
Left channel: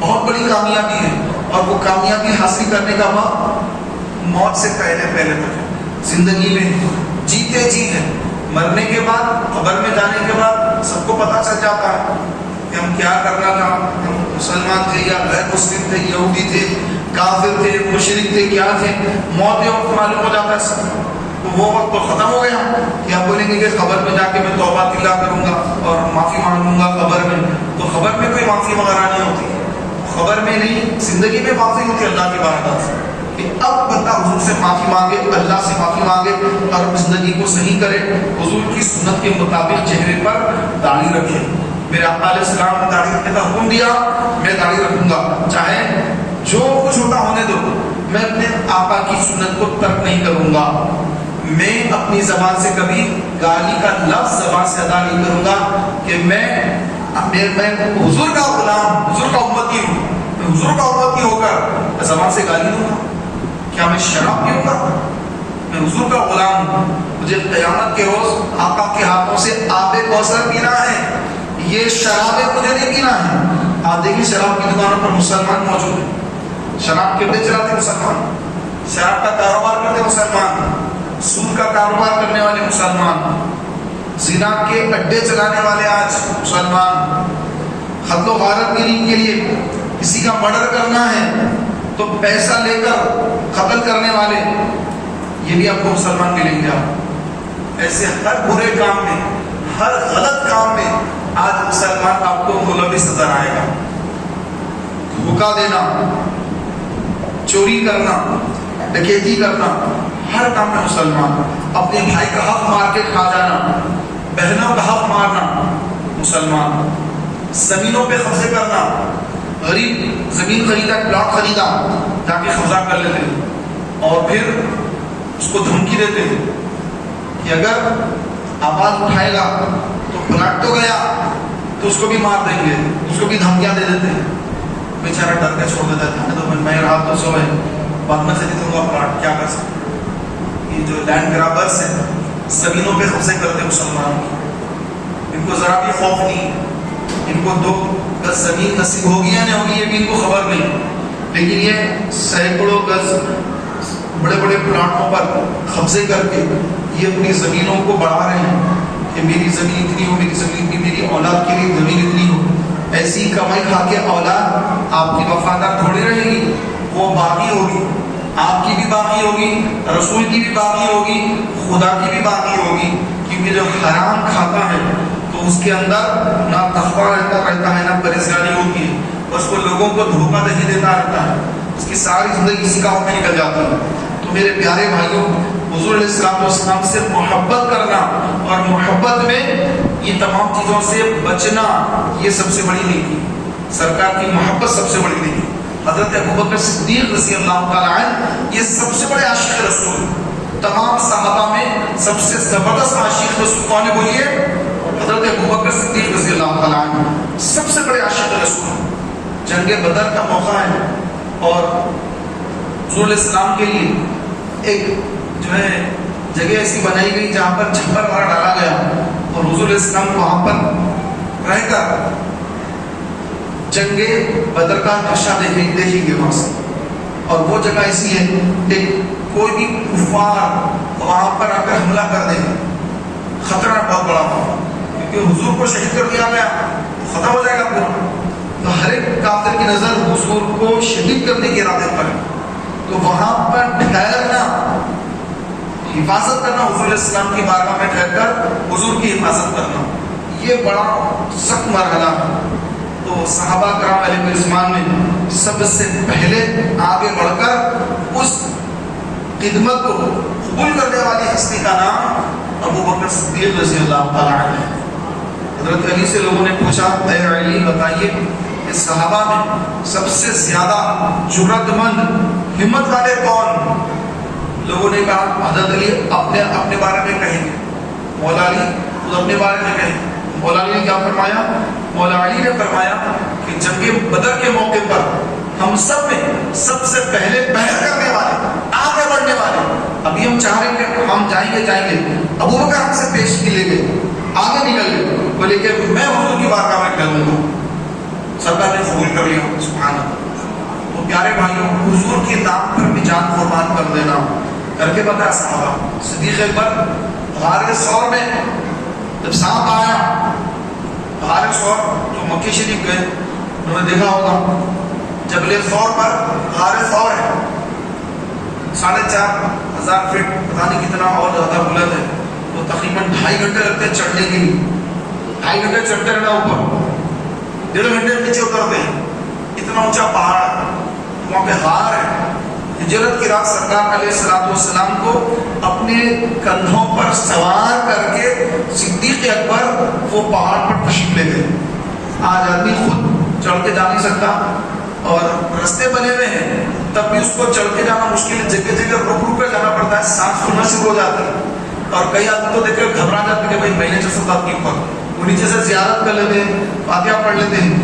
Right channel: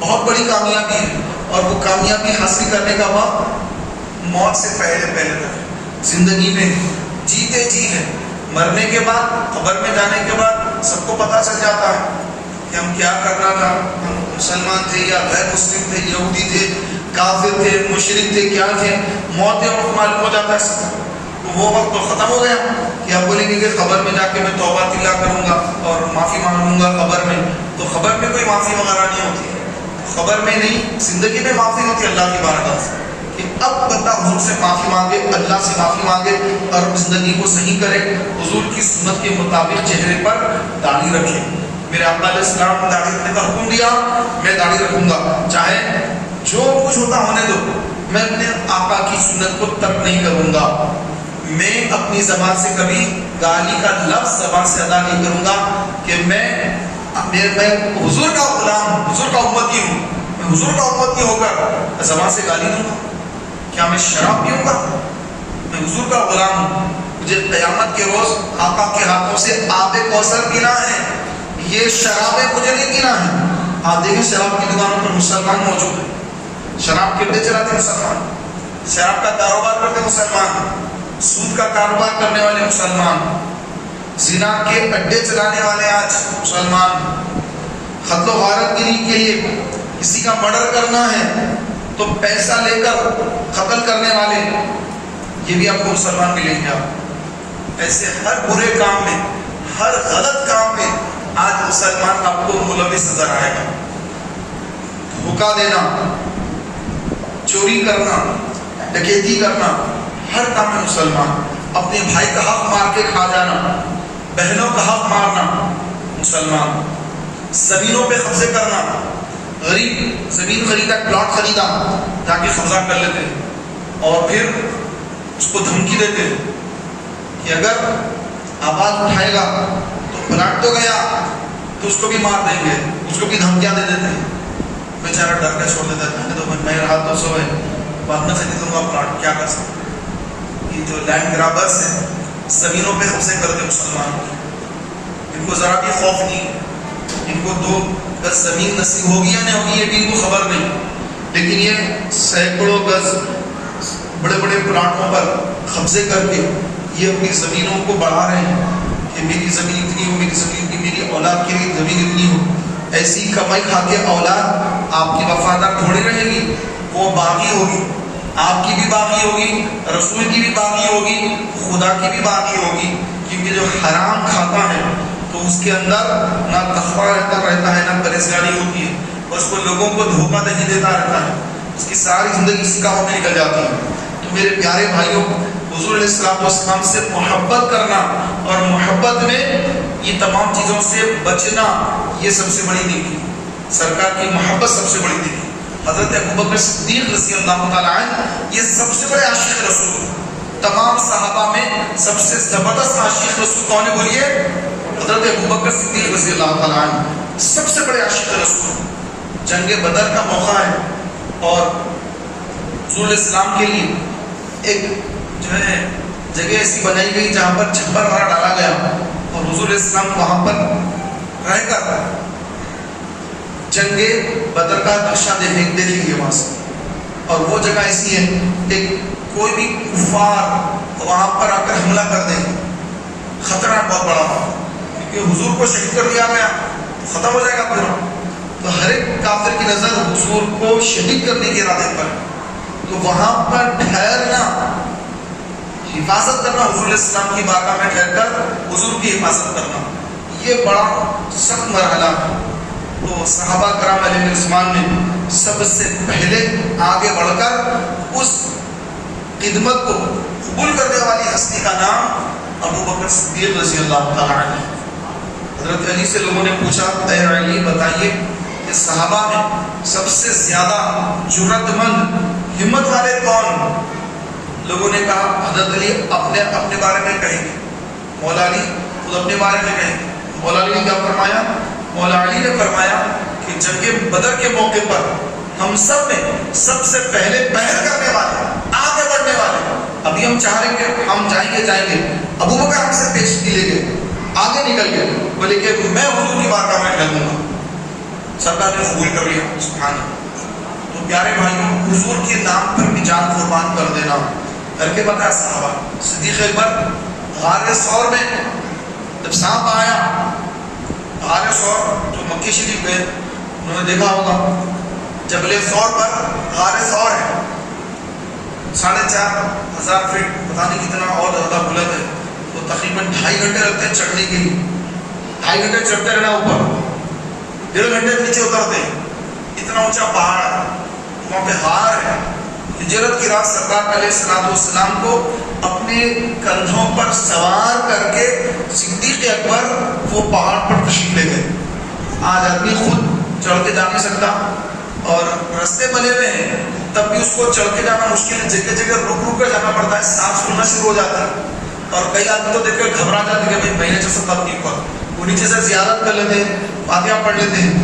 بہت بڑی کامیابی ہے، اور وہ کامیابی حاصل کرنے کا وقت موت سے پہلے تک زندگی میں جیتے جی ہے۔ مرنے کے بعد، قبر میں جانے کے بعد سب کو پتہ چل جاتا ہے کہ ہم کیا کرنا تھا، ہم مسلمان تھے یا غیر مسلم تھے، یہودی تھے، کافر تھے، مشرک تھے، کیا تھے، موت کے وقت معلوم ہو جاتا ہے سب کو۔ تو وہ وقت تو ختم ہو گیا کہ ہم بولیں گے کہ قبر میں جا کے میں توبہ تلا کروں گا اور معافی مانگوں گا قبر میں، تو قبر میں کوئی معافی وغیرہ نہیں ہوتی، خبر میں نہیں، زندگی میں معافی ہوتی اللہ کی بارگاہ سے کہ اب بندہ حضور سے معافی مانگے، اللہ سے معافی مانگے اور اپنی زندگی کو صحیح کرے، حضور کی سنت کے مطابق چہرے پر داڑھی رکھے۔ میرے آقا علیہ السلام نے داڑھی رکھنے کا حکم دیا، میں داڑھی رکھوں گا، چاہے جو کچھ ہوتا ہونے دو، میں اپنے آقا کی سنت کو ترک نہیں کروں گا، میں اپنی زبان سے کبھی گالی کا لفظ زبان سے ادا نہیں کروں گا کہ میں حضور کا غلام، حضور کا امتی ہوں، میں حضور کا امتی ہو کر زبان سے گالی دوں گا؟ کیا میں شراب پیوں گا؟ میں حضور کا غلام ہوں، مجھے قیامت کے روز آقا کے ہاتھوں سے آب کوثر پینا ہے، یہ شرابیں مجھے نہیں پینا ہے۔ آپ دیکھیں شراب کی دکانوں پر مسلمان موجود ہیں، شراب کیڑے چلاتے مسلمان، شراب کا کاروبار کرتے مسلمان، سود کا کاروبار کرنے والے مسلمان، زنا کے اڈے چلانے والے آج مسلمان، قتل و غارت گری کے لیے کسی کا مرڈر کرنا ہے تو پیسہ لے کر قتل کرنے والے، یہ بھی آپ کو مسلمان ملیں گے۔ ایسے ہر برے کام میں، ہر غلط کام میں آج مسلمان آپ کو ملوث نظر آئے گا۔ دھوکہ دینا، چوری کرنا، ڈکیتی کرنا، ہر کام میں مسلمان، اپنے بھائی کا حق مار کے کھا جانا، بہنوں کا حق مارنا مسلمان، زمینوں پہ قبضے کرنا، غریب زمین خریدا، پلاٹ خریدا، جا کے قبضہ کر لیتے اور پھر اس کو دھمکی دیتے کہ اگر آواز اٹھائے گا تو پلاٹ تو گیا تو اس کو بھی مار دیں گے، اس کو بھی دھمکیاں دے دیتے ہیں، بیچارہ ڈر کے چھوڑ دیتا ہے، تو میں رہا تو سو ہے، بعد میں خرید دوں گا پلاٹ، کیا کر سکتے۔ یہ جو لینڈ گرابرس ہیں، زمینوں پہ قبضے کرتے مسلمان، ان کو ذرا بھی خوف نہیں، ان کو 2 گز زمین نصیب ہوگی یا نہیں ہوگی یہ بھی ان کو خبر نہیں، لیکن یہ سینکڑوں گز بڑے بڑے پلاٹوں پر قبضے کر کے یہ اپنی زمینوں کو بڑھا رہے ہیں کہ میری زمین اتنی ہو، میری زمین اتنی، میری اولاد کے لیے زمین اتنی ہو. ایسی کمائی کھا کے اولاد آپ کی وفادار تھوڑی رہے گی، وہ باقی ہوگی، آپ کی بھی باقی ہوگی، رسول کی بھی باقی ہوگی، خدا کی بھی باقی ہوگی. کیونکہ جو حرام کھاتا ہے تو اس کے اندر نہ تقویٰ رہتا ہے، نہ پرہیزگاری ہوتی ہے، اور اس کو لوگوں کو دھوکہ دہی دیتا رہتا ہے، اس کی ساری زندگی اسی کام میں نکل جاتی ہے. تو میرے پیارے بھائیوں، حضور علیہ السلام سے محبت کرنا اور محبت میں یہ تمام چیزوں سے بچنا، یہ سب سے بڑی نیکی. سرکار کی محبت سب سے بڑی نیکی. حضرت ابوبکر صدیق رضی اللہ تعالیٰ عنہ یہ سب سے بڑے عاشق رسول. تمام صحابہ میں سب سے زبردست عاشق رسول کون ہے بولیے؟ حضرت ابوبکر صدیق رضی اللہ تعالیٰ عنہ سب سے بڑے عاشق رسول. جنگ بدر کا موقع ہے اور حضور علیہ السلام کے لیے ایک جو ہے جگہ ایسی بنائی گئی جہاں پر چھپر وغیرہ ڈالا گیا، اور حضور علیہ السلام وہاں پر رہ کر جنگ بدر کا نقشہ دیکھیں گے وہاں سے. اور وہ جگہ ایسی ہے کہ کوئی بھی کفار وہاں پر آ کر حملہ کر دیں، خطرہ بہت بڑا ہوگا، کیونکہ حضور کو شہید کر دیا گیا تو ختم ہو جائے گا پورا. تو ہر ایک کافر کی نظر حضور کو شہید کرنے کے ارادے پر، تو وہاں پر ٹھہرنا، حفاظت کرنا، حضور علیہ السلام کی بارگاہ میں ٹھہر کر حضور کی حفاظت کرنا، یہ بڑا سخت مرحلہ ہے. تو صحابہ کرام علیہ رضوان نے سب سے پہلے آگے بڑھ کر اس خدمت کو قبول کرنے والی ہستی کا نام ابوبکر صدیق رضی اللہ تعالیٰ عنہ ہے. حضرت علی سے لوگوں نے پوچھا، اے علی بتائیے کہ صحابہ میں سب سے زیادہ جرأت مند، ہمت والے کون؟ لوگوں نے کہا حضرت علی اپنے بارے میں کہیں گے، مولا علی خود اپنے بارے میں کہیں گے. مولا علی نے کیا فرمایا؟ مولا علی نے فرمایا کہ جنگ بدر کے موقع پر ہم سب میں سب سے پہلے پہل کرنے والے، آگے بڑھنے والے، ابھی ہم چاہ رہے ہیں کہ ہم جائیں گے، ابوبکر ہم سے پیش لے گئے، آگے نکل گئے، بولے کہ میں حضور کی بارگاہ میں ٹھہروں گا. سرکار نے قبول کر لیا. سبحان اللہ. تو پیارے بھائیوں، حضور کے نام پر بھی جان قربان کر دینا کر کے بتایا صحابہ. صدیق اکبر غار ثور میں جب سانپ آیا، غار ثور جو مکے شریف گئے انہوں نے دیکھا ہوگا، جبل ثور پر غار ثور ہے، 4,500 فٹ، پتہ نہیں کتنا اور زیادہ بلند ہے. تو تقریباً 2.5 گھنٹے لگتے ہیں چڑھنے کے لیے. 2.5 گھنٹے چڑھتے رہنا اوپر، 1.5 گھنٹے نیچے اترتے ہیں. اتنا اونچا پہاڑ ہے، وہاں پہ غار ہے. ہجرت کی رات سرکار علیہ السلام کو اپنے کندھوں پر سوار کر کے صدیق اکبر وہ پہاڑ پر تشریف لے گئے. آج آدمی خود چڑھ کے جا نہیں سکتا، اور رستے بنے ہوئے ہیں تب بھی اس کو چڑھ کے جانا مشکل ہے. جگہ جگہ رک کر جانا پڑتا ہے، سانس پھولنا شروع ہو جاتی ہے. اور کئی آدمی تو دیکھ کر گھبرا جاتے کہ بھائی میں نہیں چڑھ سکتا اپنی اوپر. وہ نیچے سے زیارت کر لیتے ہیں، فاتحہ پڑھ لیتے ہیں،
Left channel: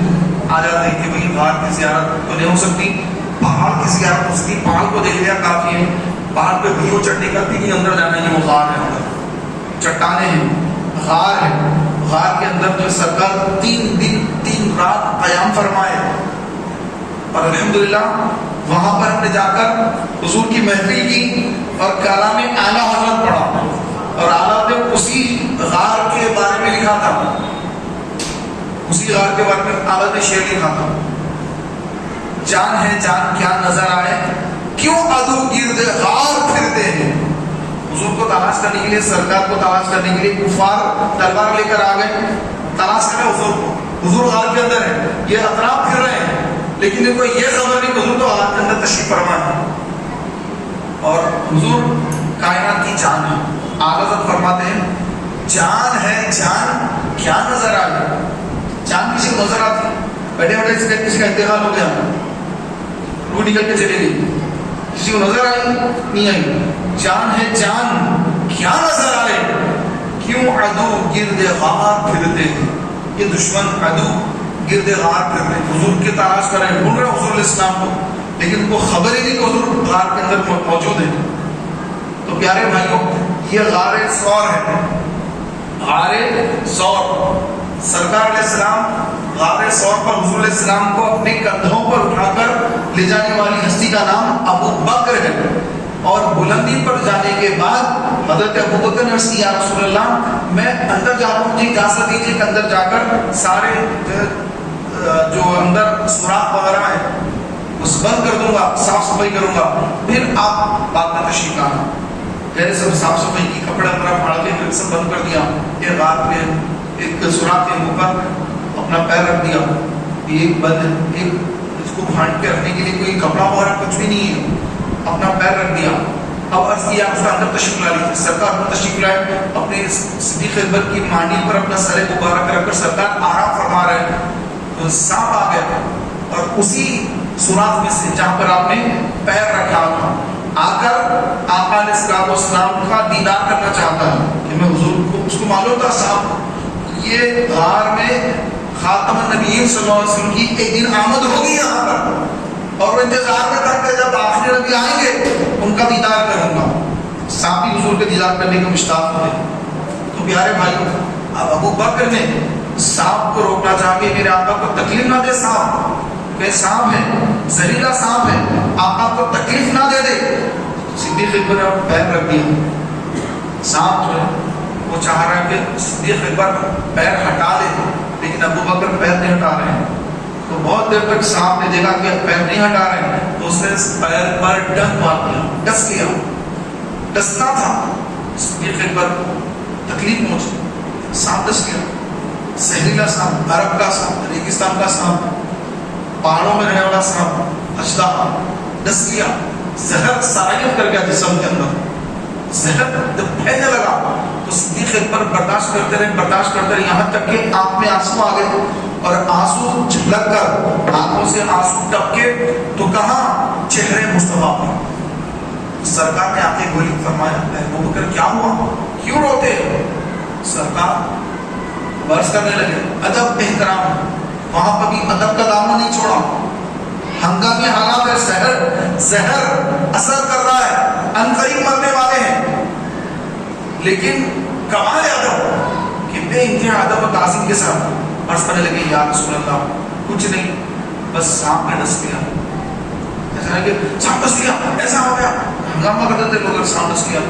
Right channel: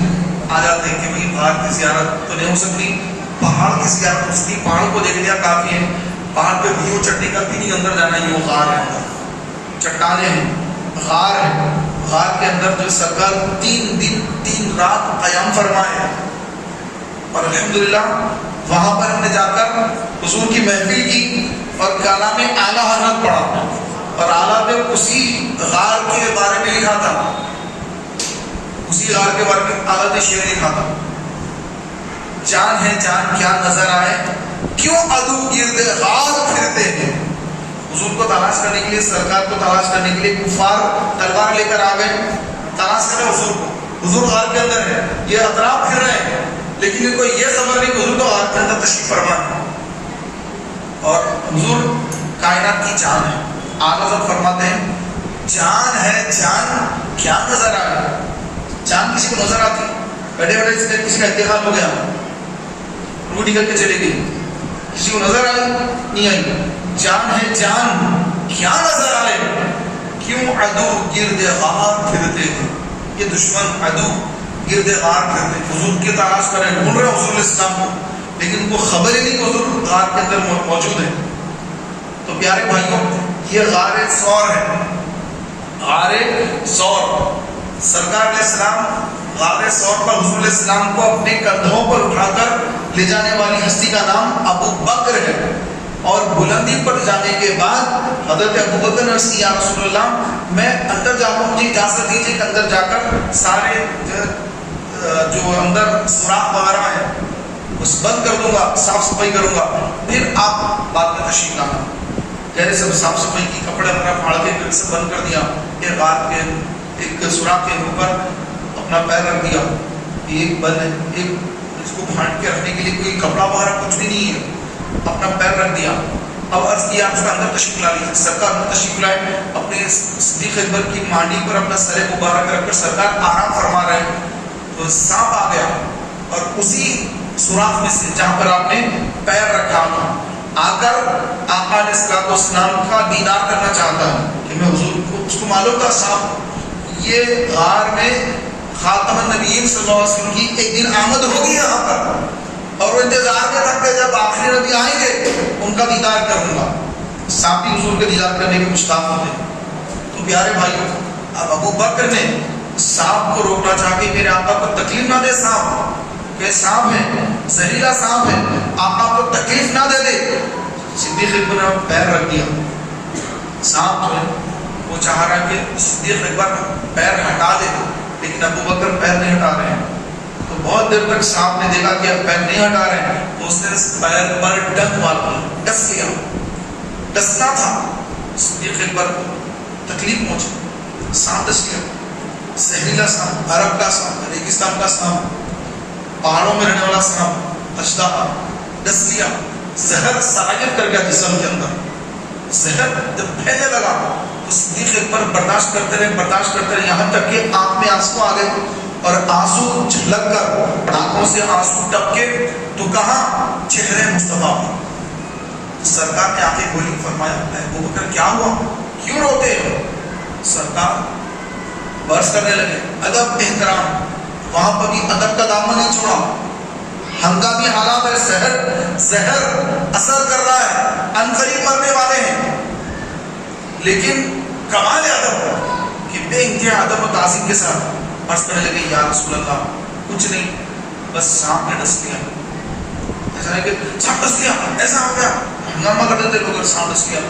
آ جاتے ہیں کہ بھائی غار کی زیارت تو نہیں ہو سکتی، پہاڑ کی زیارت ہو سکتی. پہاڑ کو دیکھ لیا کافی ہے، پہاڑ پہ بھی وہ چڑھنے کا بھی نہیں، اندر جانا ہی وہ غار ہے، چٹانیں ہیں، غار ہے. غار کے اندر جو سرکار 3 دن 3 رات قیام فرمائے. اور الحمدللہ وہاں پر ہم نے جا کر حضور کی محفل کی اور کلام اعلیٰ حضرت پڑھا، اور اعلیٰ پہ اسی غار کے بارے میں لکھا تھا، اسی غار کے بارے میں اعلیٰ نے شعر لکھا تھا. جان ہے جان کیا نظر آئے، کیوں عدو گرد غار پھرتے ہیں. حضور کو تلاش کرنے کے لیے، سرکار کو تلاش کرنے کے لیے کفار تلوار لے کر آ گئے، تلاش کرے حضور کو. حضور غار کے اندر ہے، یہ اطراف پھر رہے ہیں، لیکن ان کو یہ خبر نہیں کہ حضور تو غار کے اندر تشریف فرما ہے. اور حضور کائنات کی جان ہے. آغاز جب فرماتے ہیں جان ہے جان کیا نظر آئے. جان کسی کو نظر آتی؟ بیٹھے بیٹھے کسی کا انتقال ہو گیا، روح نکل کے چلے گئی، کسی کو نظر آئی نہیں آئی. جان ہے جان کیا نظر آئے، کیوں عدو گرد غار پھرتے ہیں. یہ دشمن عدو گرد غار پھرتے ہیں. حضور کی تلاش کریں، ڈھونڈ رہے حضور علیہ السلام کو، لیکن ان کو خبر ہی نہیں کہ حضور غار کے اندر موجود ہے. تو پیارے بھائیوں، یہ غار ثور ہے. غار ثور سرکار علیہ السلام غار ثور پر حضور علیہ السلام کو اپنے کندھوں پر اٹھا کر لے جانے والی ہستی کا نام ابو بکر ہے، اور بلندی پر جانے کے بعد حضرت ابو بکر نے یا رسول اللہ میں اندر جاتا ہوں، مجھے اجازت دیجیے کہ اندر جا کر سارے جو اندر سوراخ وغیرہ ہے اس بند کر دوں گا، صاف صفائی کروں گا، پھر آپ بعد میں تشریف لانا۔ پہلے سب صاف صفائی کی، کپڑے وغیرہ پھاڑ کے پھر سب بند کر دیا، پھر غار پہ ایک سوراخ کے اوپر اپنا پیر رکھ دیا، ایک بند ایک اس کو پھاڑ کے رکھنے کے لیے کوئی کپڑا وغیرہ کچھ بھی نہیں ہے، اپنا پیر رکھ دیا۔ اب عرض کیا اس کا اندر تشریف لا لیجیے، سرکار اندر تشریف لائے، اپنے صدیق اکبر کی مانڈی پر اپنا سر مبارک رکھ کر سرکار آرام فرما رہے ہیں، تو سانپ آ گیا اور اسی سوراخ میں سے جہاں پر آپ نے پیر رکھا تھا آ کر آقا علیہ السلام کا دیدار کرنا چاہتا ہے کہ میں حضور کو، اس کو معلوم تھا صاحب یہ غار میں خاتم النبیین صلی اللہ علیہ وسلم کی ایک دن آمد ہوگی یہاں پر، اور وہ انتظار میں تھا کہ جب آخری نبی آئیں گے ان کا دیدار کروں گا۔ صاحب بھی حضور کے دیدار کرنے کے مشتاق ہوتے۔ تو پیارے بھائی، اب ابو بکر نے سانپ کو روکنا چاہ کے میرے آقا کو تکلیف نہ دے، سانپ کہ سانپ ہے، زہریلا سانپ ہے، آقا کو تکلیف نہ دے دے، صدیق اکبر نے پیر رکھ دیا۔ سانپ جو ہے وہ چاہ رہا ہے کہ صدیق اکبر پیر ہٹا دے، لیکن ابو بکر پیر نہیں ہٹا رہے ہیں۔ تو بہت دیر تک سانپ نے دیکھا کہ اب پیر نہیں ہٹا رہے ہیں، تو اس نے پیر پر ڈنک مار دیا، ڈس لیا، ڈسنا تھا۔ صدیق اکبر تکلیف پہنچی، سانپ ڈس لیا، زہریلا سانپ، عرب کا سانپ، ریگستان کا سانپ، پہاڑوں میں رہنے والا سانپ، اژدہا ڈس لیا، زہر سرایت کر گیا جسم کے اندر، زہر جب پھیلنے لگا تو صدیق اکبر برداشت کرتے رہے یہاں تک کہ آنکھ میں آنسو آ گئے، اور آنسو جھلک کر آنکھوں سے آنسو ٹپکے تو کہاں چہرے مصطفیٰ پر۔ سرکار نے آنکھیں گولی فرمایا، ابو بکر کیا ہوا، کیوں روتے ہو؟ سرکار برس کرنے لگے، ادب احترام، وہاں پر بھی ادب کا دامن نہیں چھوڑا، ہنگامی حالات ہے، زہر اثر کر رہا ہے، عنقریب مرنے والے ہیں، لیکن کمال ادب کہ بے انتہا ادب و تعظیم کے ساتھ عرض کرنے لگے، یا رسول اللہ کچھ نہیں، بس سانپ نے ڈس لیا، ایسا ہے کہ سانپ ڈس لیا، ایسا ہو گیا، ہنگامہ کر دیتے لوگ، سانپ ڈس لیا،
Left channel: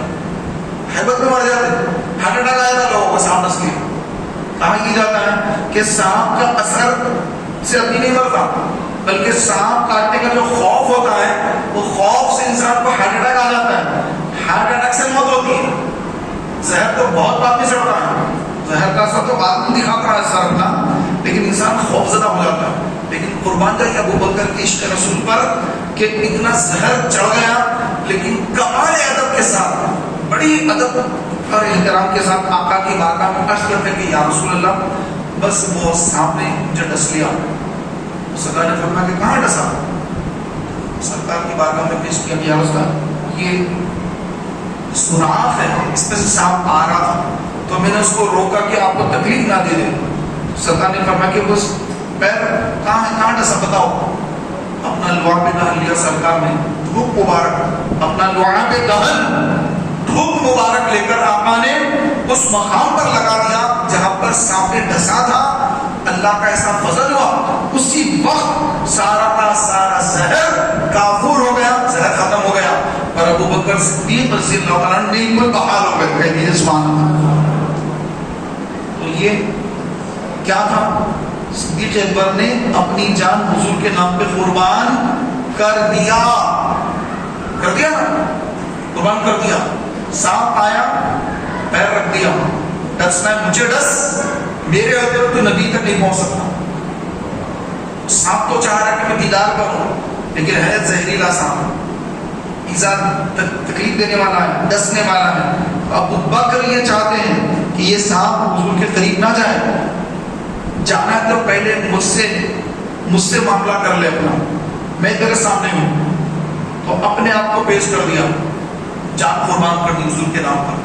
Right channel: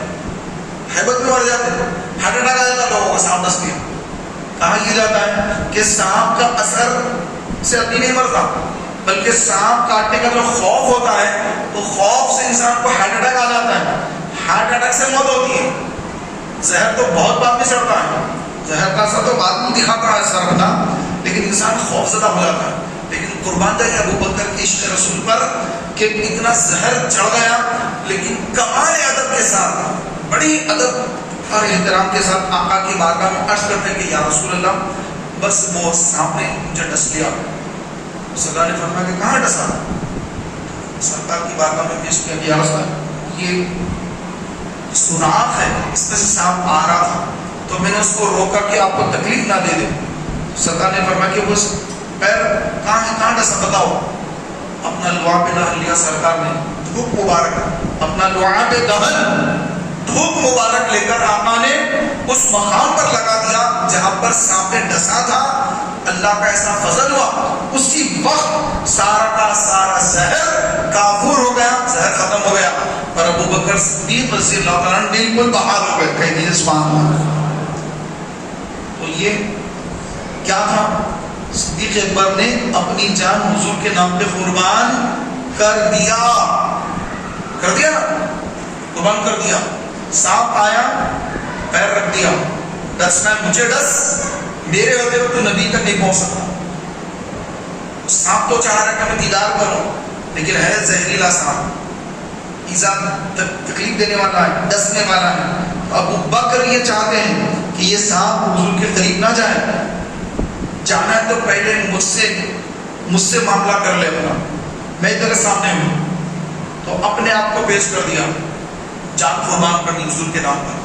ہیبت میں مر جاتے، ہارٹ اٹیک آ جاتا لوگوں کو، سانپ ڈس لیا۔ کہا یہ جاتا ہے کہ سانپ کا اثر سے ابھی نہیں مرتا، بلکہ سانپ کاٹنے کا جو خوف ہوتا ہے وہ خوف سے انسان کو ہارٹ اٹیک آ جاتا ہے، ہارٹ اٹیک سے موت ہوتی ہے۔ زہر تو بہت بعد میں چڑھتا ہے، زہر کا اثر تو بعد میں دکھاتا ہے سر اپنا، لیکن انسان خوف زدہ ہو جاتا ہے۔ لیکن قربان جائے ابو بکر کی عشق رسول پر کہ اتنا زہر چڑھ گیا، لیکن کمال ادب کے ساتھ، بڑی ادب اور احترام کے ساتھ آقا کی بارگاہ میں عرض کرتے کہ یا رسول اللہ بس وہ سانپ نے مجھے ڈس لیا۔ سرکار نے فرمایا کہ کہاں ڈسا؟ سرکار کی بارگاہ میں پیش کیا کہ یا رسول اللہ یہ سوراخ ہے، اس میں سے سانپ آ رہا تھا، تو میں نے اس کو روکا کہ آپ کو تکلیف نہ دے دے۔ سرکار نے فرمایا کہ وہ پیر کہاں ہے، کہاں ڈسا بتاؤ؟ اپنا لعاب دہن لیا سرکار نے، دھوپ مبارک، اپنا لعاب دہن دھوپ مبارک لے کر آقا نے اس مقام پر لگا دیا جہاں پر سانپ نے ڈسا تھا۔ اللہ کا ایسا فضل ہوا، اسی وقت سارا کا سارا زہر کافور ہو گیا، زہر ختم ہو گیا، اور ابو بکر صدیق رضی اللہ عنہ بالکل بحال ہو گئے۔ کہیے سبحان اللہ۔ تو یہ کیا تھا؟ صدیق اکبر نے اپنی جان حضور کے نام پہ قربان کر دیا نا، قربان کر دیا۔ سانپ آیا، پیر رکھ دیا، ڈسنا ہے مجھے ڈس، میرے ہوتے ہوئے تو نبی تک نہیں پہنچ سکتا۔ سانپ تو چاہ رہا ہے کہ میں دیدار کروں، لیکن ہے زہریلا سانپ، ایزا تکلیف دینے والا ہے، ڈسنے والا ہے۔ ابو بکر یہ چاہتے ہیں کہ یہ سانپ حضور کے قریب نہ جائے، جانا ہے تو پہلے مجھ سے معاملہ کر لے اپنا، میں تیرے سامنے ہوں۔ تو اپنے آپ کو پیش کر دیا، جان قربان کرنی حضور کے نام پر۔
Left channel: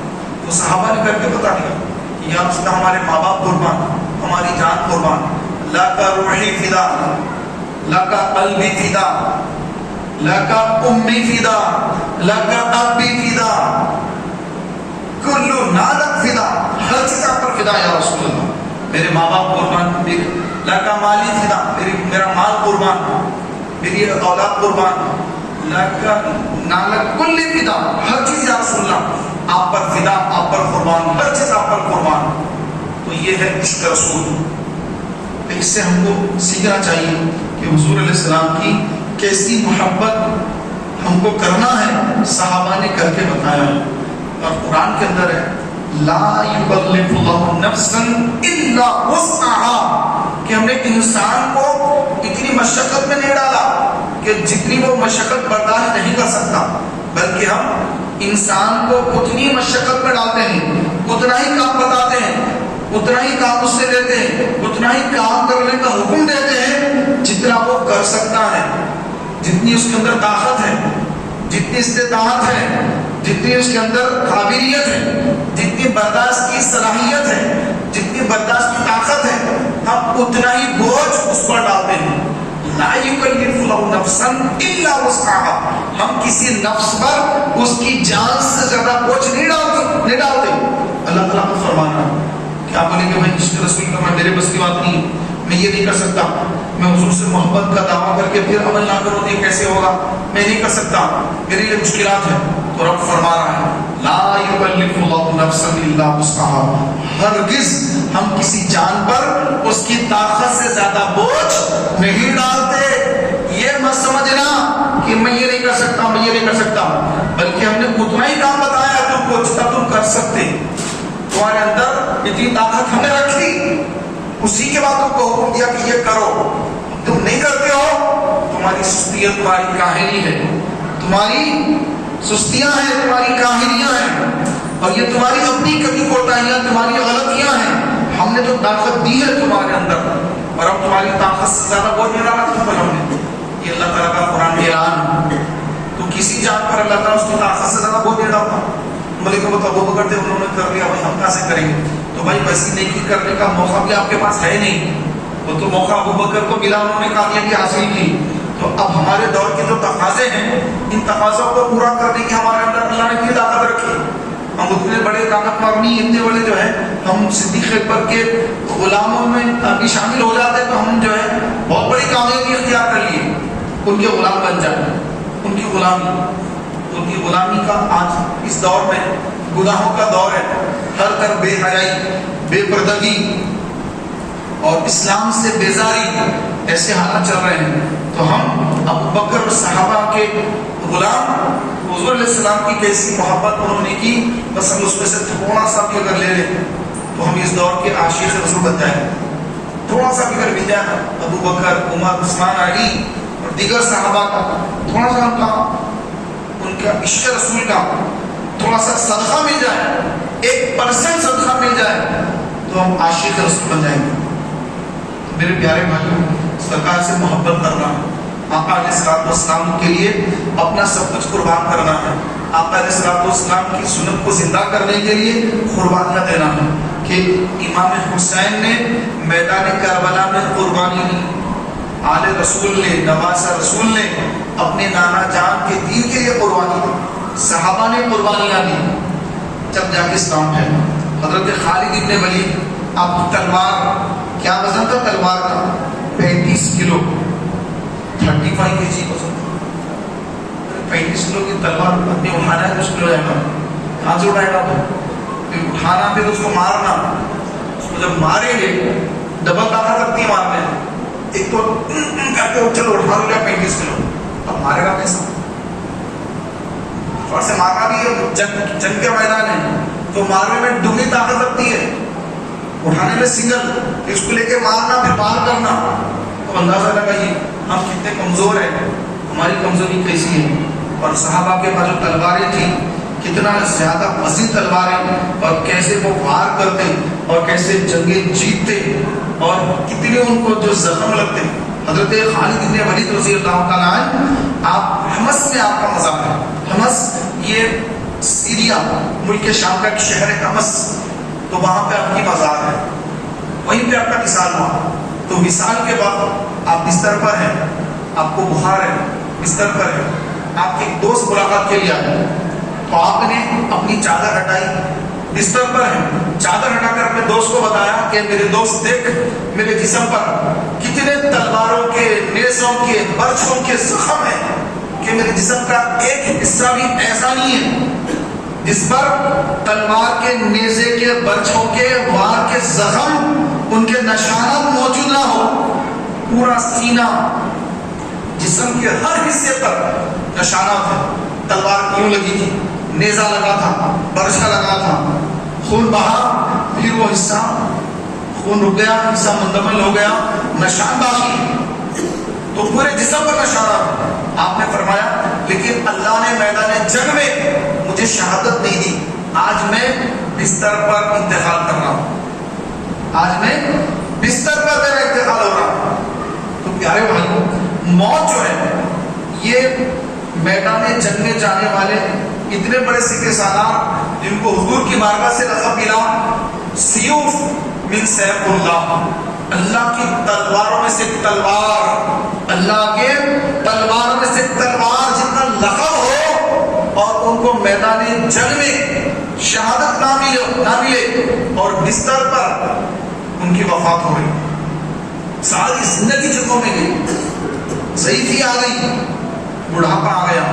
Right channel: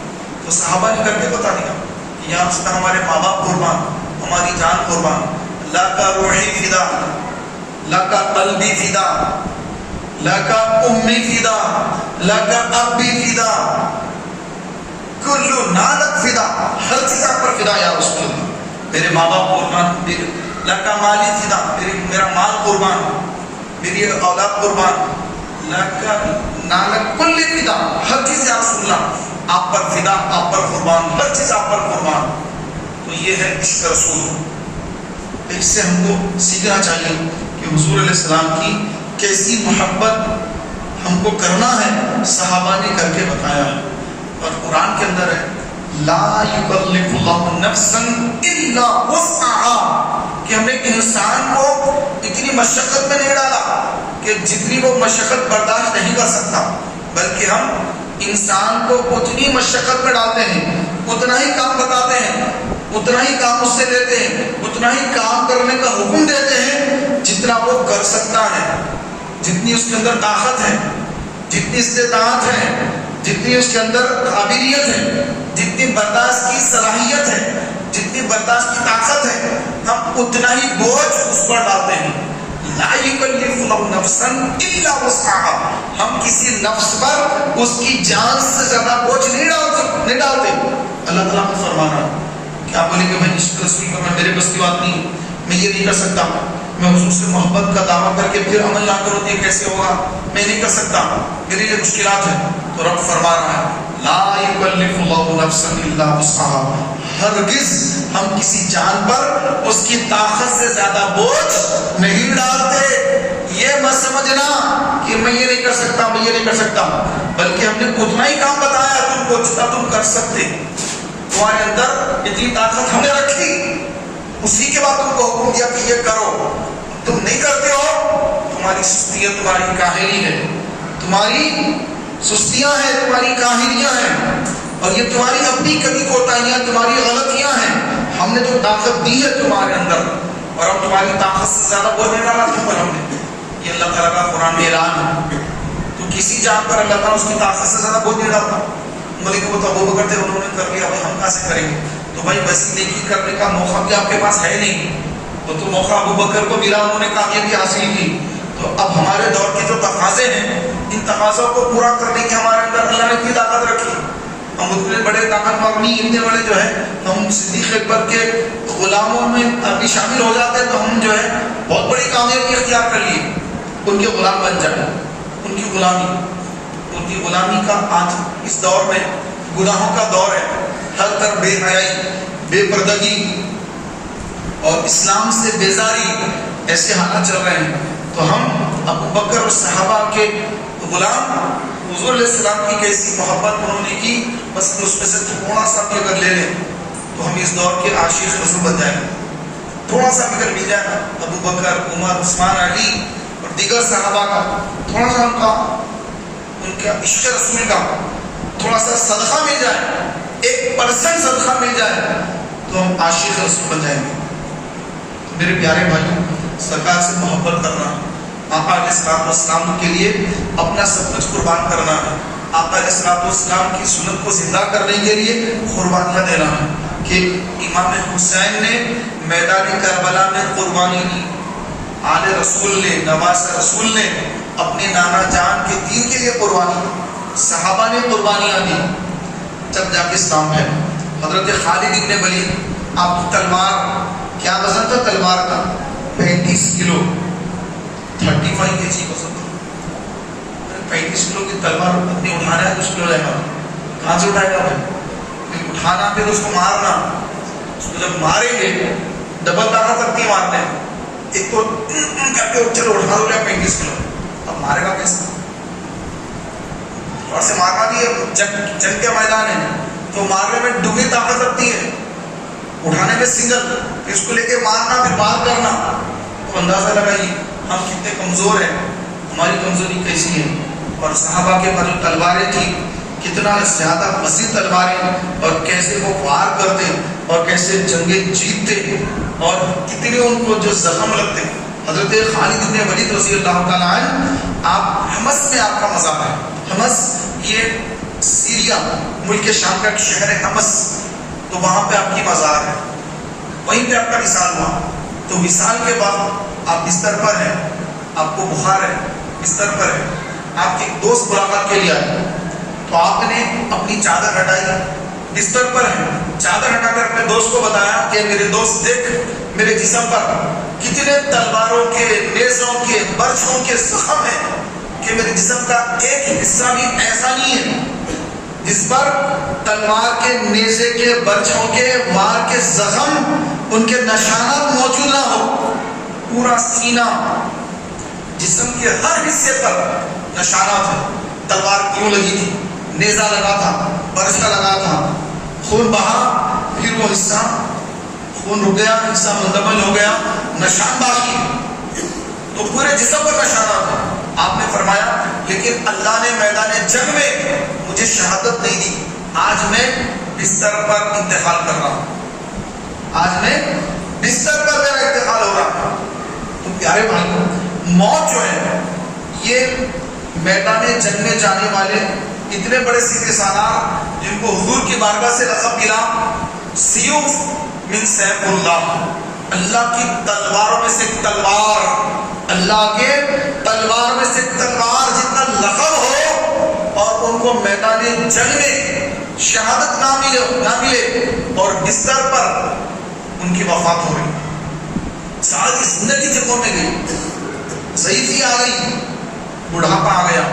تو صحابہ نے کر کے بتا دیا کہ یہاں سے ہمارے ماں باپ قربان، ہماری جان قربان، اللہ کا روحی فدا، اللہ کا قلبی فدا، اللہ کا امی فدا، اللہ کا ابی فدا، کلو نالک فدا، ہر چیز آپ پر فدا یا رسول اللہ۔ میرے ماں باپ قربان، لکا مالی فدا، میرا مال قربان، میری اولاد قربان، لکا نالک کل فدا، ہر چیز یا رسول اللہ آپ پر فدا، آپ پر قربان، ہر چیز آپ پر قربان. تو یہ ہے عشق رسول. اس سے ہم کو سیکھنا چاہیے کہ حضور علیہ السلام کی کیسی محبت ہم کو کرنا ہے، صحابہ نے کر کے بتایا ہے. اور قرآن کے اندر ہے لا یکلف اللہ نفسا الا وسعها، کہ ہم نے انسان کو اتنی مشقت میں نہیں ڈالا کہ جتنی وہ مشقت برداشت نہیں کر سکتا، بلکہ ہم انسان کو اتنی مشقت میں ڈالتے ہیں، اتنا ہی کام بتاتے ہیں، اتنا ہی کام اس سے لیتے ہیں، اتنا ہی کام کرنے کا حکم دیتے ہیں جتنا وہ کر سکتا ہے، جتنی اس کے اندر طاقت ہے، جتنی استطاعت ہے، جتنی اس کے اندر قابلیت ہے، جتنی برداشت کی صلاحیت ہے، جتنی برداشت کی طاقت ہے، ہم اتنا ہی بوجھ اس پر ڈالتے ہیں. لا یکلف اللہ نفسا الا وسعها، ہم کسی نفس پر اس کی جان سے زیادہ بوجھ نہیں ڈالتے. اللہ تعالیٰ کو فرمانا کیا بولے کہ میں عشق رسول کا میرے بس کی بات نہیں، میں یہ نہیں کر سکتا، میں حضور سے محبت کا دعویٰ کر کے پھر عمل نہ کروں تو یہ کیسے ہوگا، میں نہیں کر سکتا، میرے لیے مشکلات ہیں. تو رب فرما رہا ہے لا یکلف اللہ نفسا الا وسعها، ہرگز ہم کسی جان پر اس کی طاقت سے زیادہ بوجھ نہیں ڈالتے. یہ مت سمجھنا کہ میں یہ نہیں کر سکتا، میں یہ نہیں کر سکتا، بلکہ ہم نے اتنا ہی کام بتایا تم کو جتنا تم کر سکتے. تمہارے اندر اتنی طاقت ہم نے رکھی، اسی کے بعد تم کو حکم دیا کہ یہ کرو. تم نہیں کرتے ہو، تمہاری سستی ہے، تمہاری کاہلی ہے، تمہاری سستیاں ہیں، تمہاری کاہلیاں ہیں، اور یہ تمہاری اپنی کبھی کوتاہیاں، تمہاری غلطیاں ہیں. ہم نے تو طاقت دی ہے تمہارے اندر، اور ہم تمہاری طاقت سے زیادہ بوجھ نہیں ڈالا تم پر ہم نے. یہ اللہ تعالیٰ کا قرآن میں اعلان ہے. تو کسی جان پر اللہ تعالیٰ اس کی طاقت سے زیادہ بوجھ نہیں ڈالتا. ملک وہ تو ابو بکر تھے، انہوں نے کر لیا، بھائی ہم کہاں سے کریں گے؟ تو بھائی ویسی نیکی کرنے کا موقع بھی آپ کے پاس ہے نہیں، وہ تو موقع ابو بکر کو ملا، انہوں نے کامیابی حاصل کی. تو اب ہمارے دور کے جو تقاضے ہیں، ان تقاضوں کو پورا کرنے کی ہمارے اندر اللہ نے اتنی طاقت رکھی. ہم اتنے بڑے طاقت مارنی، اتنے بڑے جو ہے ہم صدیق اکبر کے غلاموں میں ابھی شامل ہو جاتے تو ہم جو ہے بہت بڑی کامیابی اختیار کر لیے. ان کے غلام بن جائیں، ان کی غلامی کا آج اس دور میں گناہوں کا دور ہے. ہر طرف بے حیائی، بے پردگی اور اسلام سے بیزاری، ایسے حالات چل رہے ہیں. تو ہم ابو بکر اور صحابہ کے غلام، حضور علیہ السلام کی کیسی محبت انہوں نے کی، بس ہم اس میں سے تھوڑا سا بھی اگر لے لیں تو ہم اس دور کے عاشق رسول بن جائیں گے. تھوڑا سا بھی اگر مل جائے گا ابو بکر، عمر، عثمان، علی اور دیگر صحابہ کا، تھوڑا سا ان کا عشق رسول کا تھوڑا سا صدقہ مل جائے، 1% صدقہ مل جائے تو ہم عاشق رسول بن جائیں گے. میرے پیارے بھائیوں، سرکار سے محبت کرنا، آقا علیہ السلام کے لیے اپنا سب کچھ قربان کرنا ہے، آقا علیہ السلام کی سنت کو زندہ کرنے کے لیے قربانیاں دینا ہے. کہ امام حسین نے میدان کربلا میں قربانی دی، آل رسول نے، نواسہ رسول نے اپنے نانا جان کے دین کے لیے قربانی دی، صحابہ نے قربانیاں دی، جب جا کے اسلام ہے. حضرت خالد ابن ولید، آپ کی تلوار، کیا وزن تھا تلوار کا؟ 35 کلو، 35 kg وزن تھا. 35 کلو کی تلوار اپنے اٹھانا ہے تو اس کو جائے گا، کہاں سے اٹھائے گا؟ اٹھانا پھر اس کو مارنا، اس کو جب ماریں گے ڈبل طاقت رکھتی ہے مارنے. ایک تو کہتے ہو چلو اٹھا لو 35 کلو، اب مارے گا کیسا؟ اور سے مارنا بھی ہے، جنگ کے میدان ہے تو مارنے میں دگنی طاقت لگتی ہے، اٹھانے میں سنگل، اس کو لے کے مارنا پھر بار کرنا. تو اندازہ لگائیے ہم کتنے کمزور ہیں، ہماری کمزوری کیسی ہے. اور صحابہ کے پاس جو تلواریں تھیں، کتنا زیادہ وسیع تلواریں، اور کیسے وہ وار کرتے اور کیسے جنگیں جیتتے، اور کتنے ان کو جو زخم لگتے. حضرت خالد بن ولید رضی اللہ تعالیٰ عنہ، آپ حمص میں آپ کا مزار ہے. حمص یہ سیریا ملک شام کا ایک شہر ہے حمص، تو وہاں پہ آپ کی مزار ہے، وہیں پہ آپ کا وصال ہوا. تو وصال کے بعد آپ بستر پر ہیں، آپ کو بخار ہے، بستر پر ہے، آپ کے ایک دوست ملاقات کے لیے آئے، تو آپ نے اپنی چادر ہٹائی، بستر پر ہیں، چادر ہٹا کر اپنے دوست کو بتایا کہ میرے دوست دیکھ میرے جسم پر کتنے تلواروں کے، نیزوں کے، برچھوں کے زخم ہیں کہ میرے جسم کا ایک حصہ بھی ایسا نہیں ہے جس پر تلوار کے، نیزے کے، برچھوں کے، وار کے زخم، ان کے نشانات موجود نہ ہو۔ پورا سینہ، جسم کے ہر حصے پر نشانات ہیں، تلوار کیوں لگی تھی، نیزہ لگا تھا، برچھا لگا تھا، خون بہا، پھر وہ حصہ خون رک گیا، حصہ مندمل ہو گیا، نشان باقی، تو پورے جسم پر نشانات ہیں۔ آپ نے فرمایا لیکن اللہ نے میدان جنگ میں مجھے شہادت نہیں دی، آج میں بستر پر انتقال کر رہا ہوں، آج میں بستر پر میرا انتقال ہو رہا ہے۔ تو پیارے بھائیوں، موت جو ہے یہ میدان جنگ میں جانے والے اتنے بڑے سپہ سالار جن کو حضور کی بارگاہ سے لقب ملا سیوف من سیف اللہ، اللہ کی تلواروں میں سے تلوار، اللہ کے تلوار میں سے تلوار جتنا لقب ہو، اور ان کو میدان جنگ میں شہادت نہ ملے اور بستر پر ان کی وفات ہو رہی، ساری زندگی جنگوں میں گئی، ضعیفی آ گئی، بڑھاپا آ گیا،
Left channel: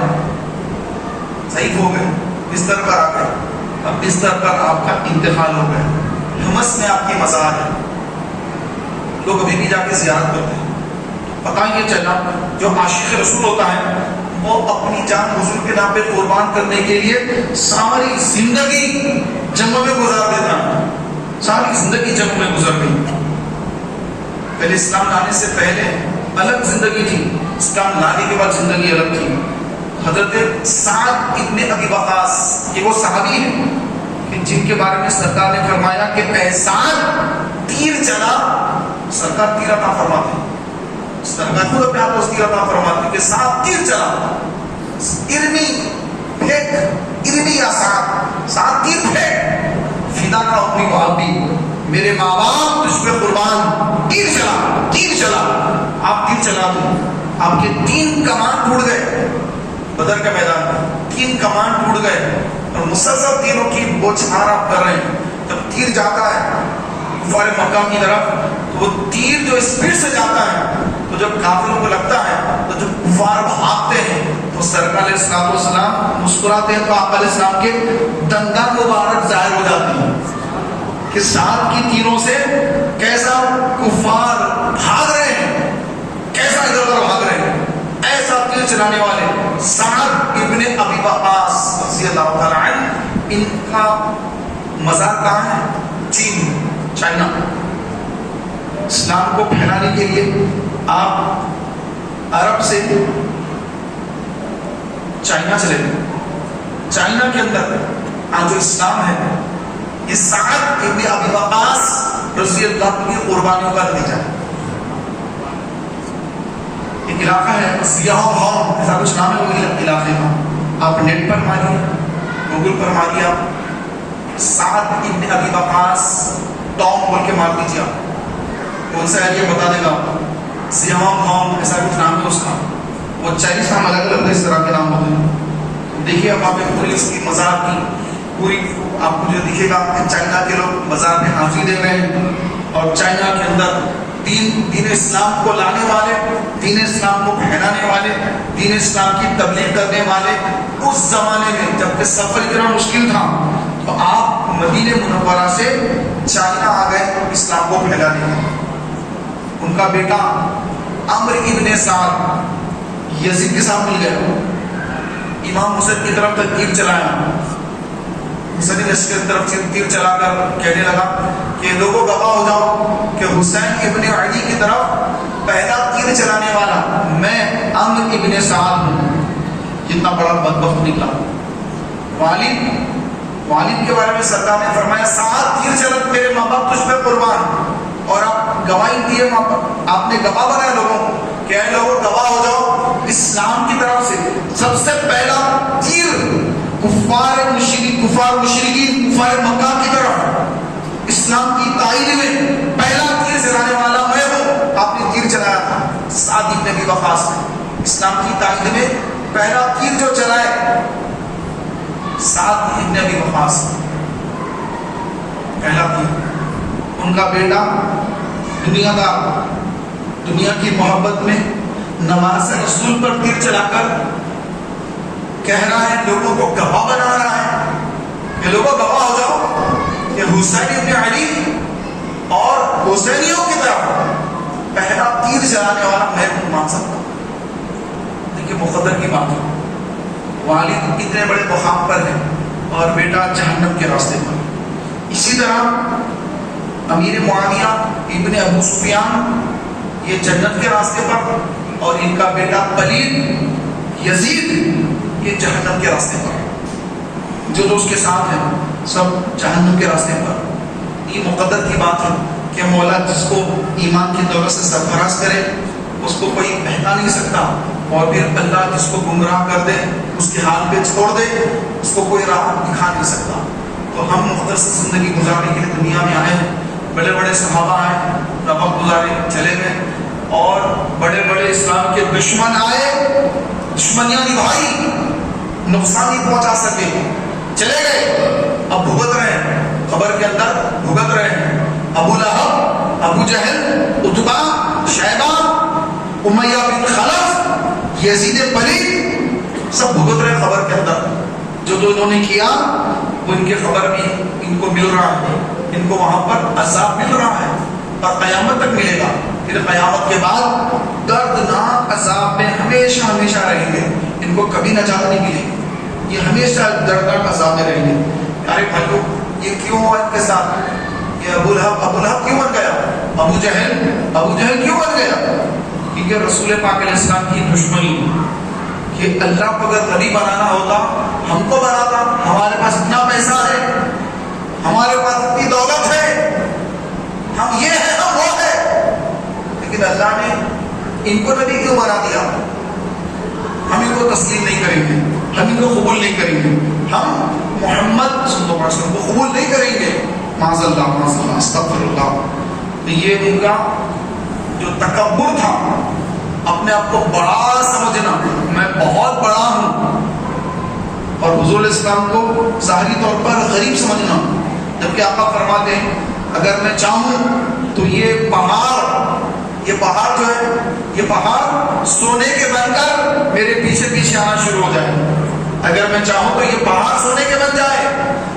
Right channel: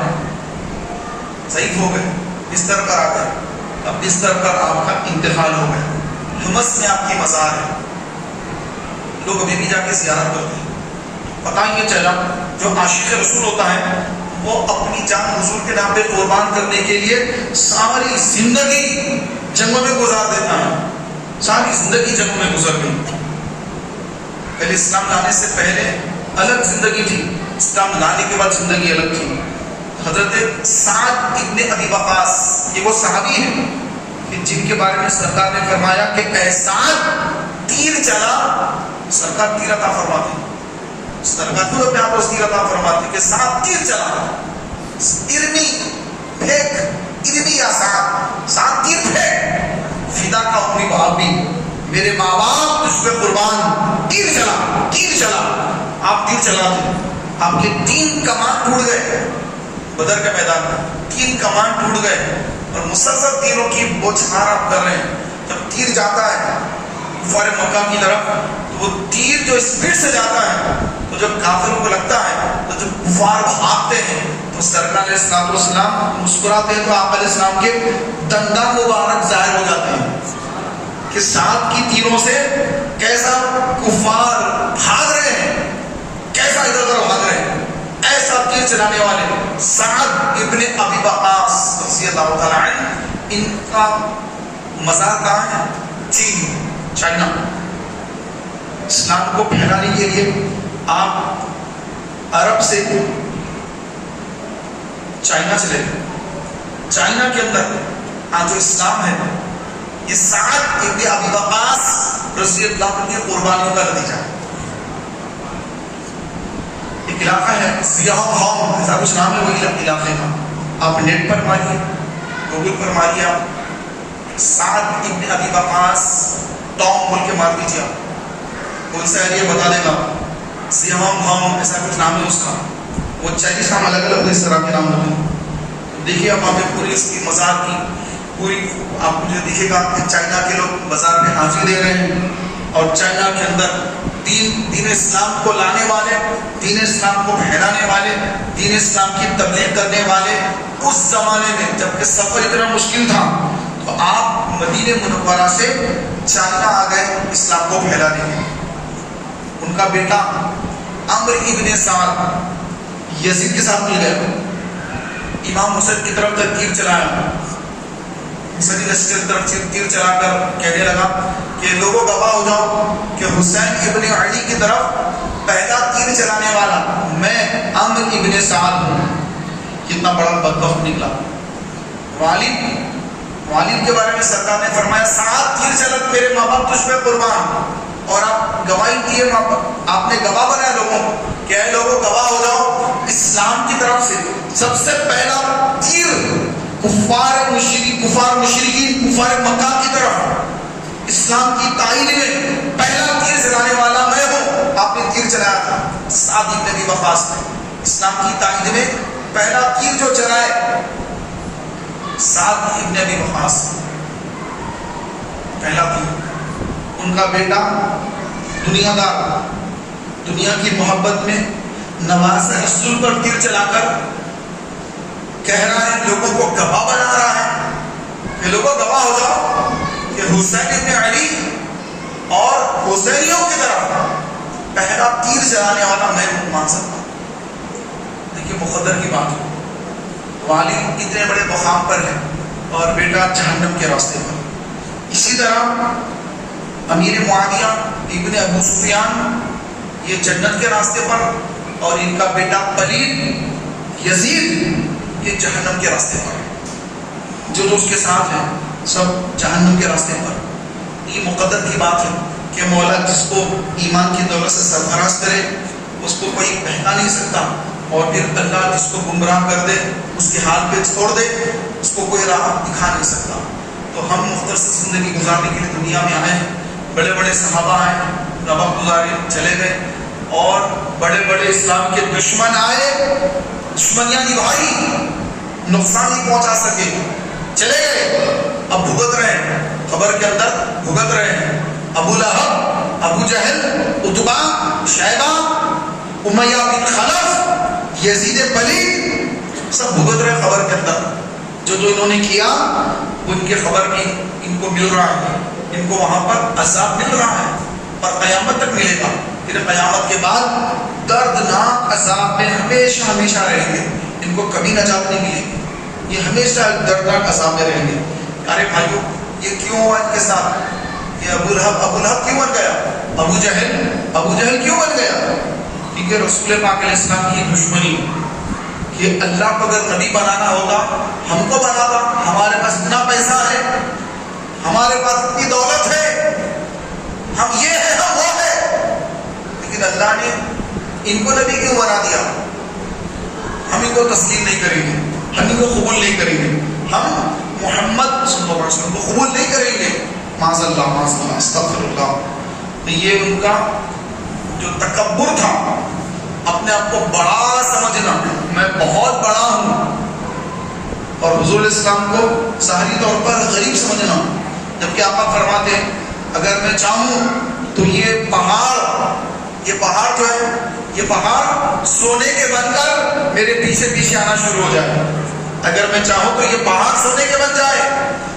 ضعیف ہو گئے، بستر پر آ گئے، اب بستر پر آپ کا انتقال ہو گیا، حمص میں آپ کی مزار ہے، لوگ ابھی بھی جا کے زیارت کرتے ہیں۔ پتہ یہ چلا جو عاشق رسول ہوتا ہے وہ اپنی جان حضور کے نام پہ قربان کرنے کے لیے ساری زندگی جنگوں میں گزار دیتا ہے، ساری زندگی جنگوں میں گزر گئی۔ پہلے اسلام لانے سے پہلے الگ زندگی تھی، اسلام لانے کے بعد زندگی الگ تھی۔ حضرت سعد ابن ابی وقاص، یہ وہ صحابی ہیں کہ جن کے بارے میں سرکار نے فرمایا کہ اے سعد تیر چلا، سرکار تیر عطا فرماتے ہیں، سرکار خود اپنے آپ کو تیر عطا فرماتے ہیں کہ سعد تیر چلا، ارمی پھینک، ارمی یا سعد، سعد تیر پھینک، فدا کا اپنی باپ بھی، میرے ماں باپ تجھ پہ قربان، تیر چلا، تیر چلا۔ آپ تیر چلاتے، آپ کے 3 کمان ٹوٹ گئے، بدر کے میدان میں 3 کمان ٹوٹ گئے، اور مسلسل تیروں کی بوچھار آپ کر رہے ہیں۔ جب تیر جاتا ہے کفار مکہ کی طرف تو وہ تیر جو اسپیڈ سے جاتا ہے تو جب کافروں کو لگتا ہے تو جب کفار بھاگتے ہیں تو سرکار علیہ الصلوۃ والسلام مسکراتے ہیں تو آپ علیہ السلام کے دندان مبارک ظاہر ہو جاتے ہیں کہ سعد کی تیروں سے کیسا کفار بھاگ رہے ہیں، کیسا ادھر ادھر بھاگ رہے ہیں۔ ایسا تیر چلانے والے سعد ابن ابی وقاص رضی اللہ تعالیٰ عنہ، ان کا مزار کہاں ہے؟ چین، چائنا۔ اسلام کو پھیلانے کے لیے آپ عرب سے چائنا چلے گئے، چائنا کے اندر آج جو اسلام ہے یہ سعد ابن ابی وقاص رضی اللہ عنہ کی قربانیوں کا نتیجہ ہے۔ ایک علاقہ ہے سیاہ ہوم، ایسا کچھ نام ہے وہ علاقے کا، آپ نیٹ پر ماریے، گوگل پر ماریے، آپ سعد ابن ابی وقاص ٹام بول کے مار دیجیے، آپ کون سا ایریا بتا دے گا، سیاہ ہوم ایسا کچھ نام ہے اس کا، وہ چائنیز نام الگ الگ اس طرح کے نام ہوتے ہیں۔ دیکھیے آپ وہاں پہ پوری اس کی مزار کی پوری آپ کو جو دکھے گا کہ چائنا کے لوگ مزار پہ حاضری دے رہے ہیں، اور چائنا کے اندر دین اسلام کو لانے والے، دین اسلام کو پھیلانے والے، دین اسلام کی تبلیغ کرنے والے اس زمانے میں جب کہ سفر اتنا مشکل تھا تو آپ مدینہ منورہ سے چائنا آ گئے اسلام کو پھیلانے۔ ان کا بیٹا عمرو ابن سعد یزید کے ساتھ مل گئے، امام حسین کی طرف تک تیر چلایا، حسین لشکر کی طرف تیر چلا کر کہنے لگا کہ لوگوں گواہ ہو جاؤ کہ حسین ابن علی کی طرف پہلا تیر چلانے والا میں عمرو ابن سعد ہوں۔ کتنا بڑا بدبخت نکلا۔ والد کے بارے میں سرکار نے فرمایا سعد تیر چلا، میرے ماں باپ تجھ پہ قربان، اور آپ گواہی دیے، آپ نے گواہ بنایا لوگوں کو کہ اے لوگوں گواہ ہو جاؤ، اسلام کی طرف سے سب سے پہلا تیر کفار مشرکین کفار مکہ کی طرف اسلام کی تائید میں پہلا تیر چلانے والا میں ہوں۔ آپ نے تیر چلایا تھا، سعد ابن ابی وقاص نے اسلام کی تائید میں پہلا تیر جو چلائے سعد ابن ابی وقاص۔ ان کا بیٹا دنیا دار، دنیا کی محبت میں نماز رسول پر تیر چلا کر کہہ رہا ہے، لوگوں کو گواہ بنا رہا ہے کہ لوگوں گواہ ہو جاؤ کہ حسین ابن علی اور حسینیوں کی طرف پہلا تیر چلانے والا میں مان سکتا ہوں۔ دیکھیے مقدر کی بات ہے، والد اتنے بڑے مقام پر ہے اور بیٹا جہنم کے راستے پر۔ اسی طرح امیر معاویہ ابن ابو سفیان یہ جنت کے راستے پر، اور ان کا بیٹا پلید یزید یہ جہنم کے راستے پر۔ جو اس کے ساتھ ہیں سب جہنم کے راستے پر۔ یہ مقدر کی بات ہے کہ مولا جس کو ایمان کی دولت سے سرفراز کرے اس کو کوئی بہکا نہیں سکتا، اور پھر اللہ جس کو گمراہ کر دے اس کے حال پہ چھوڑ دے اس کو کوئی راہ دکھا نہیں سکتا۔ تو ہم مختصر زندگی گزارنے کے لیے دنیا میں آئے ہیں، بڑے بڑے صحابہ آئے، وقت گزارے چلے گئے، اور بڑے بڑے اسلام کے دشمن آئے، دشمنیاں نبھائی، نقصان نہیں پہنچا سکے، چلے گئے، اب بھگت رہے ہیں، قبر کے اندر بھگت رہے ہیں۔ ابو لہب، ابو جہل، عتبہ، شیبہ، امیہ بن خلف، یزید پلید سب بھگت رہے قبر کے اندر۔ جو انہوں نے کیا وہ ان کے خبر کی ان کو مل رہا ہے، ان کو وہاں پر عذاب مل رہا ہے اور قیامت تک ملے گا۔ پھر قیامت کے بعد دردناک عذاب میں ہمیشہ ہمیشہ رہیں گے، ان کو کبھی نجات نہیں ملے گی، یہ ہمیشہ دردناک عذاب میں رہیں گے۔ ارے بھائیو یہ کیوں ہوا ان کے ساتھ؟ یہ ابو لہب کیوں بن گیا؟ ابو جہل کیوں بن گیا؟ کیونکہ رسول پاک علیہ السلام کی دشمنی۔ یہ اللہ کو اگر نبی بنانا ہوتا ہم کو بناتا، ہمارے پاس اتنا پیسہ ہے، ہمارے پاس اتنی دولت ہے، ہم یہ ہے ہم وہ ہے، لیکن اللہ نے ان کو نبی کیوں بنا دیا؟ ہم ان کو تسلیم نہیں کریں گے، ہم ان کو قبول نہیں کریں گے، ہم محمد صلی اللہ علیہ وسلم کو قبول نہیں کریں گے، معاذ اللہ استغفر اللہ۔ تو یہ ان کا جو تکبر تھا، اپنے آپ کو بڑا سمجھنا، میں بہت بڑا ہوں، اور حضور علیہ السلام کو ظاہری طور پر غریب سمجھنا، جبکہ آقا فرماتے ہیں اگر میں چاہوں تو یہ پہاڑ جو ہے یہ پہاڑ سونے کے بن کر میرے پیچھے پیچھے آنا شروع ہو جائے۔ اگر میں چاہوں تو یہ پہاڑ سونے کے بن جائے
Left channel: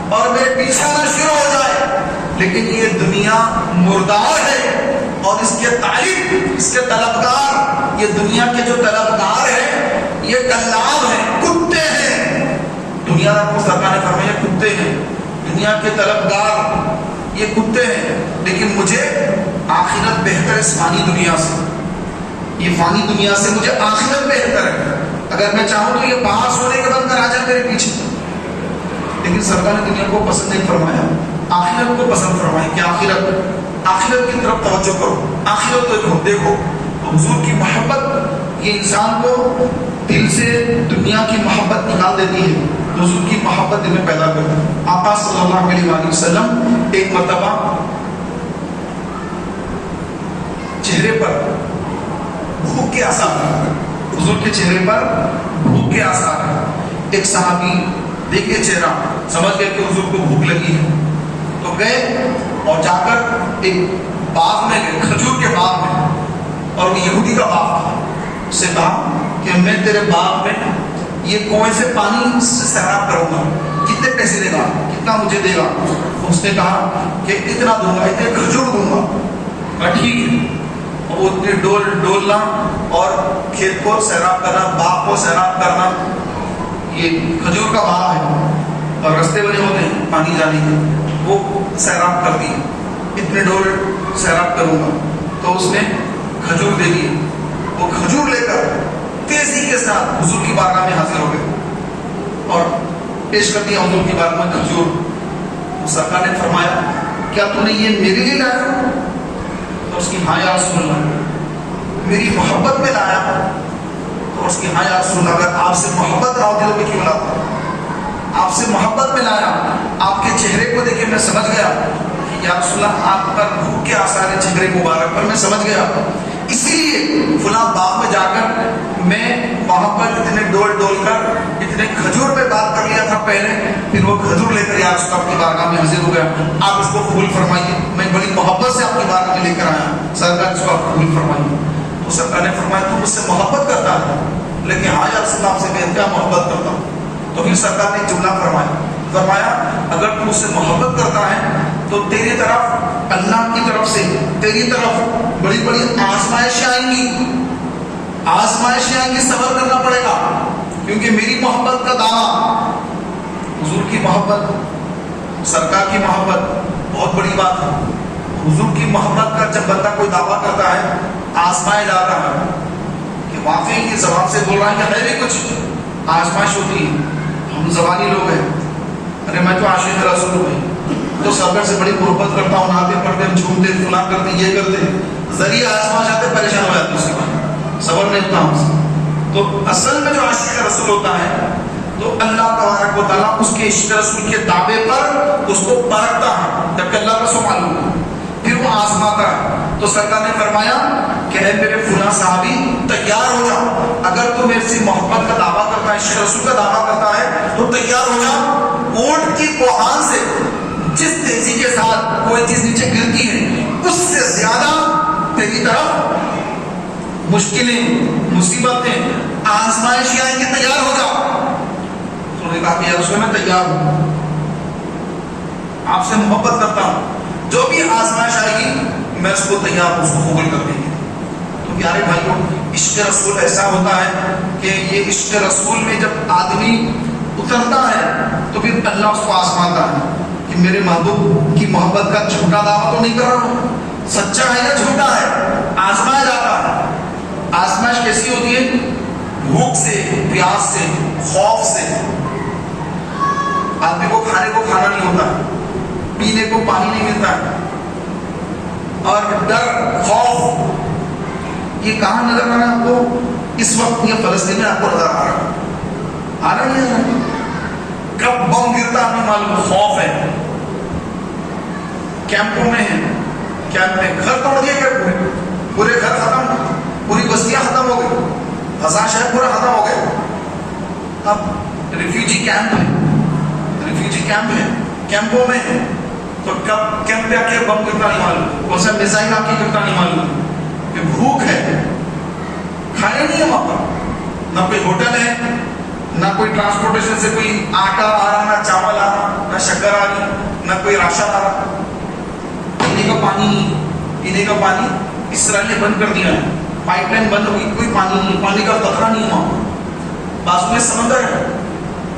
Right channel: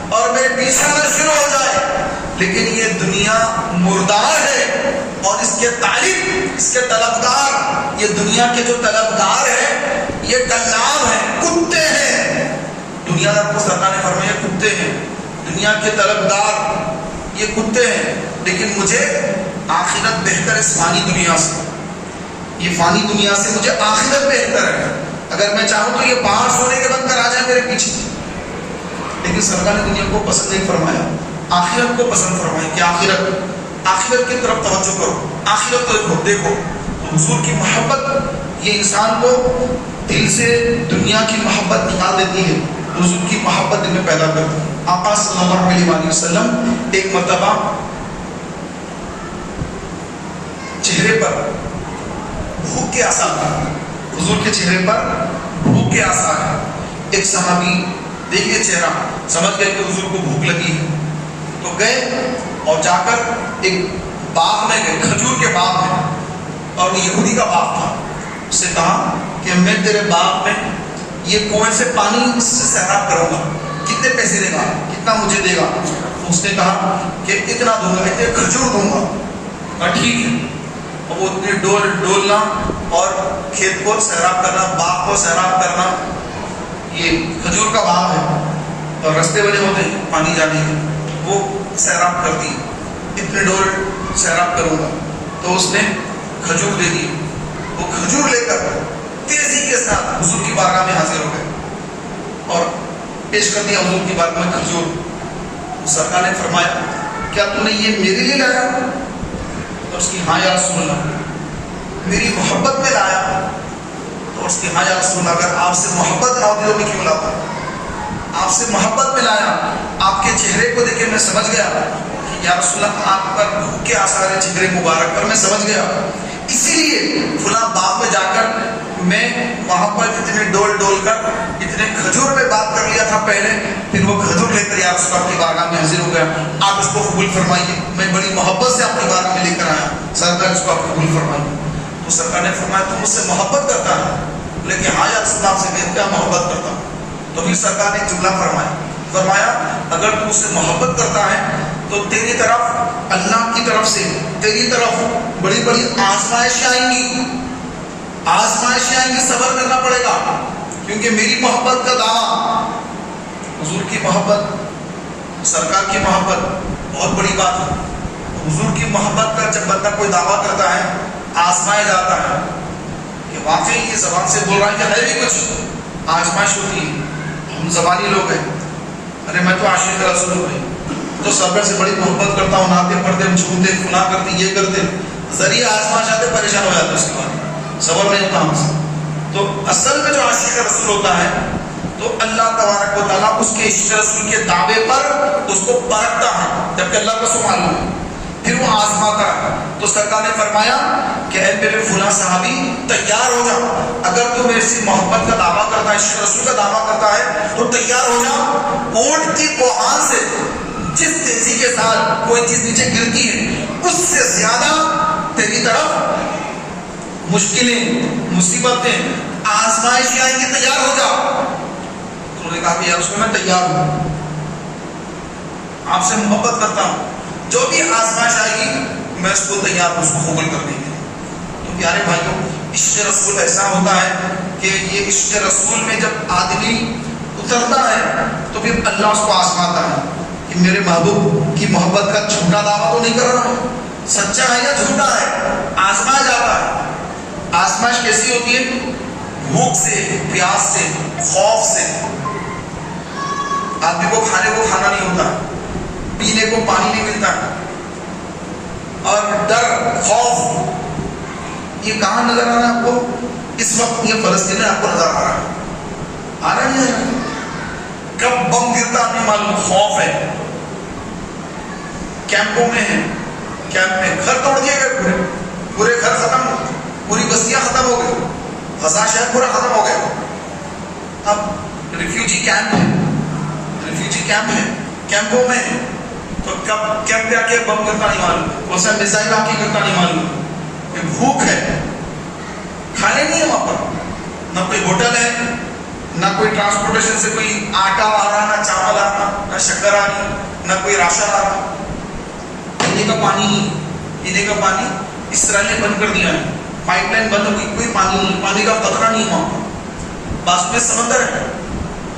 اور میرے پیچھے آنا شروع ہو جائے، لیکن یہ دنیا مردار ہے، اور اس کے تعریف، اس کے طلبگار، یہ دنیا کے جو طلبگار ہیں یہ کلاب ہیں، کتے ہیں۔ دنیا دار کو سرکار نے فرمایا کتے ہیں، دنیا کے طلبگار یہ کتے ہیں، لیکن مجھے آخرت بہتر ہے اس فانی دنیا سے، یہ فانی دنیا سے مجھے آخرت بہتر ہے۔ اگر میں چاہوں تو یہ پہاڑ سونے کے بن کر آ جائے میرے پیچھے، لیکن سرکار نے دنیا کو پسند نہیں فرمایا، آخرت کو پسند فرمایا کہ آخرت کی طرف توجہ کرو، آخرت کو دیکھو۔ تو حضور کی محبت یہ انسان کو دل سے دنیا کی محبت نکال دیتی ہے، حضور کی محبت دل میں پیدا کرتی ہے۔ آقا صلی اللہ علیہ وآلہ وسلم ایک مرتبہ چہرے پر بھوک کے آثار ہیں، حضور کے چہرے پر بھوک کے آثار ہیں۔ ایک صحابی دیکھ کے چہرہ سمجھ گئے کہ حضور کو بھوک لگی ہے، تو گئے اور جا کر ایک باغ میں گئے، کھجور کے باغ میں، اور وہ یہودی کا باغ تھا۔ اس سے کہا کہ میں تیرے باغ میں یہ کنویں سے پانی سے سیراب کروں گا، کتنے پیسے دے گا، کتنا مجھے دے گا؟ اس نے کہا کہ اتنا دوں گا، اتنے کھجور دوں گا۔ ٹھیک ہے، اور وہ اتنے ڈولنا اور کھیت کو سیراب کرنا، باغ کو سیراب کرنا، یہ کھجور کا باغ ہے اور رستے بنے ہوتے ہیں پانی جانے کے، وہ سیراب کر دی، اتنے ڈول سیراب کروں گا۔ تو اس نے کھجور دے دی، وہ کھجور لے کر تیزی کے ساتھ حضور کی بارگاہ میں حاضر ہو گئے اور پیش کر دیا حضور کی بارگاہ میں کھجور۔ سرکار نے فرمایا کیا تو نے یہ میرے لیے لایا؟ تو اس کی ہاں یا رسول اللہ، میری محبت میں لایا۔ تو اس کی ہاں یا رسول اللہ، اگر آپ سے محبت نہ ہوتی تو میں کیوں لاتا؟ آپ سے محبت میں لایا، آپ کے چہرے کو دیکھ کے میں سمجھ گیا کہ یا رسول اللہ آپ پر بھوک کے آثار چہرے مبارک پر، میں سمجھ گیا، اسی لیے فلاں باغ میں جا کر میں وہاں پر اتنے ڈول ڈول کر اتنے کھجور میں بات کر لیا تھا پہلے، پھر وہ کھجور لے کر یا اس کو اپنی بارگاہ میں حاضر ہو گیا، آپ اس کو قبول فرمائیے، میں بڑی محبت سے اپنی بارگاہ میں لے کر آیا، سرکار اس کو آپ قبول فرمائیے۔ تو سرکار نے فرمایا تو مجھ سے محبت کرتا ہے؟ لیکن ہاں یا رسول اللہ آپ سے کہتے ہیں محبت کرتا ہوں۔ تو پھر سرکار نے جملہ فرمایا اگر تو مجھ سے محبت کرتا ہے تو تیری طرف اللہ کی طرف سے تیری طرف بڑی بڑی آزمائشیں آئیں گی، آزمائشیں آئیں گی، صبر کرنا پڑے گا، کیونکہ میری محبت کا دعویٰ، حضور کی محبت، سرکار کی محبت بہت بڑی بات ہے۔ حضور کی محبت کا جب بندہ کوئی دعویٰ کرتا ہے، آزمایا جاتا ہے کہ واقعی یہ زبان سے بول رہا ہے کہ ہے بھی کچھ، آزمائش ہوتی ہے۔ ہم زبانی لوگ ہیں، ارے میں تو عاشق رسول ہوں، تو سرکار سے بڑی محبت کرتا ہوں، نعتیں پڑھتے ہم جھومتے فلاں کرتے یہ کرتے، ذریعہ آزمائش آتے پریشان ہو جاتے، اس کے بعد صبر نہیں ہوتا ہم سے۔ تو اصل میں جو عاشق رسول ہوتا ہے تو اللہ تبارک و تعالیٰ اس کے عشق رسول کے دعوے پر اس کو پرکھتا ہے، جبکہ اللہ کو سو معلوم ہے، پھر وہ آزماتا ہے۔ تو سرکار نے فرمایا کہ اے میرے فلاں صحابی تیار ہو جا، اگر تو میرے سے محبت کا دعویٰ کرتا ہے، عشق رسول کا دعویٰ کرتا ہے تو تیار ہو جا، اونٹ کی کوہان سے جس تیزی کے ساتھ کوئی چیز نیچے گرتی ہے اس سے زیادہ تیری طرف مشکلیں، مصیبتیں، آزمائشیں آئیں گی، تیار ہو جاؤ۔ تو انہوں نے کہا کہ یا رسول اللہ میں تیار ہوں، آپ سے محبت کرتا ہوں، جو بھی آزمائش آئے گی میں اس کو تیار ہوں، اس کو قبول کر دیں گے۔ تو پیارے بھائیوں، عشق رسول ایسا ہوتا ہے کہ یہ عشق رسول میں جب آدمی اترتا ہے تو پھر اللہ اس کو آزماتا ہے کہ میرے محبوب کی محبت کا جھوٹا دعویٰ تو نہیں کر رہا ہوں، سچا ہے یا جھوٹا ہے، آزمایا جاتا ہے۔ آزمائش کیسی ہوتی ہے؟ بھوک سے، پیاس سے، خوف سے، آدمی کو کھانے کو کھانا نہیں ہوتا ہے، پینے کو پانی نہیں ملتا ہے، اور ڈر، خوف، یہ کہاں نظر آ رہا ہے آپ کو؟ اس وقت یہ فلسطین میں آپ کو نظر آ رہا ہے، آ رہا نہیں ہے؟ کب بم گرتا نہیں معلوم، خوف ہے، کیمپوں میں ہے، کیمپ میں گھر توڑ دیے گئے، پورے پورے گھر ختم، پوری بستیاں ختم ہو گئی، غزہ شہر پورا ختم ہو گئے۔ اب ریفیوجی کیمپ ہے، ریفیوجی کیمپ ہے، کیمپوں میں ہے، تو کب کیمپ پہ آ کے بم گرتا نہیں معلوم، کون سا میزائل آ کے گرتا نہیں معلوم، کہ بھوک ہے، کھانے نہیں ہے وہاں پر، نہ کوئی ہوٹل ہے، نہ کوئی ٹرانسپورٹیشن سے کوئی آٹا آ رہا، نہ چاول آ رہا، نہ شکر آ رہی، نہ کوئی راشن آ رہا، پینے کا پانی نہیں، پینے کا پانی اسرائیل نے بند کر دیا ہے، پائپ لائن بند ہوئی، کوئی پانی نہیں، پانی کا قطرہ نہیں وہاں، بازو میں سمندر ہے،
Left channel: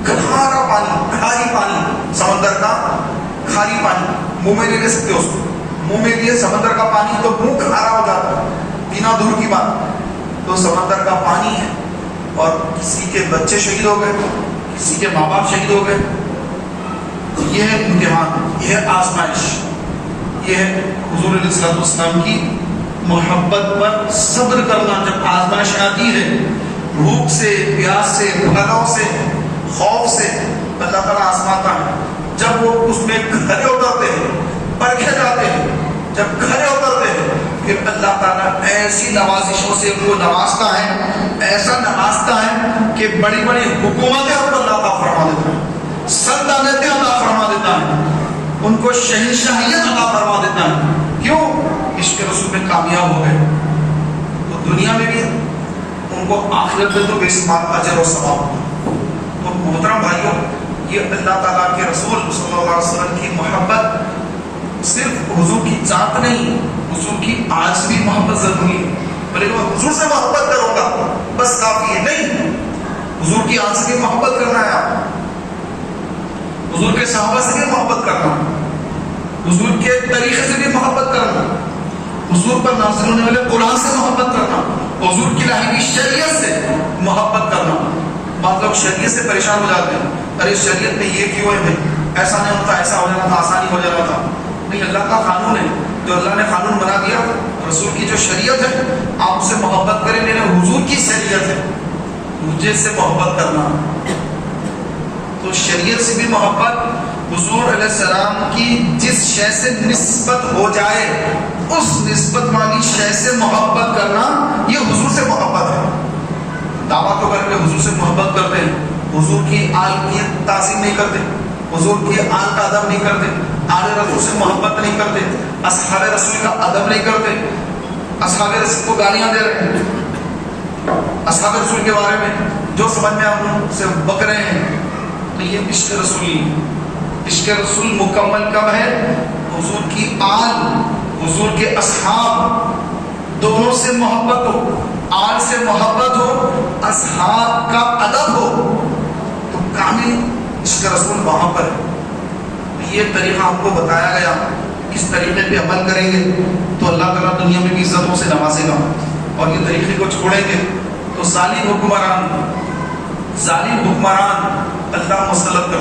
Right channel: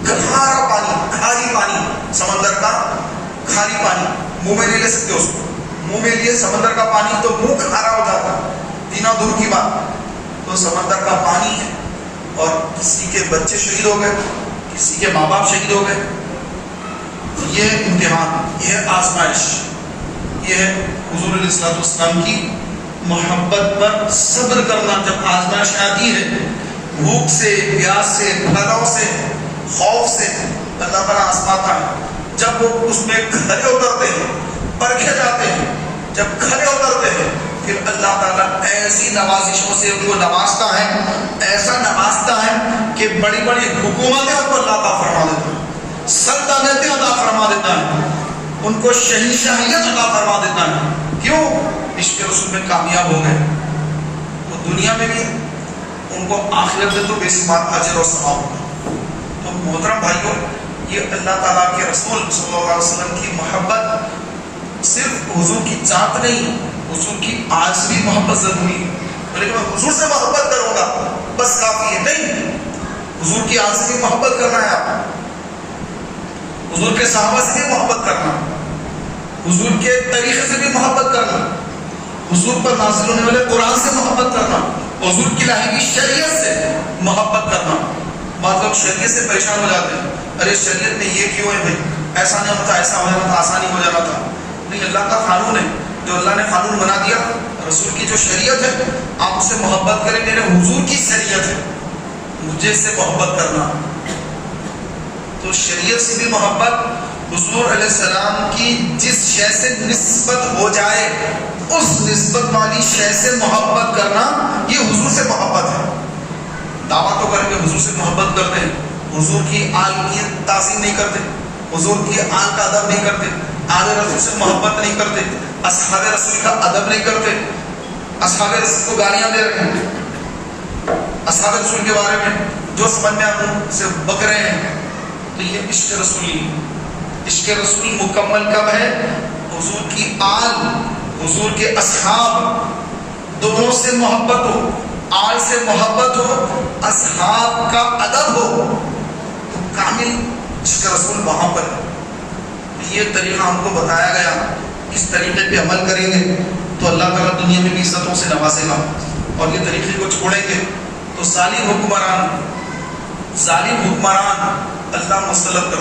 کھارا پانی، کھاری پانی، سمندر کا کھاری پانی، منہ میں نہیں لے سکتے اس کو، منہ میں لیے سمندر کا پانی تو منہ کھارا ہو جاتا ہے، پینا دور کی بات، تو سمندر کا پانی ہے، اور کسی کے بچے شہید ہو گئے، کسی کے ماں باپ شہید ہو گئے، یہ ہے امتحان، یہ ہے آزمائش، یہ ہے حضور علیہ الصلوۃ والسلام کی محبت پر صبر کرنا۔ جب آزمائش آتی ہے، بھوک سے، پیاس سے، بھلاؤ سے، خوف سے، اللہ تعالیٰ آزماتا ہے۔ جب وہ اس میں کھڑے اترتے ہیں، پرکھے جاتے ہیں، جب کھڑے اترتے ہیں، پھر اللہ تعالیٰ ایسی نوازشوں سے ان کو نوازتا ہے، ایسا نوازتا ہے کہ بڑی بڑی حکومتیں ان کو اللہ عطا فرما دیتا ہے، سلطنتیں عطا فرما دیتا ہے، ان کو شہنشاہیت عطا فرما دیتا ہے۔ کیوں؟ عشق رسول میں کامیاب ہو گئے، وہ دنیا میں بھی ان کو آخرت میں تو بے شمار اجر اور ثواب ہوتا۔ تو محترم بھائیوں، یہ اللہ تعالیٰ کے رسول صلی اللہ علیہ وسلم کی محبت صرف حضور کی ذات نہیں، حضور کی آج بھی محبت ضروری ہے۔ بلکہ میں حضور سے محبت کروں گا بس کافی ہے نہیں، حضور کی آج سے بھی محبت کرنا ہے، آپ حضور کے صحابہ سے بھی محبت کرنا، حضور کے طریقے سے بھی محبت کرنا، حضور پر نازل ہونے والے قرآن سے محبت کرنا، حضور کی لائی ہوئی شریعت سے محبت کرنا۔ بعض لوگ شریعت سے پریشان ہو جاتے ہیں، ارے شریعت میں یہ کیوں ہے بھائی، ایسا نہیں ہوتا، ایسا ہو جاتا تھا، آسانی ہو جاتا تھا۔ نہیں، اللہ کا قانون ہے، جو اللہ نے قانون بنا دیا، رسول کی جو شریعت ہے، آپ اس سے محبت کریں، میرے حضور کی شریعت ہے، مجھے اس سے محبت کرنا۔ تو شریعت سے بھی محبت، حضور علیہ السلام کی جس شے سے نسبت ہو جائے اس نسبت والی شے سے محبت کرنا، یہ حضور سے محبت ہے۔ دعویٰ تو کر کے حضور سے محبت کرتے ہیں، حضور کی آل کی تعظیم نہیں کرتے، حضور کی آل کا ادب نہیں کرتے، آل رسول سے محبت نہیں کرتے، اصحاب رسول کا ادب نہیں کرتے، اصحاب رسول کو گالیاں دے رہے ہیں، اصحاب رسول کے بارے میں جو سمجھ میں آپ ان سے بک رہے ہیں، تو یہ عشق رسولی ہے۔ عشق رسول مکمل کب ہے؟ حضور کی آل، حضور کے اصحاب دونوں سے محبت ہو، آل سے محبت ہو، اصحاب کا ادب ہو، تو کامل عشق رسول وہاں پر ہے۔ یہ طریقہ ہم کو بتایا گیا، اس طریقے پہ عمل کریں گے تو اللہ تعالیٰ دنیا میں بھی عزتوں سے نوازے گا، اور یہ طریقے کو چھوڑیں گے تو ظالم حکمران اللہ مسلط کر